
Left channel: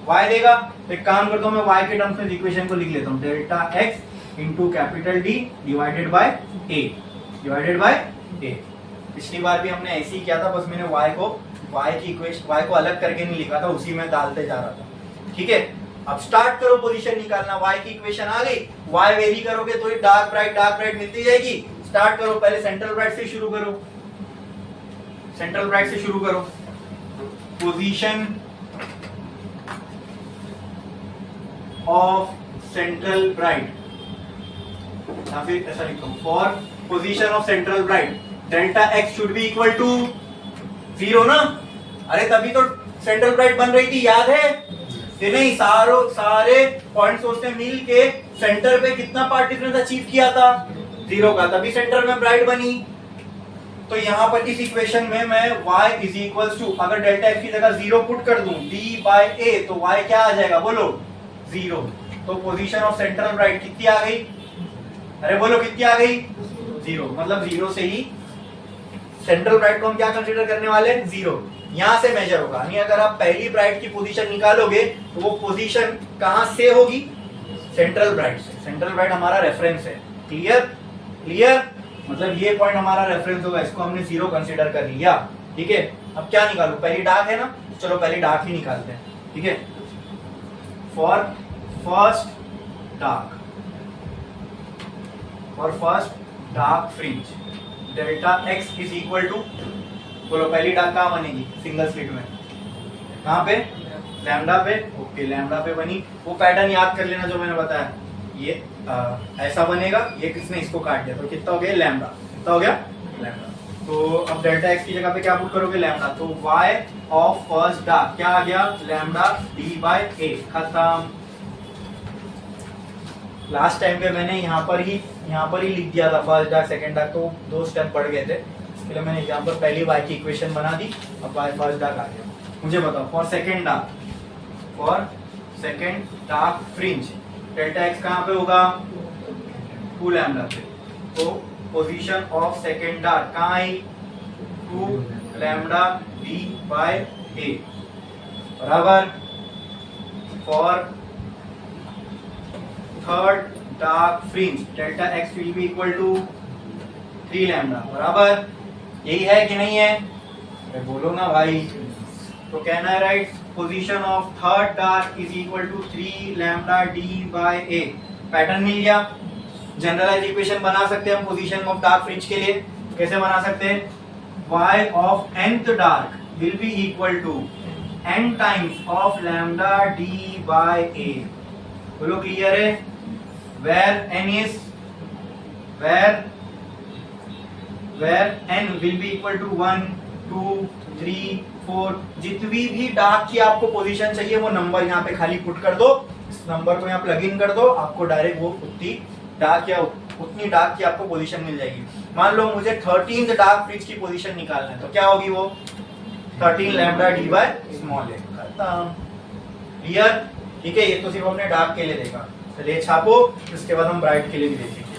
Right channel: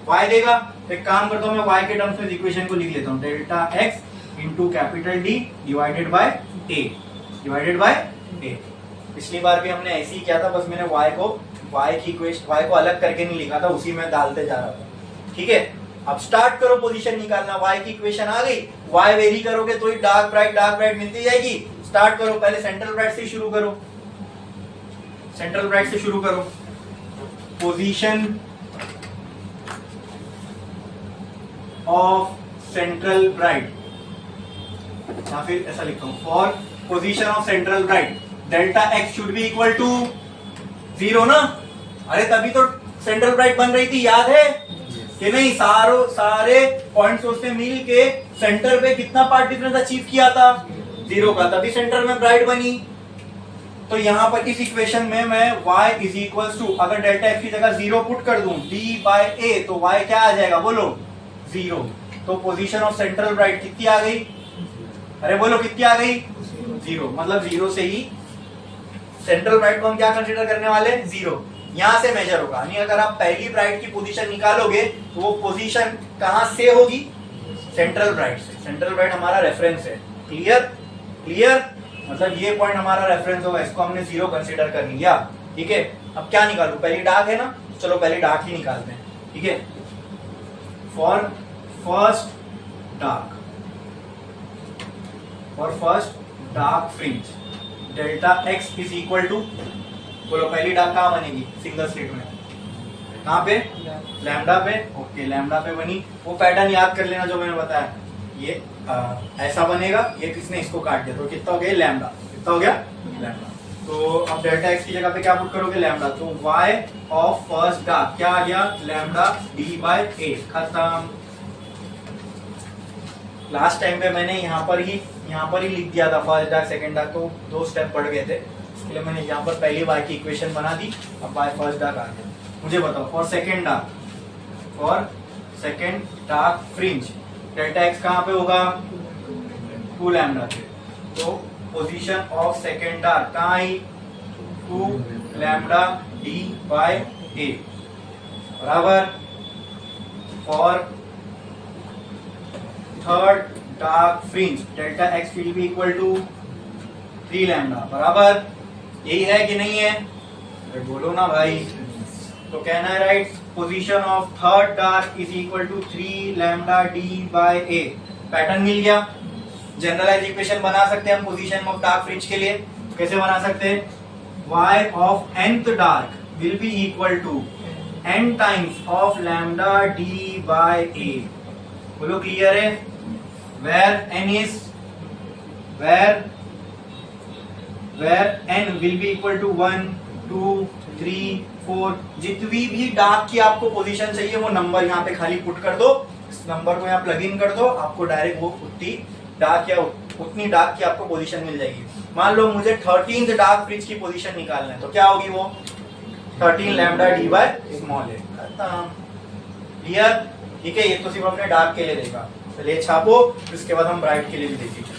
y देगा। तो एक काम करता हूँ, मैं y के टर्म्स में इक्वेशन को लिख लेता हूँ, delta x into capital D divided by a, divided by a। पिछली बार भी हमने ऐसे ही किया था, बस मैंने y की इक्वेशन, y को अलग करके नहीं लिखा था, उसी में डालते जा रहा था, ठीक है। अब स्टार्ट करो पोजीशन निकालना। y की इक्वेशन आ गई, y वेरी करोगे तो ही डार्क ब्राइट मिलती जाएगी। स्टार्ट करो, पहले सेंट्रल ब्राइट से शुरू करो, सेंट्रल ब्राइट से शुरू करो। पोजीशन ऑफ सेंट्रल ब्राइट, या फिर ऐसा लिखता हूं, for position of central bright delta x should be equal to 0 ना? अरे तभी तो सेंट्रल ब्राइट बन रही थी, याद है कि नहीं? सारे पॉइंट्स उसने मिल के सेंटर पे कितना पार्ट डिफरेंस अचीव किया था? 0 का, तभी सेंटर में ब्राइट बनी। तो यहां पर इस इक्वेशन में मैं y इज इक्वल टू, अगर डेल्टा एक्स की जगह 0 पुट कर दूं d बाय a, तो y क्या आ जाएगा? बोलो 0। तो पोजीशन ऑफ सेंट्रल ब्राइट कितनी आ गई? अरे बोलो कितनी आ गई? 0। मतलब 0 से ही सेंट्रल ब्राइट को हम क्या कंसीडर करने वाले? 0। यहां से मेजर होगा। यानी अगर आप पहली ब्राइट की पोजीशन निकालोगे तो वो पोजीशन कहां से होगी? सेंट्रल ब्राइट से। सेंट्रल ब्राइट हमारा रेफरेंस है। क्लियर? मतलब ये पॉइंट हमारा रेफरेंस होगा, इसको हमने 0 कंसीडर कर लिया, ठीक है। अब क्या निकालू? पहली डार्क है ना, चलो पहली डार्क ही निकालते हैं, ठीक है। For first dark fringe delta x is equal to, बोलो पहली डार्क कहां बनेगी? सिंगल स्लिट में। कहां पे? लैम्डा पे। ओके, लैम्डा पे बनी। वो पैटर्न याद कर लेना जो मैंने बताया, ये ऐसा बनेगा, ये किसने इसको काट दिया, तो कितना हो गया लैम्डा, कितना हो गया लैम्डा। तो अब डेल्टा एक्स की जगह पे क्या पुट करोगे लैम्डा, तो y ऑफ फर्स्ट डार्क क्या आ गया लैम्डा d बाय ए, खत्म। लास्ट टाइम पे मैंने यहाँ पर ही लिख दिया था फर्स्ट डार्क सेकंड डार्क, तो 2 स्टेप बढ़ गए थे, इसके लिए मैंने यहाँ पर पहली y की इक्वेशन बना दी, अब y फर्स्ट डार्क आ गया। मुझे बताओ for second dark fringe delta x कहाँ पे होगा 2 लैम्डा पे, तो पोजीशन ऑफ सेकंड डार्क कहाँ आई 2 लैम्डा d बाय a बराबर for third dark fringe delta x will be equal to 3 lambda बराबर, यही है कि नहीं है, अरे बोलो ना भाई। तो कहना है right position of third dark is equal to 3 lambda d by a, pattern मिल गया। जनरलाइज इक्वेशन बना सकते हैं हम पोजीशन ऑफ डार्क फ्रिंज के लिए, कैसे बना सकते हैं y of nth dark will be equal to n times of lambda d by a, बोलो क्लियर है। where n will be equal to 1 2 3 4, जितनी भी डार्क की आपको पोजीशन चाहिए वो नंबर यहाँ पे खाली पुट कर दो, इस नंबर को यहाँ प्लग इन कर दो, आपको डायरेक्ट वो उतनी डार्क की आपको पोजीशन मिल जाएगी। मान लो मुझे 13th डार्क फ्रिज की पोजीशन निकालना है, तो क्या होगी वो 13 लैम्डा डी बाय स्मॉल ए, खत्म। क्लियर, ठीक है। ये तो सिर्फ अपने डार्क के लिए देखा, चलिए छापो, उसके बाद हम ब्राइट के लिए भी देखेंगे।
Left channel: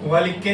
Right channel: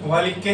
हुआ लिख के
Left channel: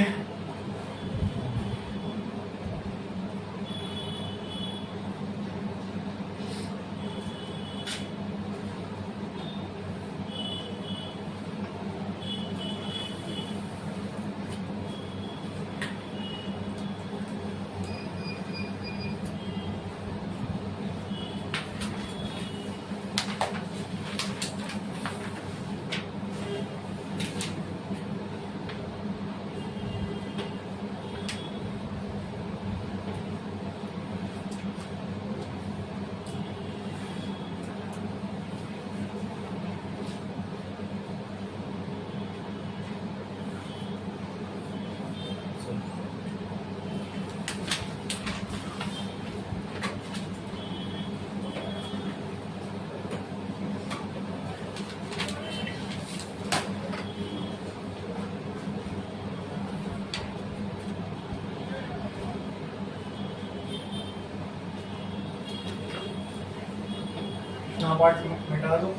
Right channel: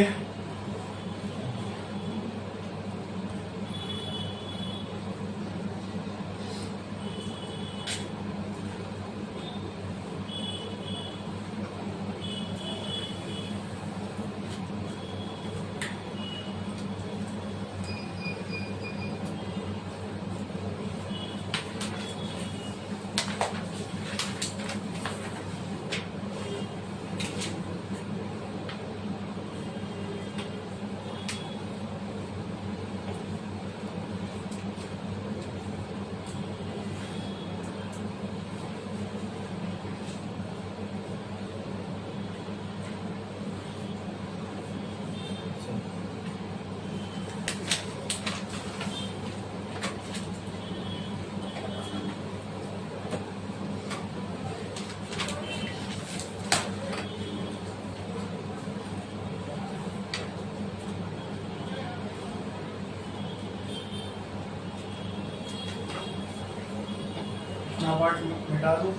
पार्ट मिटा दो।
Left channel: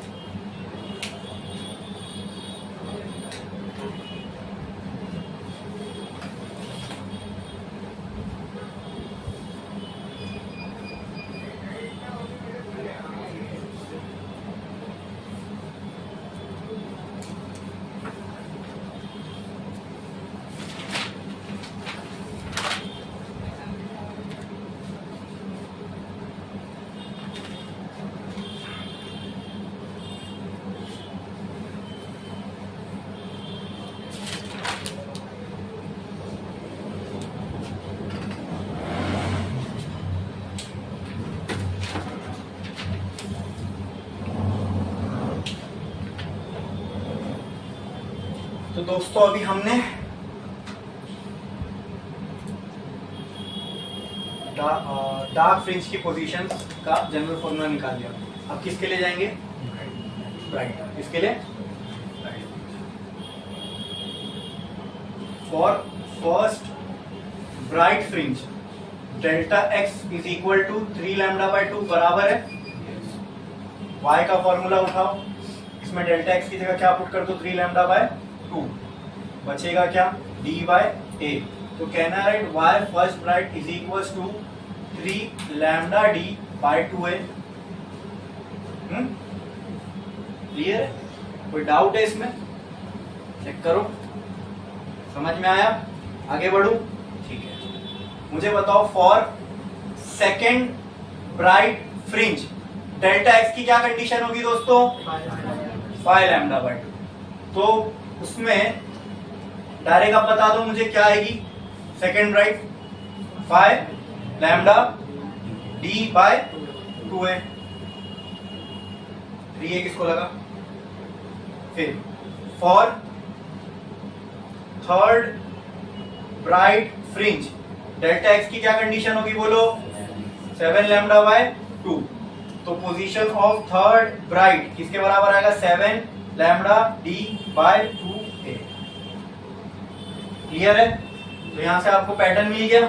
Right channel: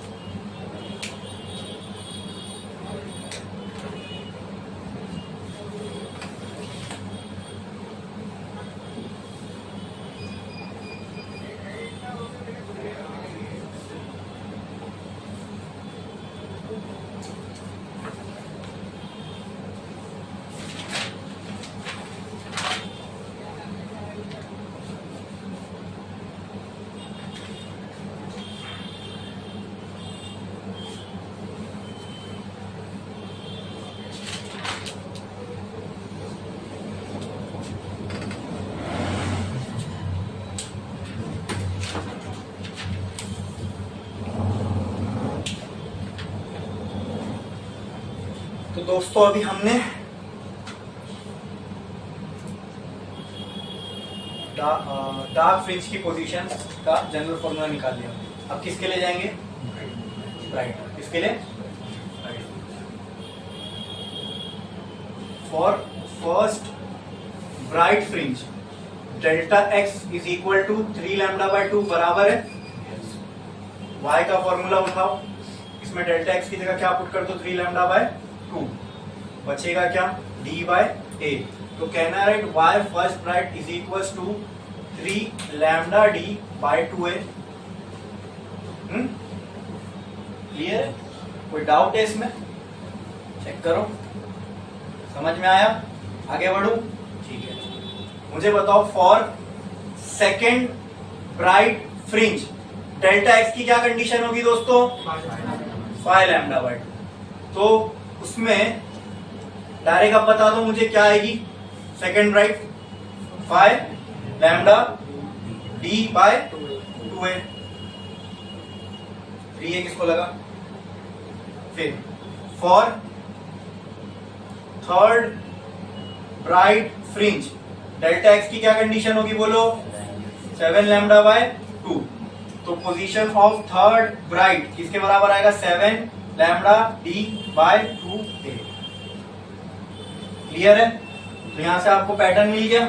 तो दोस्तों अभी हमने डार्क फ्रिंज की पोजीशन का जनरल फॉर्मूला निकाल लिया। अब किसके लिए जाएंगे? ब्राइट। किसके लिए? For first bright fringe delta x is equal to 3 lambda by 2 बराबर है y का फॉर्मूला उठाओ। इसमें डेल्टा एक्स की जगह क्या पुट कर दो? 3 लैम्डा बाय 2। बचेगा क्या? d by a। तो कहना है y first bright is equals to 3 lambda d by 2a। Clear है? कोई डाउट है इसमें? चेक करो, समझ में आया? आगे बढ़ू? ठीक है। मुझे बताओ for second bright fringe delta x की क्या कंडीशन होगी दोस्तों? 5 लैम्डा बाय 2। तो उसमें डायरेक्ट आप बता दो मुझे क्या आएगी? Second bright 5 lambda d by 2a। 3a किसको लगा? फिर for third bright fringe delta x की क्या कंडीशन होगी बोलो? 7 लैम्डा बाय 2। तो पोजीशन ऑफ थर्ड ब्राइट किसके बराबर आएगा? 7 lambda d by 2a। Clear है? तो यहां से आपको पैटर्न मिल गया।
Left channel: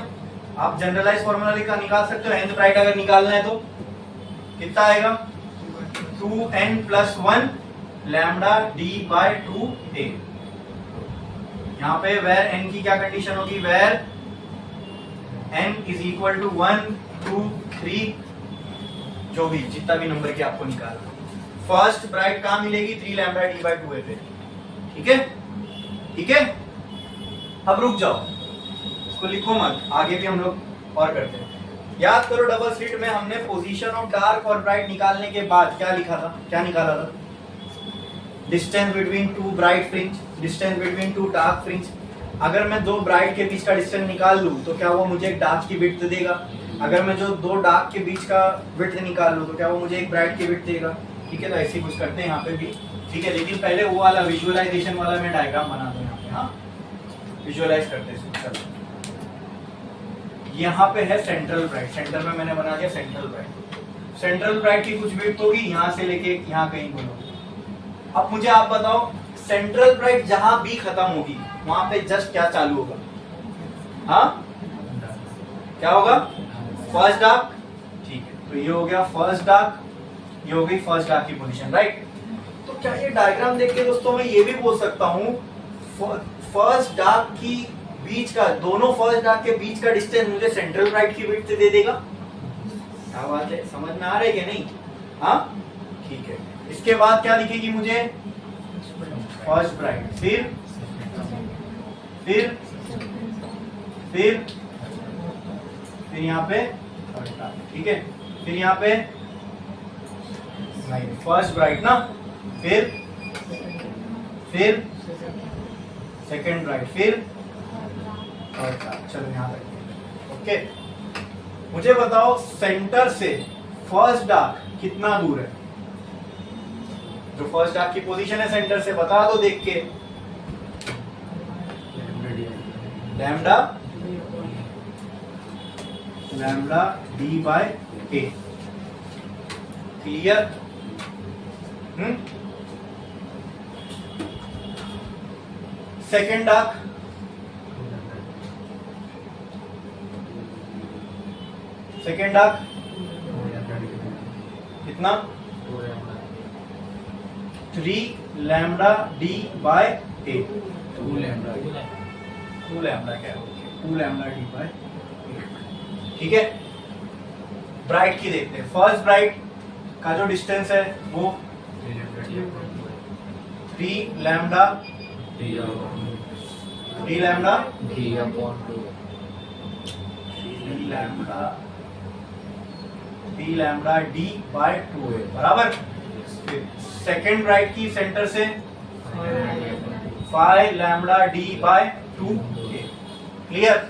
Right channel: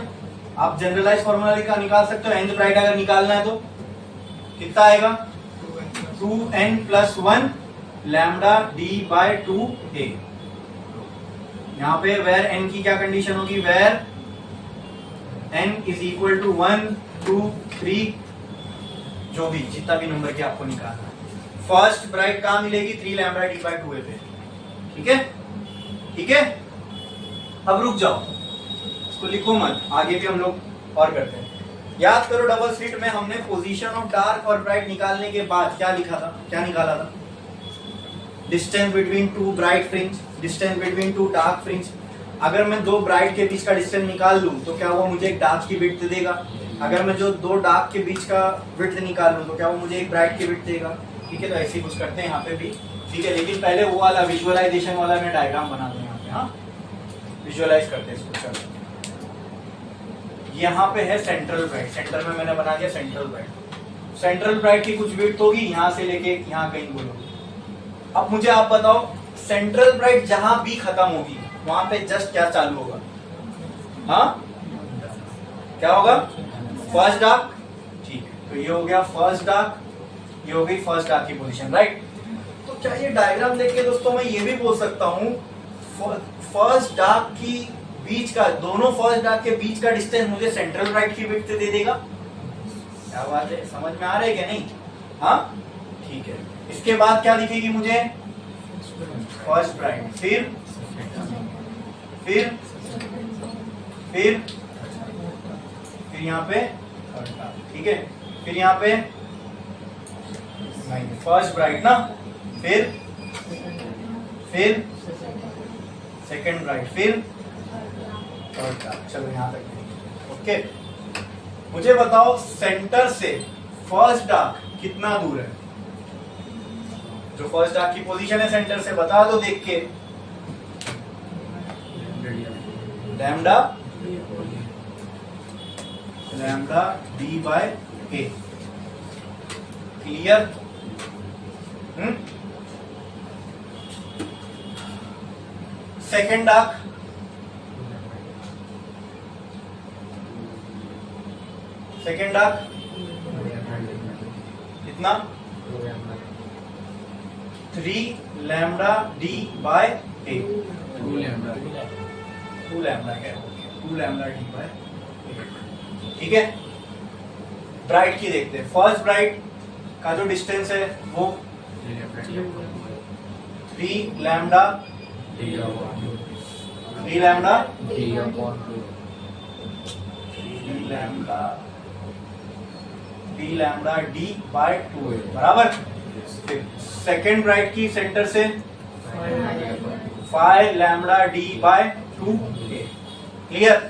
आप जनरलाइज फॉर्मूला निकाल सकते हो। nth ब्राइट अगर निकालना है तो कितना आएगा? 2n plus 1 lambda d by 2a। यहाँ पे वेर n की क्या कंडीशन होगी? Where n is equal to 1 2 3, जो भी जितना भी नंबर के आपको निकालना। फर्स्ट ब्राइट कहां मिलेगी? 3 लैम्डा डी बाय 2a पे। ठीक है? ठीक है, अब रुक जाओ, इसको लिखो मत, आगे के हम लोग और करते हैं। याद करो डबल स्लिट में हमने पोजीशन ऑफ डार्क और ब्राइट निकालने के बाद क्या लिखा था? क्या निकाला था? Distance between two bright fringe, distance between two dark fringe. अगर मैं दो ब्राइट के बीच का डिस्टेंस निकाल लूं तो क्या वो मुझे एक डार्क की विड्थ देगा? अगर मैं जो दो डार्क के बीच का विड्थ निकाल लूं तो क्या वो मुझे एक ब्राइट की विड्थ देगा? ठीक है, तो ऐसे ही कुछ करते हैं यहाँ पे भी। ठीक है, लेकिन पहले वो वाला विजुअलाइजेशन वाला मैं डायग्राम बना दूं यहाँ पे। हाँ, विजुअलाइज करते हैं इसको। यहाँ पे है सेंट्रल ब्राइट, सेंटर में मैंने बना दिया सेंट्रल ब्राइट। सेंट्रल ब्राइट की कुछ विड्थ होगी यहाँ से लेके यहाँ कहीं बोलो। अब मुझे आप बताओ सेंट्रल ब्राइट जहां भी खत्म होगी वहां पे जस्ट क्या चालू होगा? हाँ, क्या होगा? First dark. ठीक है, तो ये हो गया फर्स्ट डार्क, ये हो गई फर्स्ट डार्क की पोजीशन, राइट? तो क्या ये डायग्राम देख के दोस्तों मैं ये भी बोल सकता हूँ फर्स्ट डार्क की बीच का, दोनों फर्स्ट डार्क के बीच का डिस्टेंस मुझे सेंट्रल ब्राइट की विड्थ दे देगा? क्या बात है, समझ में आ रहा है कि नहीं? हाँ, ठीक है। इसके बाद क्या दिखेगी मुझे? फर्स्ट ब्राइट, फिर यहाँ पे थर्ड डार्क। ठीक है, फिर यहाँ पे नहीं, फर्स्ट ब्राइट ना, फिर सेकंड ब्राइट, फिर थर्ड डार्क। चलो यहाँ तक। ओके, मुझे बताओ सेंटर से फर्स्ट डार्क कितना दूर है? जो फर्स्ट डार्क की पोजीशन है सेंटर से, बता दो देख के। Lambda d by A. Clear? Second dark कितना? 3 lambda d by A, 2 lambda 2 lambda क्या है, 2 लैम्डा डी बाय ए। ठीक है, ब्राइट की देखते हैं। फर्स्ट ब्राइट का जो डिस्टेंस है वो 3 lambda d lambda d lambda d by 2 बराबर। सेकेंड ब्राइट की सेंटर से 5 लैम्डा डी बाय 2 क्लियर।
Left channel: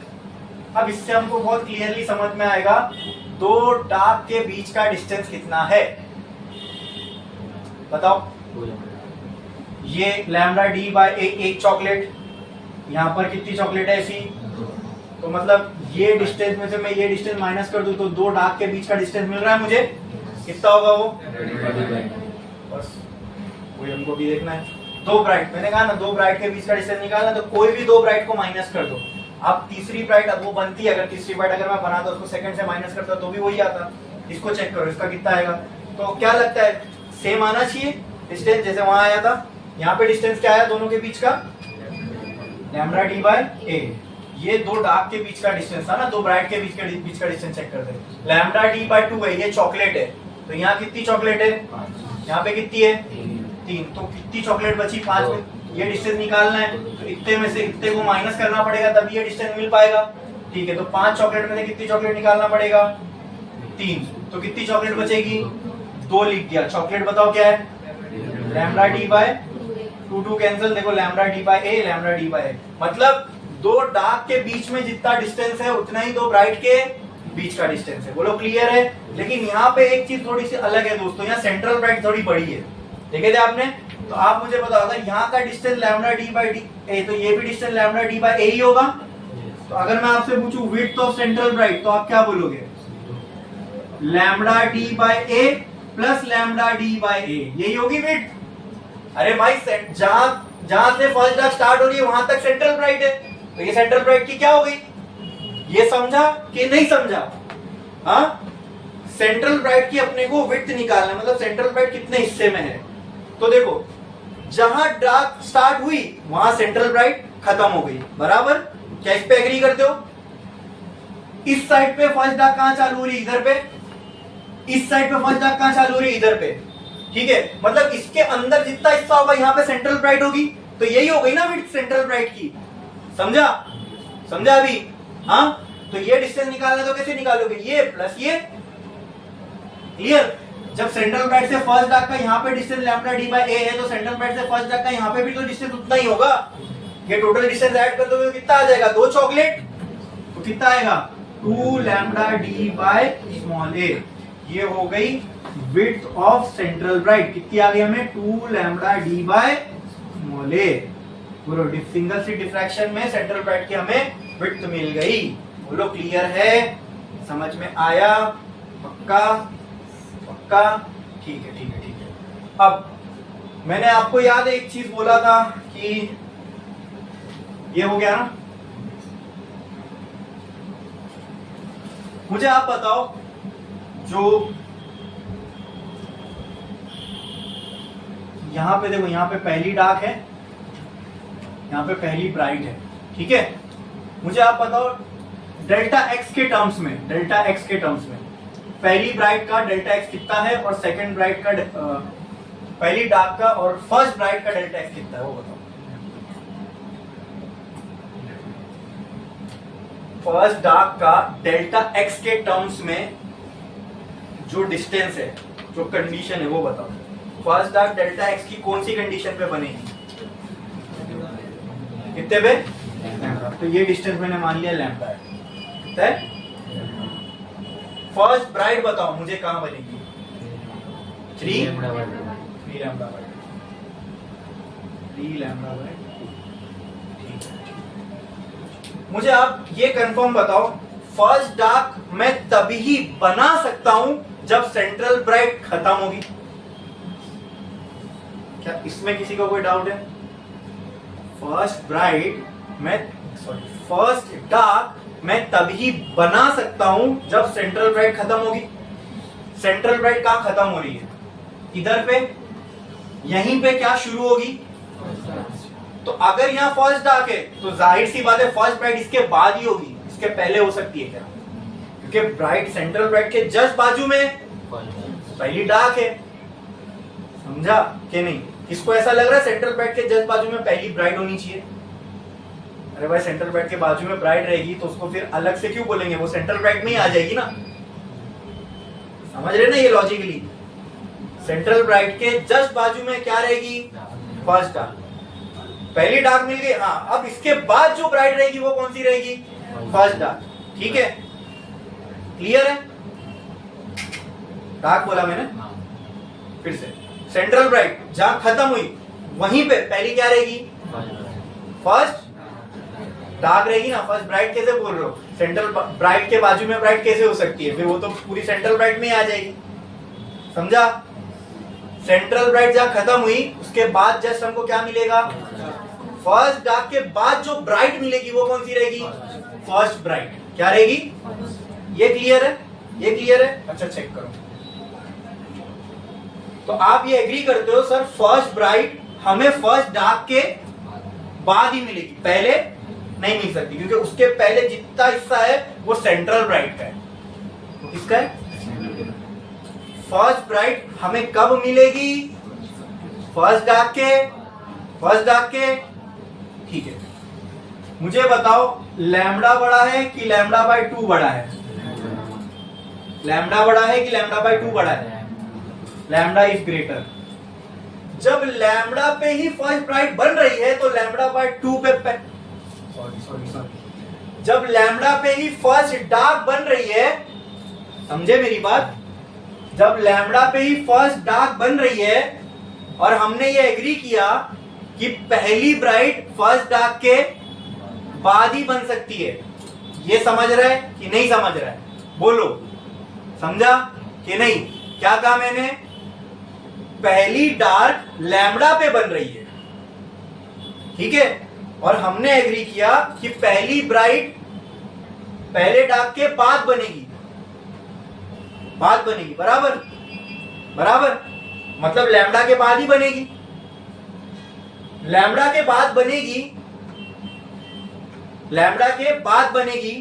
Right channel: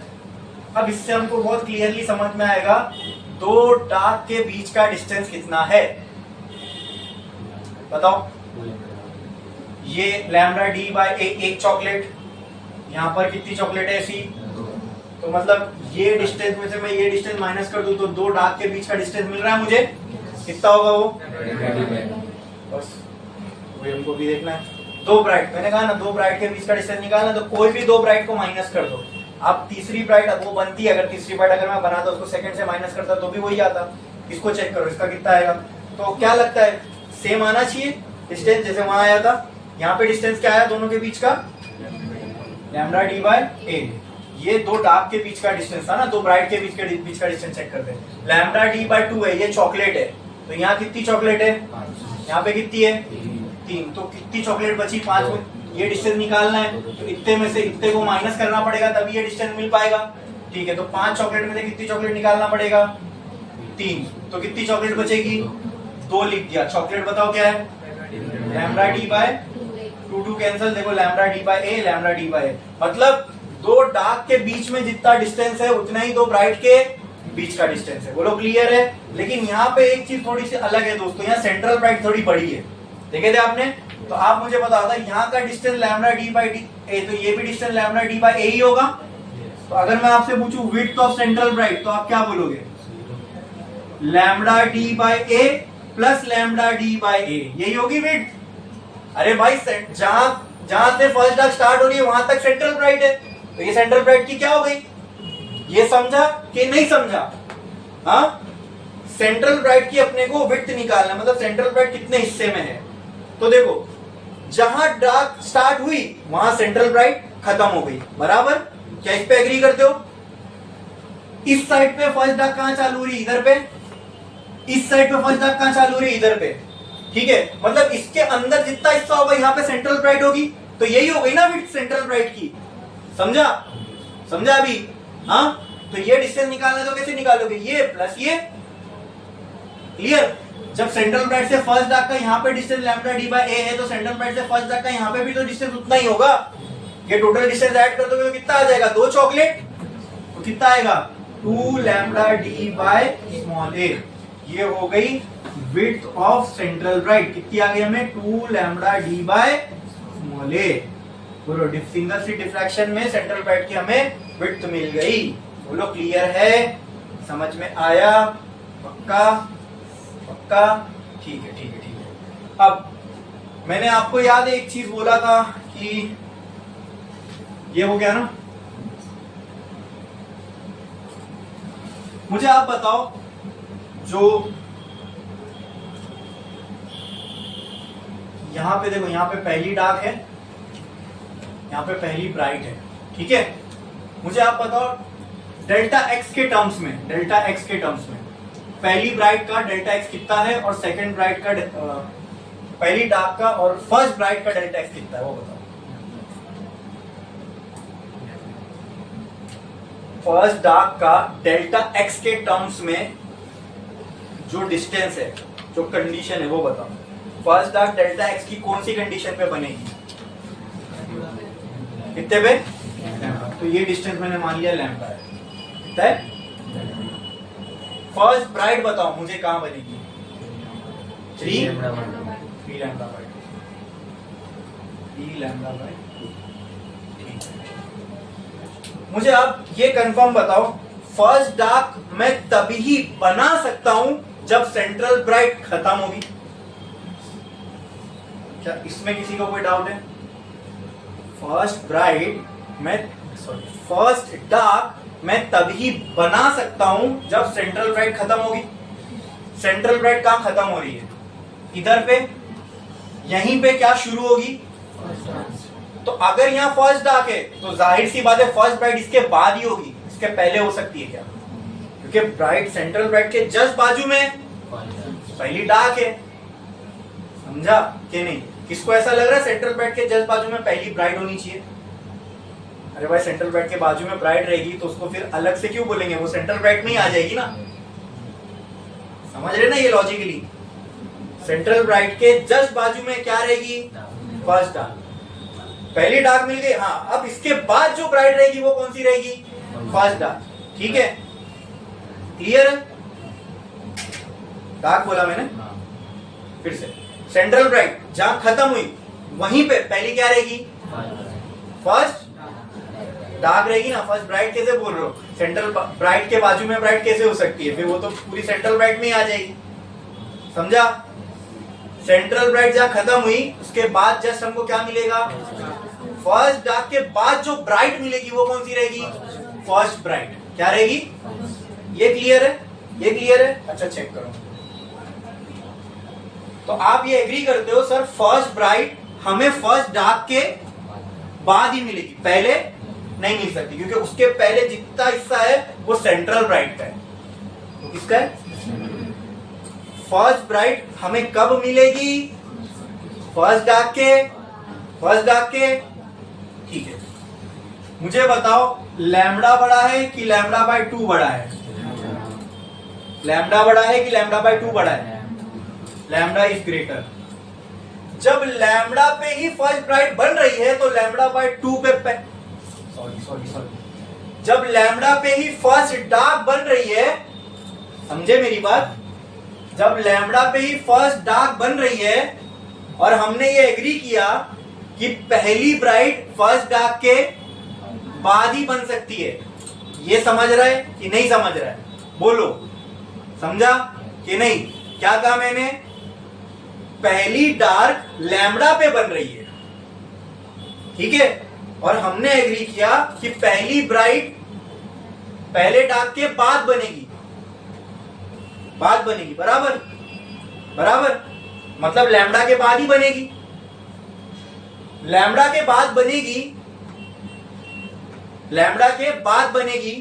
अब इससे हमको बहुत क्लियरली समझ में आएगा दो डार्क के बीच का डिस्टेंस कितना है, बताओ। ये लैम्डा डी बाय एक चॉकलेट, यहाँ पर कितनी चॉकलेट है ऐसी, तो मतलब ये डिस्टेंस में से मैं ये डिस्टेंस माइनस कर दूं तो दो डार्क के बीच का डिस्टेंस मिल रहा है मुझे, कितना होगा वो, बस वही हमको भी देखना है। दो ब्राइट, मैंने कहा ना दो ब्राइट के बीच का डिस्टेंस निकालना, तो कोई भी दो ब्राइट को माइनस कर दो। अब तीसरी ब्राइट अब वो बनती है, अगर तीसरी ब्राइट अगर मैं बनाता उसको सेकंड से माइनस करता तो भी वही आता। इसको चेक करो, इसका कितना आएगा, तो क्या लगता है सेम आना चाहिए डिस्टेंस जैसे वहां आया था। यहाँ पे डिस्टेंस क्या है दोनों के बीच का, लैम्डा डी बाय ए। ये दो डार्क के बीच का डिस्टेंस था ना, दो ब्राइट के बीच का डिस्टेंस चेक करते हैं। लैम्डा डी बाय 2 है, ये चॉकलेट है, तो यहाँ कितनी चॉकलेट है, यहाँ पे कितनी है 3, तो कितनी चॉकलेट बची 5 में, ये डिस्टेंस निकालना है, तो इतने में से इतने को माइनस करना पड़ेगा तभी ये डिस्टेंस मिल पाएगा। ठीक है, तो 5 चॉकलेट में से कितनी चॉकलेट निकालना पड़ेगा, 3, तो कितनी चॉकलेट बचेगी, 2 लिख दिया। चॉकलेट बताओ क्या है, लैम्डा डी बाय 2 कैंसिल, देखो lambda d by A, lambda d by ए, मतलब दो डार्क के बीच में जितना डिस्टेंस है उतना ही दो ब्राइट के बीच का डिस्टेंस है। बोलो क्लियर है। लेकिन यहाँ पे एक चीज थोड़ी सी अलग है दोस्तों, यहाँ सेंट्रल ब्राइट थोड़ी बड़ी है, देखे थे आपने, तो आप मुझे बताओ यहाँ का distance lambda d by d a, तो ये भी distance lambda d by a ही होगा। तो अगर मैं आपसे पूछूं विड्थ ऑफ सेंट्रल ब्राइट, तो आप क्या बोलोगे, lambda d by A plus lambda d by ए, यही होगी विड्थ। अरे भाई जहां से फर्स्ट डार्क स्टार्ट हो रही है वहां तक सेंट्रल ब्राइट है, तो ये सेंट्रल ब्राइट की क्या हो गई, ये समझा कि नहीं समझा। हाँ, सेंट्रल ब्राइट की अपने को विड्थ निकालना, मतलब सेंट्रल ब्राइट कितने हिस्से में है। तो देखो जहां डार्क स्टार्ट हुई वहां सेंट्रल ब्राइट खत्म हो गई, बराबर। क्या इस पे एग्री करते हो। इस साइड पे फर्स्ट डार्क कहां चालू हो रही, इधर पे। इस साइड पे फर्स्ट डार्क कहां चालू हो रही, इधर पे। ठीक है, मतलब इसके अंदर जितना हिस्सा होगा यहाँ पे सेंट्रल ब्राइट होगी, तो यही हो गई ना विड्थ सेंट्रल ब्राइट की। समझा अभी। हाँ, तो ये डिस्टेंस निकालना तो कैसे निकालोगे, ये प्लस ये, क्लियर। जब सेंट्रल ब्राइट से फर्स्ट डार्क का यहाँ पे डिस्टेंस लैम्डा डी बाय ए है, तो सेंट्रल ब्राइट से फर्स्ट डार्क का यहाँ पे भी तो डिस्टेंस उतना ही होगा। ये टोटल डिस्टेंस ऐड कर दोगे तो कितना आ जाएगा, 2 चॉकलेट, तो कितना आएगा 2 लैम्डा डी बाय स्मॉल ए। ये हो गई विड्थ ऑफ सेंट्रल ब्राइट, कितनी आ गई हमें, 2 लैम्डा डी बाय स्मॉल ए। पूरा सिंगल स्लिट डिफ्रैक्शन में सेंट्रल ब्राइट की हमें विड्थ मिल गई। बोलो क्लियर है, समझ में आया, पक्का पक्का, ठीक है ठीक है ठीक है। अब मैंने आपको याद है एक चीज बोला था कि ये हो गया ना, मुझे आप बताओ जो यहां पे देखो, यहां पे पहली डार्क है, यहाँ पे पहली ब्राइट है, ठीक है। मुझे आप बताओ डेल्टा एक्स के टर्म्स में, डेल्टा एक्स के टर्म्स में पहली ब्राइट का डेल्टा एक्स कितना है, और सेकंड ब्राइट का पहली डार्क का और फर्स्ट ब्राइट का डेल्टा एक्स कितना है, वो बताओ। फर्स्ट डार्क का डेल्टा एक्स के टर्म्स में जो डिस्टेंस है, जो कंडीशन है, वो बताओ। फर्स्ट डार्क डेल्टा एक्स की कौन सी कंडीशन पे बनेगी, कितने पे, तो ये डिस्टेंस मैंने मान लिया लैम्डा है, कितना है। फर्स्ट ब्राइट बताओ मुझे कहां बनेगी, 3 लैम्डा बाय 2। ठीक है, मुझे आप ये कंफर्म बताओ, फर्स्ट डार्क मैं तभी बना सकता हूं जब सेंट्रल ब्राइट खत्म होगी। क्या इसमें किसी को कोई डाउट है। फर्स्ट डार्क मैं तभी बना सकता हूं जब सेंट्रल ब्राइट खत्म होगी। सेंट्रल ब्राइट कहां खत्म हो रही है, इधर पे यहीं पे क्या शुरू होगी? तो अगर यहाँ फर्स्ट डार्क है तो जाहिर सी बात है फर्स्ट ब्राइट इसके बाद ही होगी, इसके पहले हो सकती है क्या? क्योंकि ब्राइट सेंट्रल ब्राइट के जस्ट बाजू में पहली डार्क है, समझा कि नहीं? किसको ऐसा लग रहा है सेंट्रल ब्राइट के जस्ट बाजू में पहली ब्राइट होनी चाहिए? अरे भाई सेंट्रल ब्राइट के बाजू में ब्राइट रहेगी तो उसको फिर अलग से क्यों बोलेंगे? वो सेंट्रल ब्राइट में ही आ जाएगी ना, समझ रहे ना ये लॉजिकली? सेंट्रल ब्राइट के जस्ट बाजू में क्या रहेगी? First dark. पहली डार्क मिल गई, हाँ अब इसके बाद जो ब्राइट रहेगी वो कौन सी रहेगी? First dark. ठीक है, क्लियर है? डार्क बोला मैंने, फिर से सेंट्रल ब्राइट जहां खत्म हुई वहीं पे पहली क्या रहेगी? फर्स्ट डार्क रहेगी ना। फर्स्ट ब्राइट कैसे बोल रहे हो? सेंट्रल ब्राइट के बाजू में ब्राइट कैसे हो सकती है? फिर वो तो पूरी सेंट्रल ब्राइट में ही आ जाएगी, समझा? सेंट्रल ब्राइट जहां खत्म हुई उसके बाद जस्ट हमको क्या मिलेगा? फर्स्ट डार्क के बाद जो ब्राइट मिलेगी वो कौन सी रहेगी? First bright. क्या रहेगी? ये क्लियर है? ये क्लियर है? अच्छा चेक करो। तो आप ये एग्री करते हो सर फर्स्ट ब्राइट हमें फर्स्ट डार्क के बाद ही मिलेगी, पहले नहीं मिल सकती, क्योंकि उसके पहले जितना हिस्सा है वो सेंट्रल ब्राइट का है। तो किसका है? फर्स्ट ब्राइट हमें कब मिलेगी? फर्स्ट डार्क के। फर्स्ट डार्क के, ठीक है। मुझे बताओ लैम्डा बड़ा है कि लैम्डा बाय 2 बड़ा है? लैम्डा बड़ा है कि लैम्डा बाय 2 बड़ा है? Lambda is greater. जब लैम्डा पे ही फर्स्ट ब्राइट बन रही है तो लैम्डा बाय 2 पे सॉरी जब लैम्डा पे ही फर्स्ट डार्क बन रही है, समझे मेरी बात? जब लैम्डा पे ही फर्स्ट डार्क बन रही है और हमने ये एग्री किया कि पहली ब्राइट फर्स्ट डार्क के बाद ही बन सकती है, ये समझ रहा है कि नहीं समझ रहा है? बोलो, समझा कि नहीं? क्या कहा मैंने? पहली डार्क लैम्डा पे बन रही है, ठीक है, और हमने एग्री किया कि पहली ब्राइट पहले डार्क के बाद बनेगी, बाद बनेगी, बराबर बराबर, मतलब लैम्डा के बाद ही बनेगी। लैम्डा के बाद बनेगी, लैम्डा के बाद बनेगी,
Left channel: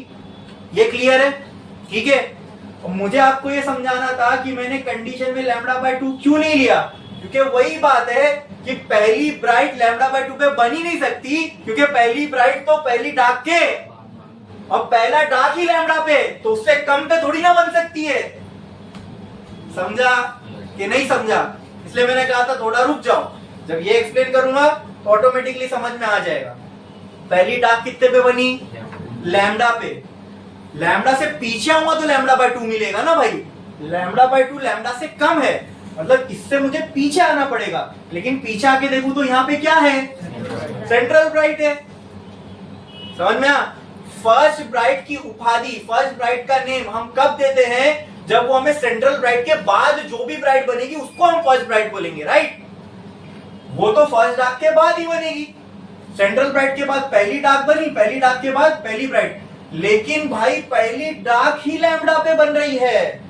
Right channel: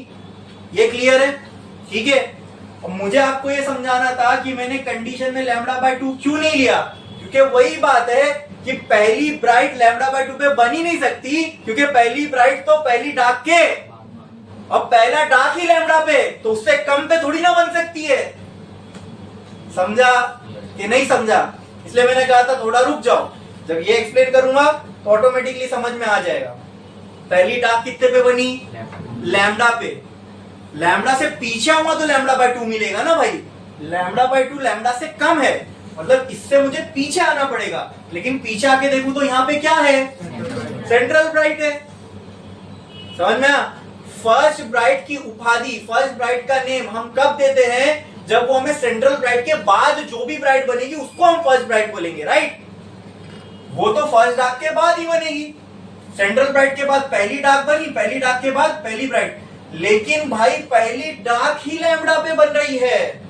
ये क्लियर है? ठीक है। और मुझे आपको ये समझाना था कि मैंने कंडीशन में लैम्डा बाय 2 क्यों नहीं लिया, क्योंकि वही बात है कि पहली ब्राइट लैम्डा बाय 2 पे बन ही नहीं सकती, क्योंकि पहली ब्राइट तो पहली डार्क के, और पहला डार्क ही लैम्डा पे, तो उससे कम पे थोड़ी ना बन सकती है। समझा कि नहीं समझा? इसलिए मैंने कहा था थोड़ा रुक जाओ, जब ये एक्सप्लेन करूंगा तो ऑटोमेटिकली समझ में आ जाएगा। पहली डार्क कितने पे बनी? लैम्डा पे। लैम्डा से पीछे हुआ तो लैम्डा बाय 2 मिलेगा ना भाई। लैम्डा बाय 2 लैम्डा से कम है, मतलब इससे मुझे पीछे आना पड़ेगा, लेकिन पीछे आके देखूं तो यहाँ पे क्या है? सेंट्रल ब्राइट है। समझ में आ? फर्स्ट ब्राइट की उपाधि, फर्स्ट ब्राइट का नेम हम कब देते हैं? जब वो हमें सेंट्रल ब्राइट के बाद जो भी ब्राइट बनेगी उसको हम फर्स्ट ब्राइट बोलेंगे, राइट? वो तो फर्स्ट डार्क के बाद ही बनेगी। सेंट्रल ब्राइट के बाद पहली डार्क बनी, पहली डार्क के बाद पहली ब्राइट, लेकिन भाई पहली डार्क ही लैम्डा पे बन रही है,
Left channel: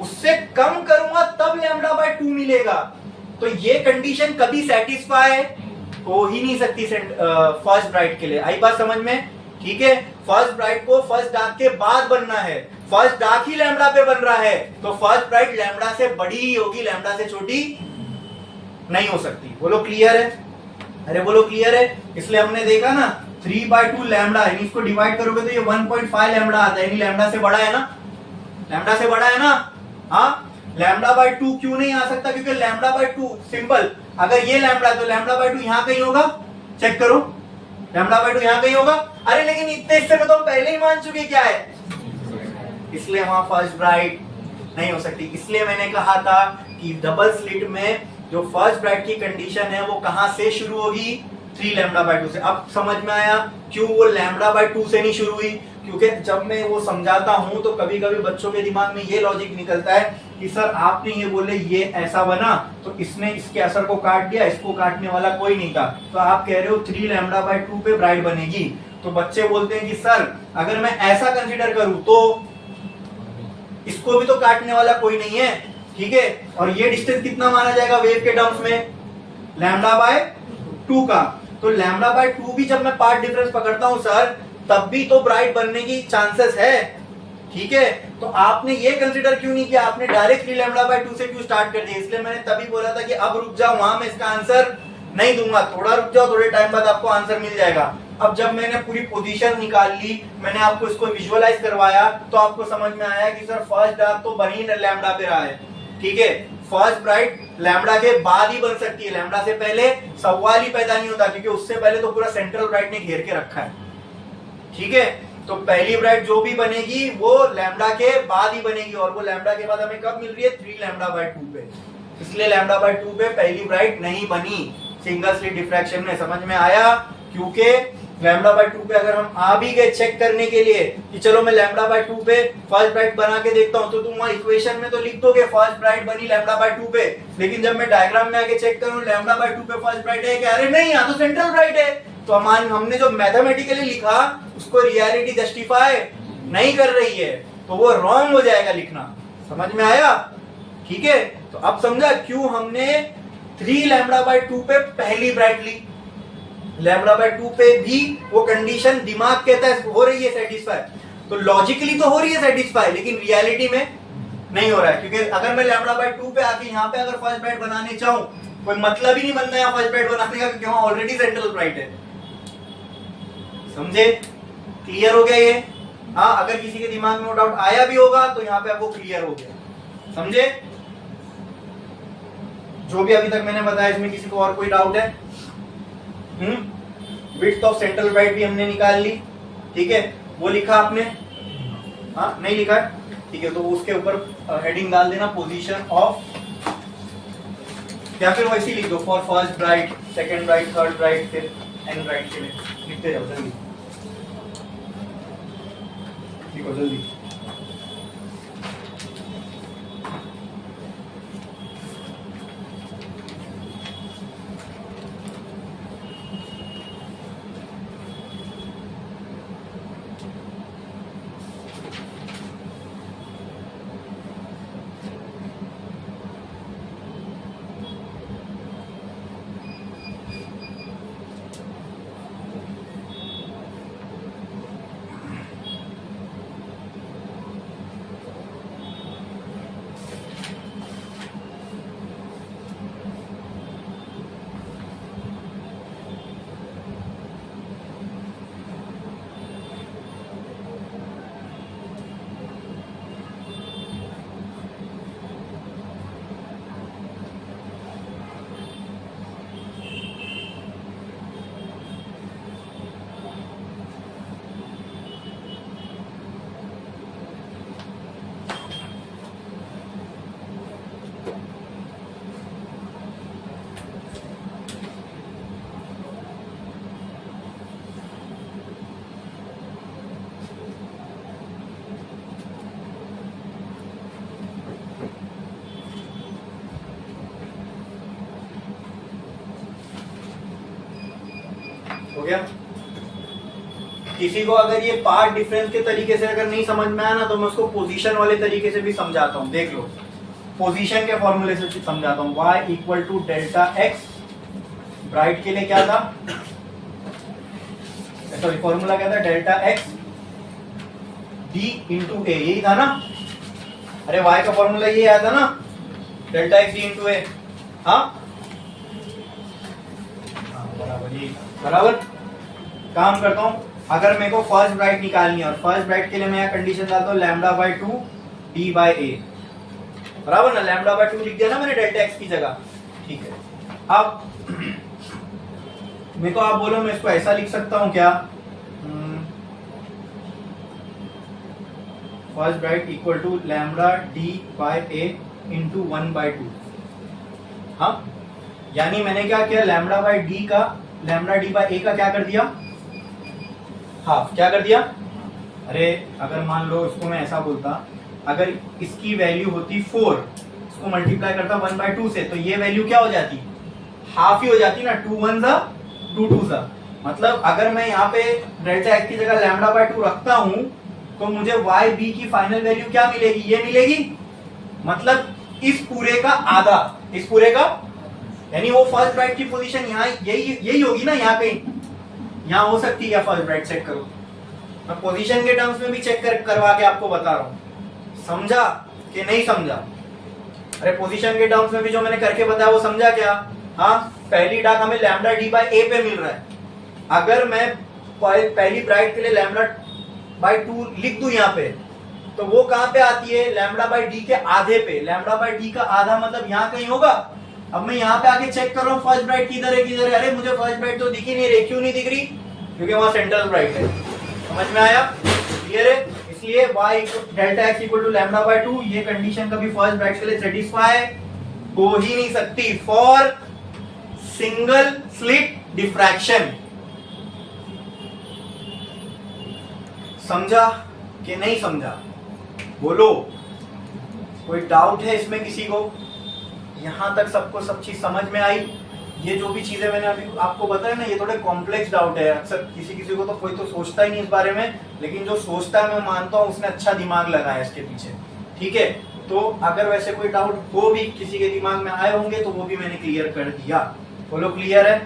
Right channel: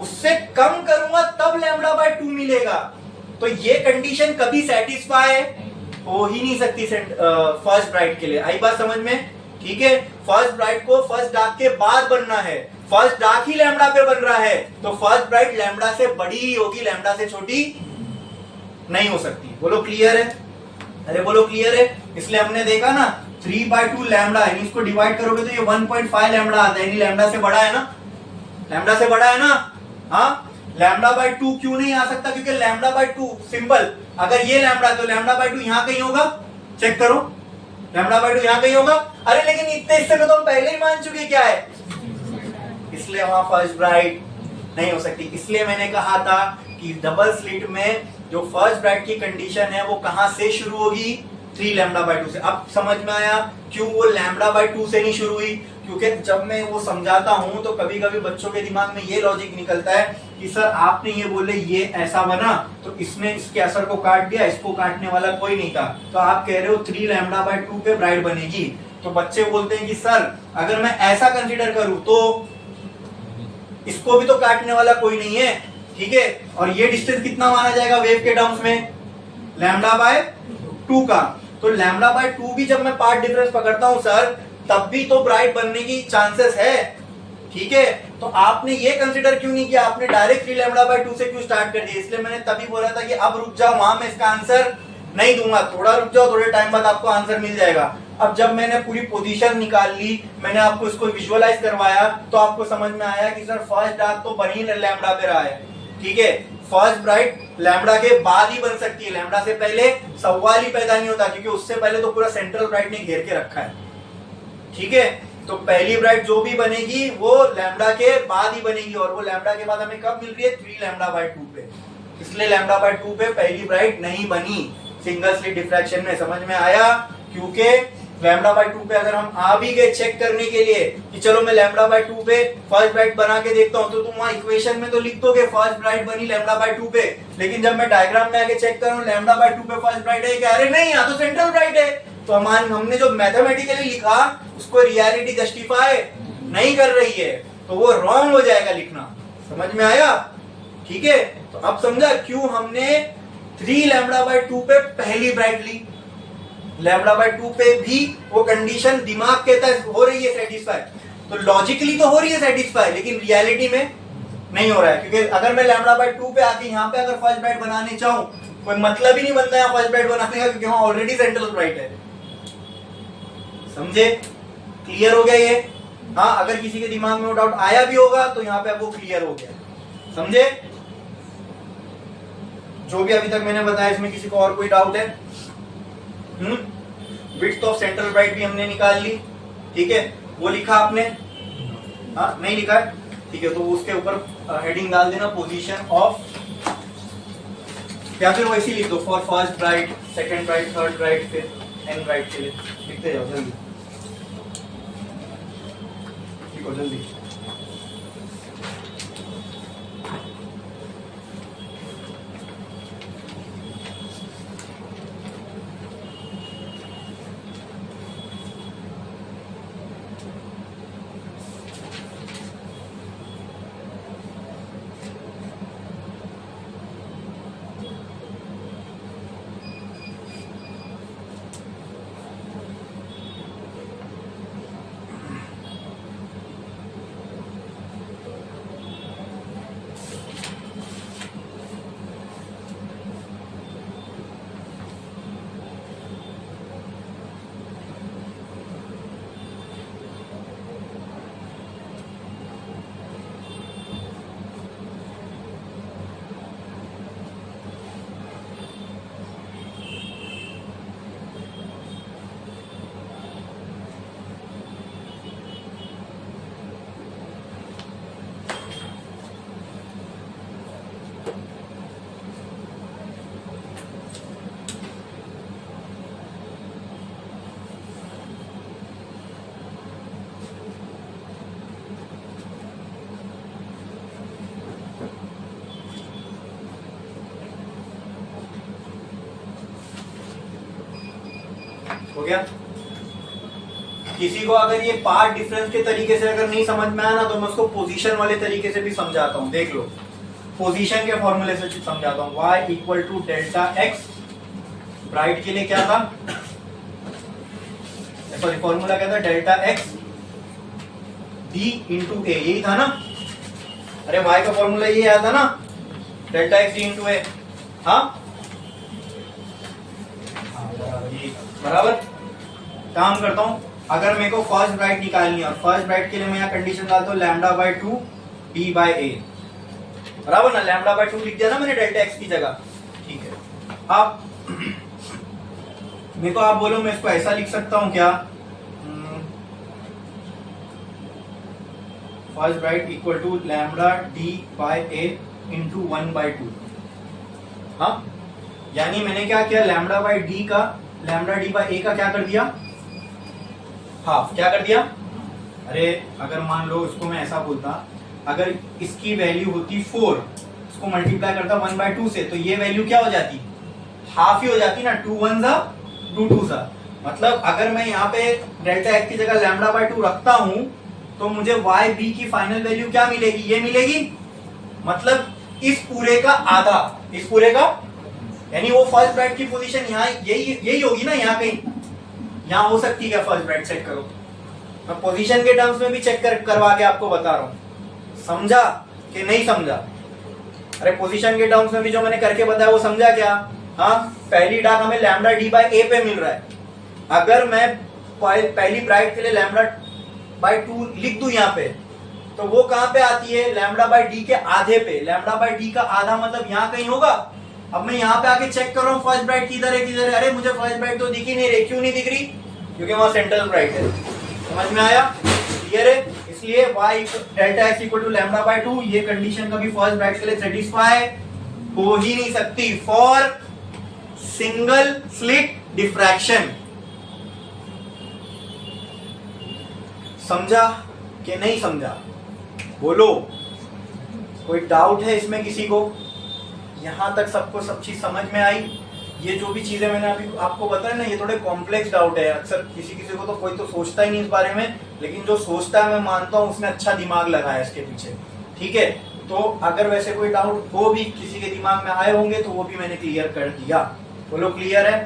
उससे कम करूंगा तब लैम्डा बाय 2 मिलेगा। तो ये कंडीशन कभी सेटिस्फाई हो ही नहीं सकती फर्स्ट ब्राइट के लिए। आई बात समझ में? ठीक है, फर्स्ट ब्राइट को फर्स्ट डार्क के बाद बनना है, फर्स्ट डार्क ही लैम्डा पे बन रहा है, तो फर्स्ट ब्राइट लैम्डा से बड़ी ही होगी, लैम्डा से छोटी नहीं हो सकती। बोलो क्लियर है? अरे बोलो क्लियर है? इसलिए हमने देखा ना 3/2 लैम्डा है, इसको डिवाइड करोगे तो ये 1.5 लैम्डा आता है, लैम्डा से बड़ा है ना, लैम्डा से बड़ा है ना। हाँ, लैम्डा बाय 2 क्यों नहीं आ सकता? क्योंकि लैम्डा बाय 2 सिंपल, अगर ये लैम्डा तो लैम्डा बाय 2 यहां कहीं होगा, चेक करो, लैम्डा बाय 2 यहां कहीं होगा। अरे लेकिन इतने हिस्से में तो हम पहले ही मान चुके क्या है, इसलिए वहां फर्स्ट ब्राइट नहीं हो सकती। इसलिए मैंने कहा था कि डबल स्लिट में जो फर्स्ट ब्राइट की कंडीशन है वो कहां से शुरू होगी? 3 लैम्डा बाय 2 से। अब समझ में आया क्यों वो लैम्डा बाय 2 से नहीं शुरू हुई? क्योंकि जब मैं वो समझाता हूं तो कभी कभी बच्चों के दिमाग में ये लॉजिक निकलता है कि सर आपने ये बोले ये ऐसा बना तो इसने इसके असर को काट दिया, इसको काटने वाला कोई नहीं था, तो आप कह रहे हो 3 लैम्डा बाय 2 पे ब्राइट बनेगी। तो बच्चे बोलते हैं कि सर अगर मैं ऐसा कंसीडर करूं तो इसको भी तो काटने वाला कोई नहीं है, ठीक है, और ये डिस्टेंस कितना माना जाएगा वेव के टर्म्स में, लैम्डा बाय 2 का। तो लैम्डा बाय 2 भी जब मैं पार्ट डिफरेंस पकड़ता हूं सर, तब भी तो ब्राइट बनने की चांसेस है, ठीक है। तो आपने ये कंसीडर क्यों नहीं किया, आपने डायरेक्ट 3 लैम्डा बाय 2 से क्यों स्टार्ट कर दिया? इसलिए मैंने तभी बोला था कि अब रुक जाओ, वहां मैं इसका आंसर नहीं दूंगा, थोड़ा रुक जाओ, थोड़े टाइम बाद आपको आंसर मिल जाएगा। अब जब मैंने पूरी पोजीशन निकाल ली, मैंने आपको इसको विजुअलाइज करवाया, तो आपको समझ में आया कि सर फर्स्ट डार्क तो बन ही लैम्डा पे रहा है, ठीक है। फर्स्ट ब्राइट लैम्डा के बाद ही बन सकती है, लैम्डा से पहले सवाल ही पैदा नहीं होता, क्योंकि उससे पहले तो पूरा सेंट्रल ब्राइट ने घेर के रखा है, ठीक है। तो पहली ब्राइट जो भी बनेगी वो लैम्डा के बाद ही बनेगी, और वो लैम्डा के बाद हमें कब मिल रही है, 3 लैम्डा बाय 2 पे। इसलिए लैम्डा बाय 2 पे पहली ब्राइट नहीं बनी सिंगल स्लिट डिफ्रैक्शन में, समझ में आया? क्योंकि लैम्डा बाय 2 पे अगर हम आ भी गए चेक करने के लिए कि चलो मैं लैम्डा बाय 2 पे फर्स्ट ब्राइट बना के देखता हूं, तो तुम वहां इक्वेशन में तो लिख दोगे फर्स्ट ब्राइट बनी लैम्डा बाय 2 पे, लेकिन जब मैं डायग्राम में आके चेक करूं लैम्डा बाय 2 पे फर्स्ट ब्राइट है, क्या अरे नहीं यहाँ तो सेंट्रल ब्राइट है। तो हमने जो मैथमेटिकली लिखा उसको रियलिटी जस्टिफाई नहीं कर रही है, तो वो रॉन्ग हो जाएगा लिखना, समझ में आया? ठीक है, तो अब समझा क्यों हमने 3 लैम्डा बाय 2 पे पहली ब्राइट ली। लैम्डा बाय 2 पे भी वो कंडीशन दिमाग कहता है हो रही है सेटिस्फाई, तो लॉजिकली तो हो रही है सेटिस्फाई, लेकिन रियलिटी में नहीं हो रहा है, क्योंकि अगर मैं लैम्डा बाय 2 पे आके यहाँ पे अगर फर्स्ट ब्राइट बनाने चाहूं, कोई मतलब ही नहीं बनता है फर्स्ट ब्राइट बनाने का, क्योंकि वहां ऑलरेडी सेंट्रल ब्राइट है। समझे? क्लियर हो गया ये? हाँ, अगर किसी के दिमाग में वो डाउट आया भी होगा तो यहाँ पे वो क्लियर हो गया, समझे? जो भी अभी तक मैंने बताया इसमें किसी को और कोई डाउट है? विड्थ ऑफ सेंट्रल ब्राइट भी हमने निकाल ली, ठीक है, वो लिखा आपने? हाँ, नहीं लिखा है, ठीक है, तो उसके ऊपर हेडिंग डाल देना पोजीशन ऑफ, या फिर वैसे लिख दो for first bright, second bright, third bright, फिर एन ब्राइट के लिए लिखते जाओ, जल्दी लिखो जल्दी। हो गया? किसी को अगर ये पार्ट डिफरेंस के तरीके से अगर नहीं समझ में आया ना, तो मैं उसको पोजीशन वाले तरीके से भी समझाता हूं, देख लो। पोजीशन के फॉर्मूले से समझाता हूं, y equal to delta x, bright के लिए क्या था, सॉरी फॉर्मूला क्या था, delta x d into a, यही था ना? अरे y का फॉर्मूला ये आया था ना, डेल्टा एक्स डी इंटू ए। हाँ बराबर, यही बराबर। काम करता हूं, अगर मेरे को फर्स्ट ब्राइट निकालनी है, और फर्स्ट ब्राइट के लिए मैं यहाँ कंडीशन डालता हूँ लैम्डा बाय 2 डी बाय ए, बराबर ना? लैम्डा बाय 2 लिख दिया ना मैंने डेल्टा एक्स की जगह, ठीक है। अब मेरे को आप बोलो मैं इसको ऐसा लिख सकता हूं क्या, first bright equal to lambda d by a into 1 by 2। हाँ, यानी मैंने क्या किया, लैम्डा बाय डी का, लैम्डा डी बाय ए का क्या कर दिया, हाफ। क्या कर दिया? अरे अगर मान लो इसको मैं ऐसा बोलता, अगर इसकी वैल्यू होती 4, इसको मल्टीप्लाई करता 1 बाय 2 से, तो ये वैल्यू क्या हो जाती, हाफ ही हो जाती ना, 2 1 सा 2 2 सा। मतलब अगर मैं यहाँ पे डेल्टा एक्स की जगह लैम्डा बाय 2 रखता हूं, तो मुझे वाई बी की फाइनल वैल्यू क्या मिलेगी, ये मिलेगी। मतलब इस पूरे का आधा, इस पूरे का, यानी वो फर्स्ट ब्राइट की पोजीशन यहाँ यही होगी ना, यहाँ कहीं यहाँ हो सकती है क्या फर्स्ट ब्राइट? चेक करो, मैं पोजीशन के टर्म्स में भी चेक करवा के आपको बता रहा हूं, समझा कि नहीं समझा? अरे पोजीशन के टर्म्स में भी जो मैंने करके बताया वो समझा क्या? हाँ, पहली डाक हमें लैम्डा डी बाई ए पे मिल रहा है, अगर मैं पहली ब्राइट के लिए लैम्डा बाई 2 लिख दूं यहाँ पे, तो वो कहां पे आती है? लैम्डा बाई डी के आधे पे। लैम्डा बाई डी का आधा मतलब यहाँ कहीं होगा। अब मैं यहाँ पे आके चेक कर रहा हूँ फर्स्ट ब्राइट किधर है, किधर है? अरे मुझे फर्स्ट ब्राइट तो दिख ही नहीं रही। क्यों नहीं दिख रही? क्योंकि वहां सेंट्रल ब्राइट है। समझ में आया? क्लियर है? इसलिए y delta x equal to lambda by 2, ये कंडीशन कभी फर्स्ट ब्राइट के लिए सेटिस्फाई हो ही नहीं सकती फॉर सिंगल स्लिट डिफ्रैक्शन। समझा कि नहीं समझा? बोलो, कोई डाउट है इसमें किसी को? यहां तक सबको सब चीज समझ में आई? ये जो भी चीजें मैंने अभी आपको बताया ना, ये थोड़े कॉम्प्लेक्स डाउट है। अक्सर किसी किसी को तो कोई तो सोचता ही नहीं इस बारे में, लेकिन जो सोचता है मैं मानता हूं उसने अच्छा दिमाग लगाया इसके पीछे। ठीक है, तो अगर वैसे कोई डाउट हो भी किसी के दिमाग में आए होंगे तो वो भी मैंने क्लियर कर दिया। बोलो क्लियर है?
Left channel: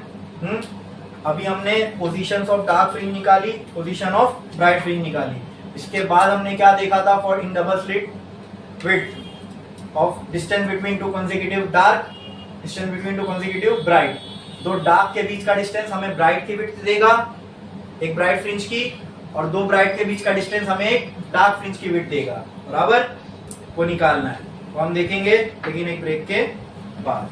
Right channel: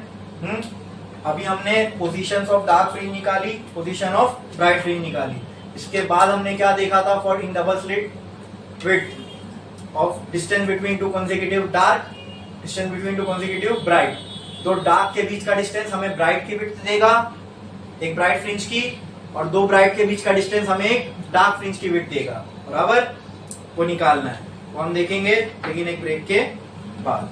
अभी हमने पोजीशंस ऑफ डार्क फ्रिंज निकाली, पोजीशन ऑफ ब्राइट फ्रिंज निकाली। इसके बाद हमने क्या देखा था? For in double slit width of distance between two consecutive dark, distance between two consecutive bright. दो डार्क के बीच का डिस्टेंस हमें ब्राइट की विड्थ देगा, एक ब्राइट फ्रिंज की, और दो ब्राइट के बीच का डिस्टेंस हमें एक डार्क फ्रिंज की विड्थ देगा। बराबर? वो निकालना है, वो हम देखेंगे लेकिन एक ब्रेक के बाद।